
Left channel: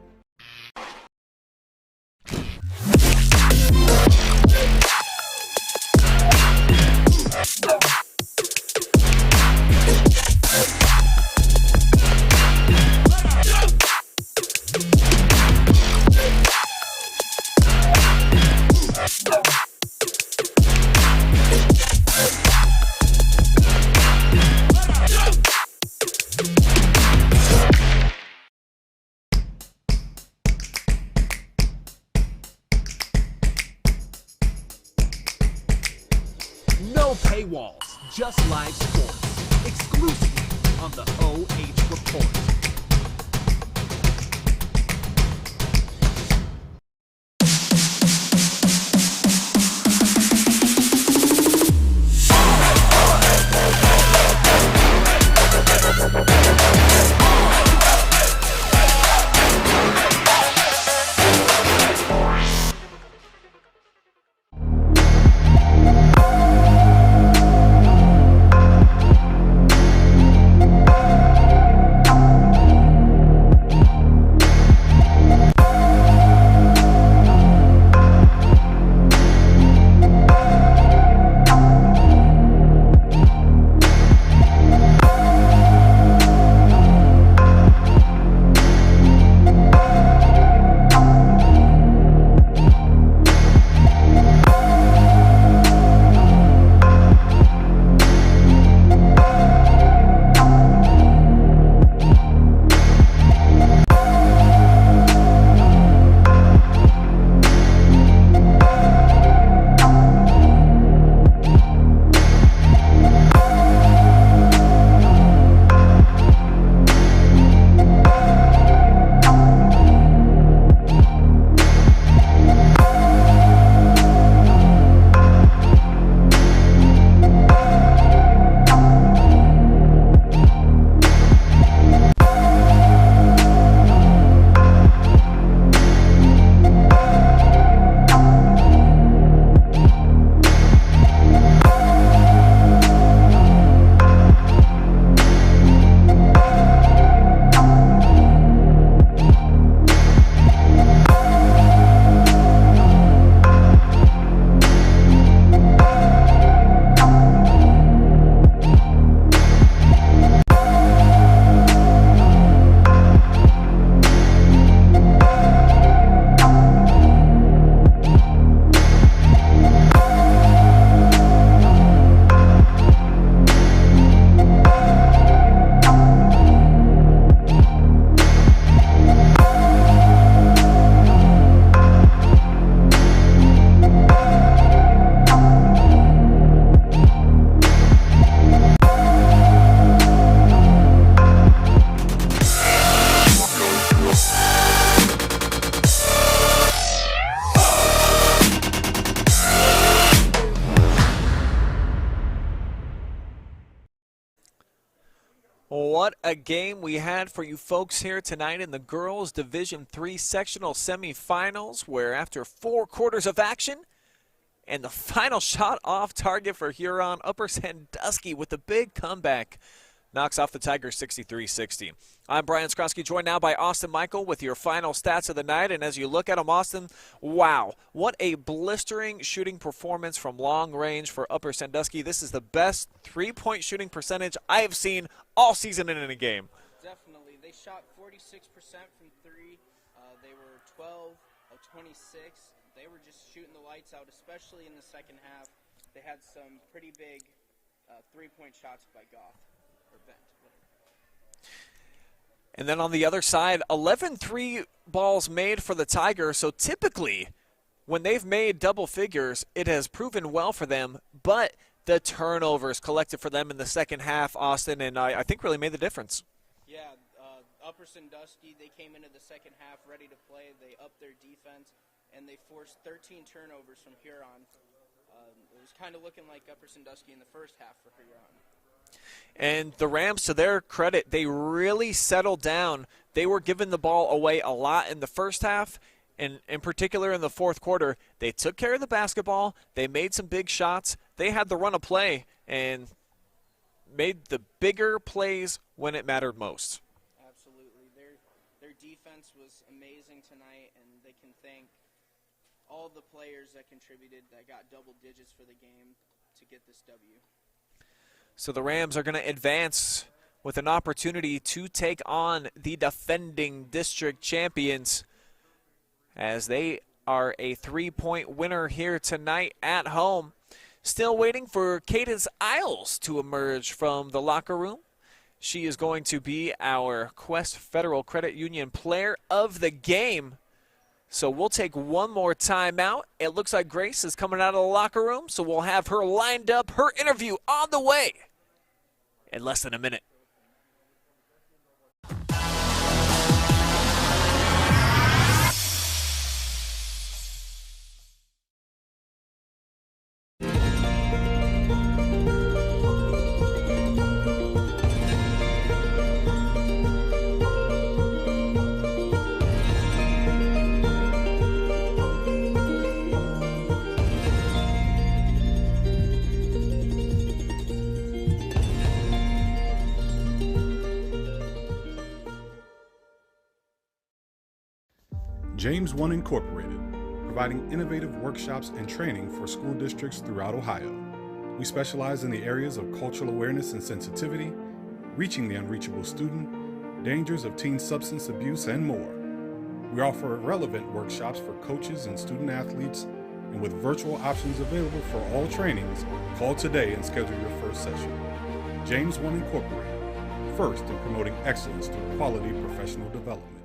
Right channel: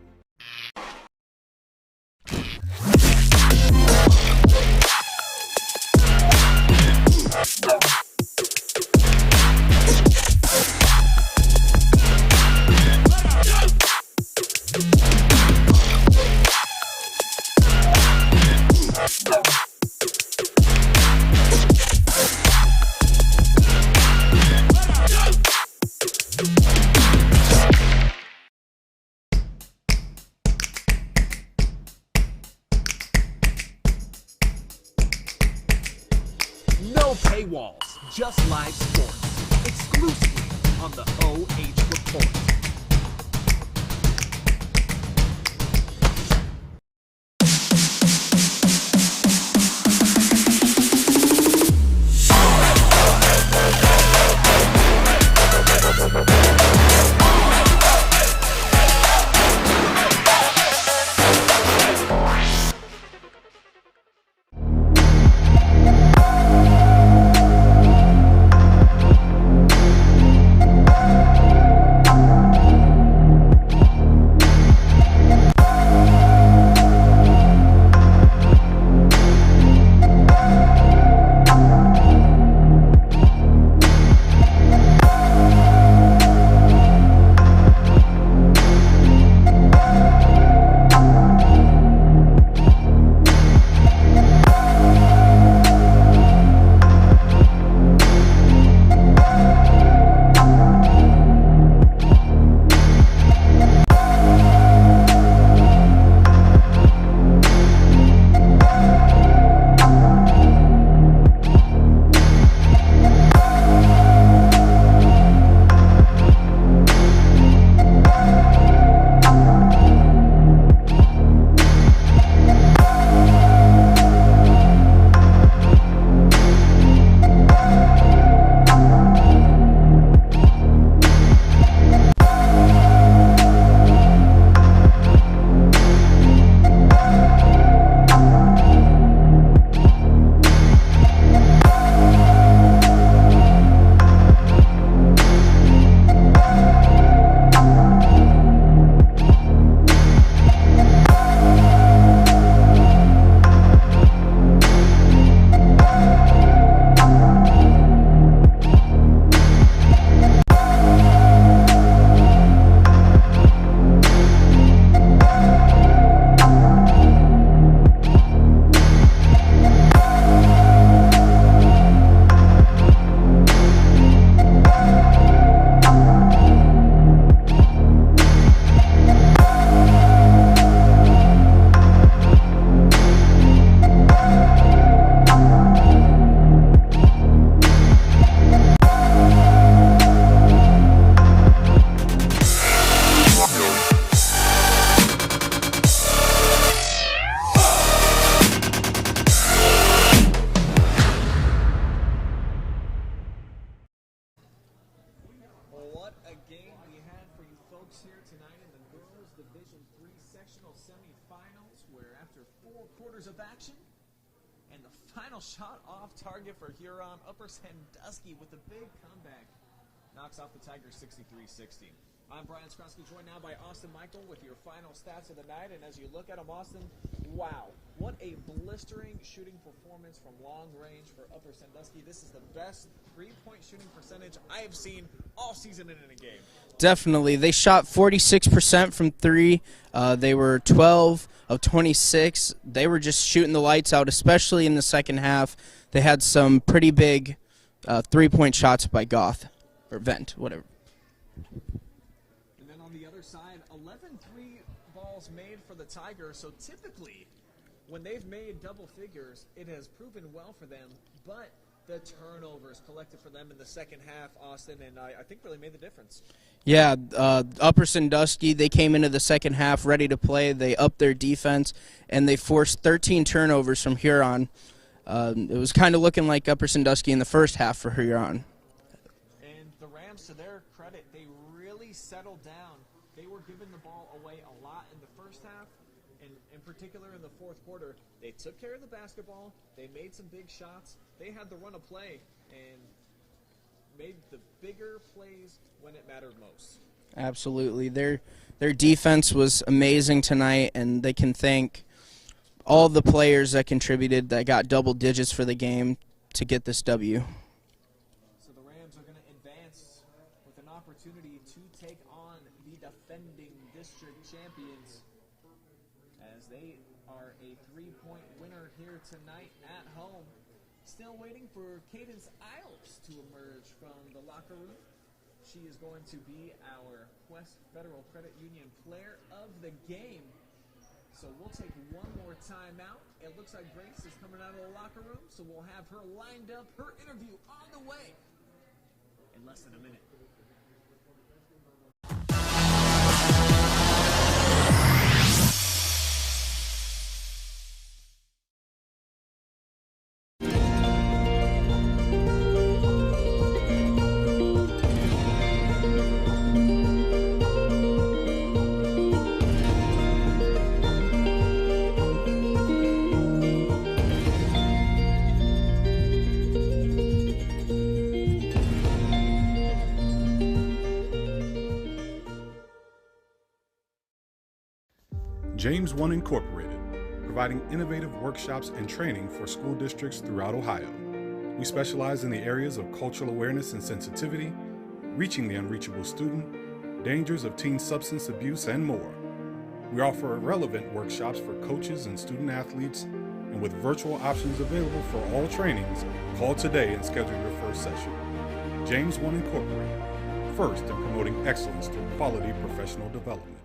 No paywalls, just live sports. Exclusively on the OH.Report. What a game we had for you folks here tonight in the girls Division III sectional semifinals, where after 4 quarters of action and the final shot off target for Huron, Upper Sandusky with the big comeback knocks off the Tigers 63-60. I'm Brian Skronsky, joined now by Austin Michael with your final stats of the night. And as you look at them, Austin, wow, what a blistering shooting performance from long range for Upper Sandusky. This is the best three-point shooting percentage I have seen all season in a game. Definitely. They shot 46% from 3. They were 12 of 26. They were just shooting the lights out, especially in the second half. They had some pretty big three-point shots by Goth, or Vent, whatever. And then on the other side, 11 3 balls made for the Tigers. So typically, when they've made double figures, it has proven well for them. But the turnovers collected for them in the second half, Austin, and I think really made the difference. Yeah, Upper Sandusky, they came into the second half ready to play. They upped their defense, and they forced 13 turnovers from Huron. It was kind of looking like Upper Sandusky in the first half for Huron. And the Rams, to their credit, they really settled down. They were giving the ball away a lot in the first half, and in particular in the fourth quarter. They took care of the basketball. They made some big shots. They had the run of play and made the bigger plays when it mattered most. Absolutely. Their defense was amazing tonight, and they can thank all the players that contributed that got double digits for the game to get this W. So the Rams are going to advance with an opportunity to take on the defending district champions, as they are a 3-point winner here tonight at home. Still waiting for Cadence Isles to emerge from the locker room. She is going to be our Quest Federal Credit Union player of the game. So we'll take one more timeout. It looks like Grace is coming out of the locker room, so we'll have her lined up, her interview on the way in less than a minute. James 1 Incorporated, providing innovative workshops and training for school districts throughout Ohio. We specialize in the areas of cultural awareness and sensitivity, reaching the unreachable student, dangers of teen substance abuse, and more. We offer relevant workshops for coaches and student athletes, and with virtual options available for all trainings, call today and schedule your first session. James 1 Incorporated, first in promoting excellence through quality professional development.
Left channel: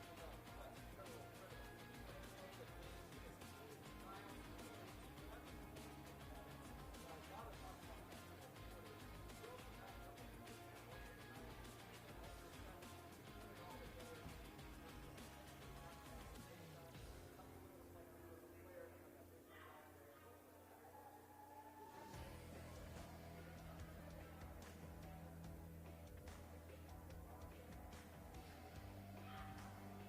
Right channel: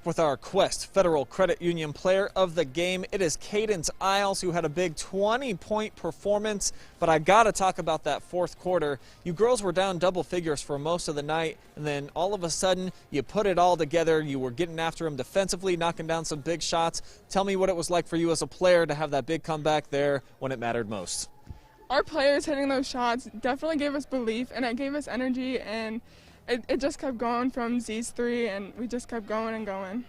back with our Quest Federal Credit Union player of the game. It is Cadence Isles, who had a big 20-point performance, but I gotta talk about that fourth quarter. You girls were down double figures for most of the night, and then all of a sudden you put it all together. You were getting after them defensively, knocking down some big shots. Tell me what it was like for you as a player to have that big comeback there when it mattered most. Our players hitting those shots definitely gave us belief, and it gave us energy, and it just kept going from these three, and we just kept going and going.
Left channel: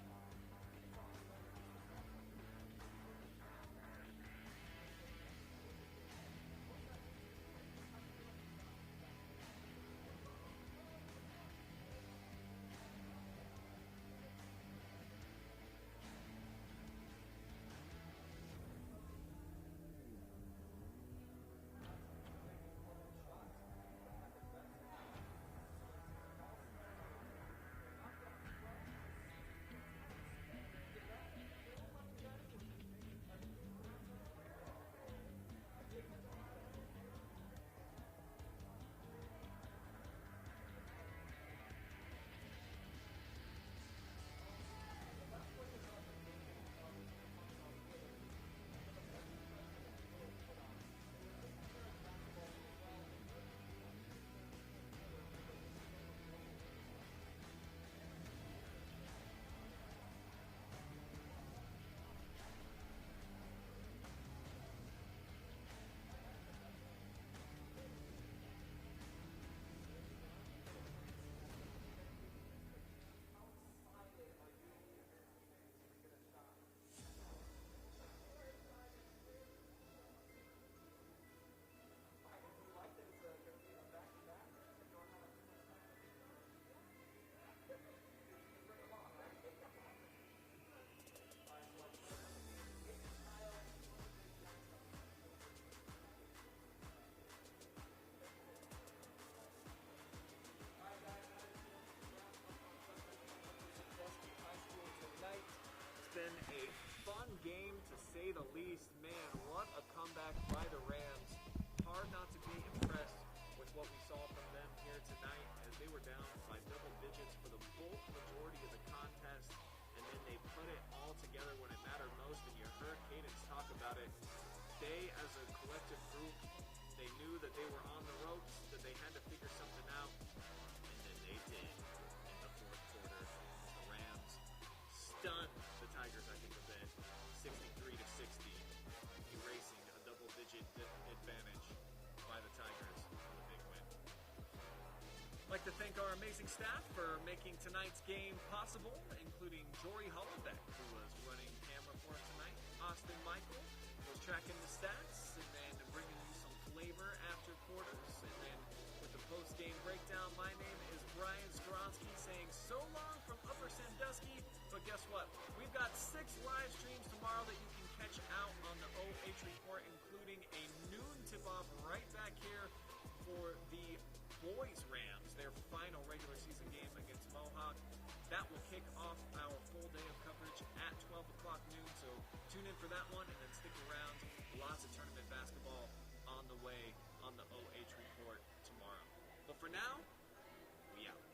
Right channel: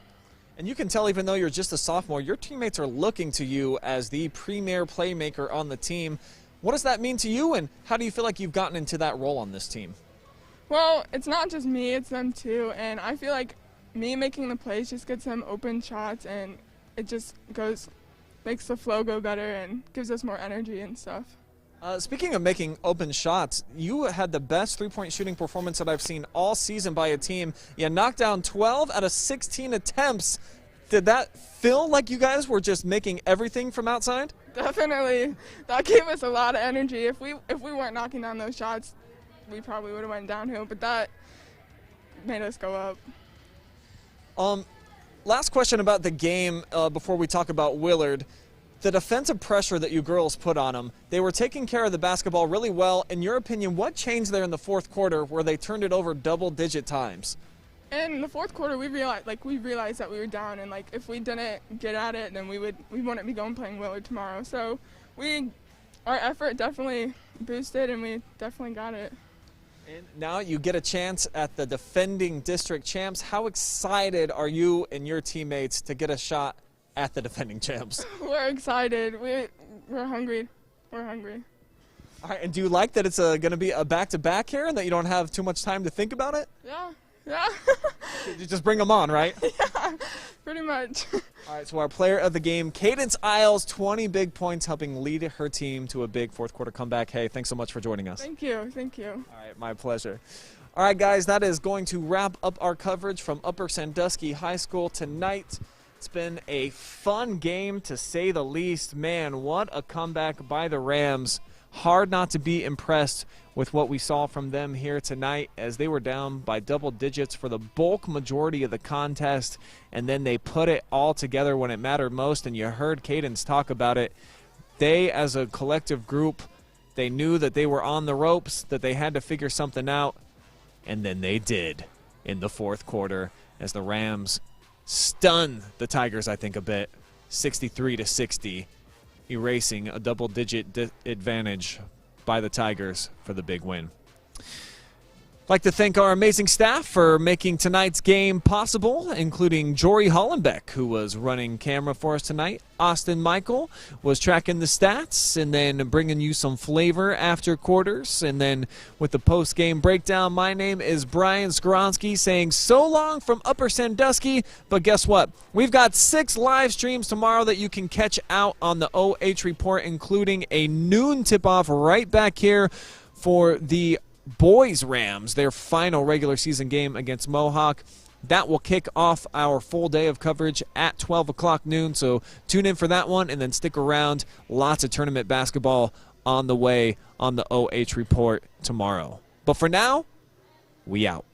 And you can tell, even though you're just a sophomore, your teammates are looking to you as the premier playmaker on the team. What does that mean to you, and how do you feel like you've gotten into that role on this team? Well, it's not just me, it's them too, and I feel like me making the plays just gets them open shots, and it just makes the flow go better and gives us more energy and stuff. Speaking of making open shots, you had the best three-point shooting performance that I've seen all season by a team. You knocked down 12 out of 16 attempts. Did that feel like you guys were just making everything from outside? Definitely. That gave us a lot of energy. If we weren't knocking down those shots, we probably would have went downhill, but that made us go up. Last question about the game before we talk about Willard. The defensive pressure that you girls put on them, they were taking care of the basketball really well. In your opinion, what changed there in the fourth quarter where they turned it over double-digit times? In the fourth quarter, we realized that we were down, and if we didn't get at it, then we wouldn't be going playing Willard tomorrow. So our effort definitely boosted, and we definitely got it. And now you get a chance at the defending district champs. How excited are you and your teammates to get a shot at the defending champs? We're excited. We're hungry. We're hungry. All right, and do you like that it's going to be a back-to-back here and that you don't have too much time to think about it? Yeah. You just bring them on, right? Yeah, pretty much. All right, so our player of the game, Cadence Isles, 20 big points, helping lead her team to a big fourth quarter comeback. Hey, thanks so much for joining us. Thank you. Thank you. All right, my pleasure. All right, guys, that is going to wrap up our coverage from Upper Sandusky High School tonight. It's been a fun game, to say the least. Man, what a comeback by the Rams. Hard not to be impressed with what we saw from them here tonight, as they were down by double digits for the bulk majority of the contest, and then they put it all together when it mattered most, and you heard Cadence talk about it. They, as a collective group, they knew that they were on the ropes, that they had to figure something out, and then they did in the fourth quarter as the Rams stun the Tigers, I think, a bit, 63-60, erasing a double-digit advantage by the Tigers for the big win. I'd like to thank our amazing staff for making tonight's game possible, including Jory Hollenbeck, who was running camera for us tonight. Austin Michael was tracking the stats and then bringing you some flavor after quarters. And then with the post-game breakdown, my name is Brian Skoronsky saying so long from Upper Sandusky. But guess what? We've got 6 live streams tomorrow that you can catch out on the OH.Report, including a noon tip-off right back here for the boys Rams, their final regular season game against Mohawk. That will kick off our full day of coverage at 12 o'clock noon, so tune in for that one and then stick around. Lots of tournament basketball on the way on the OH Report tomorrow. But for now, we out.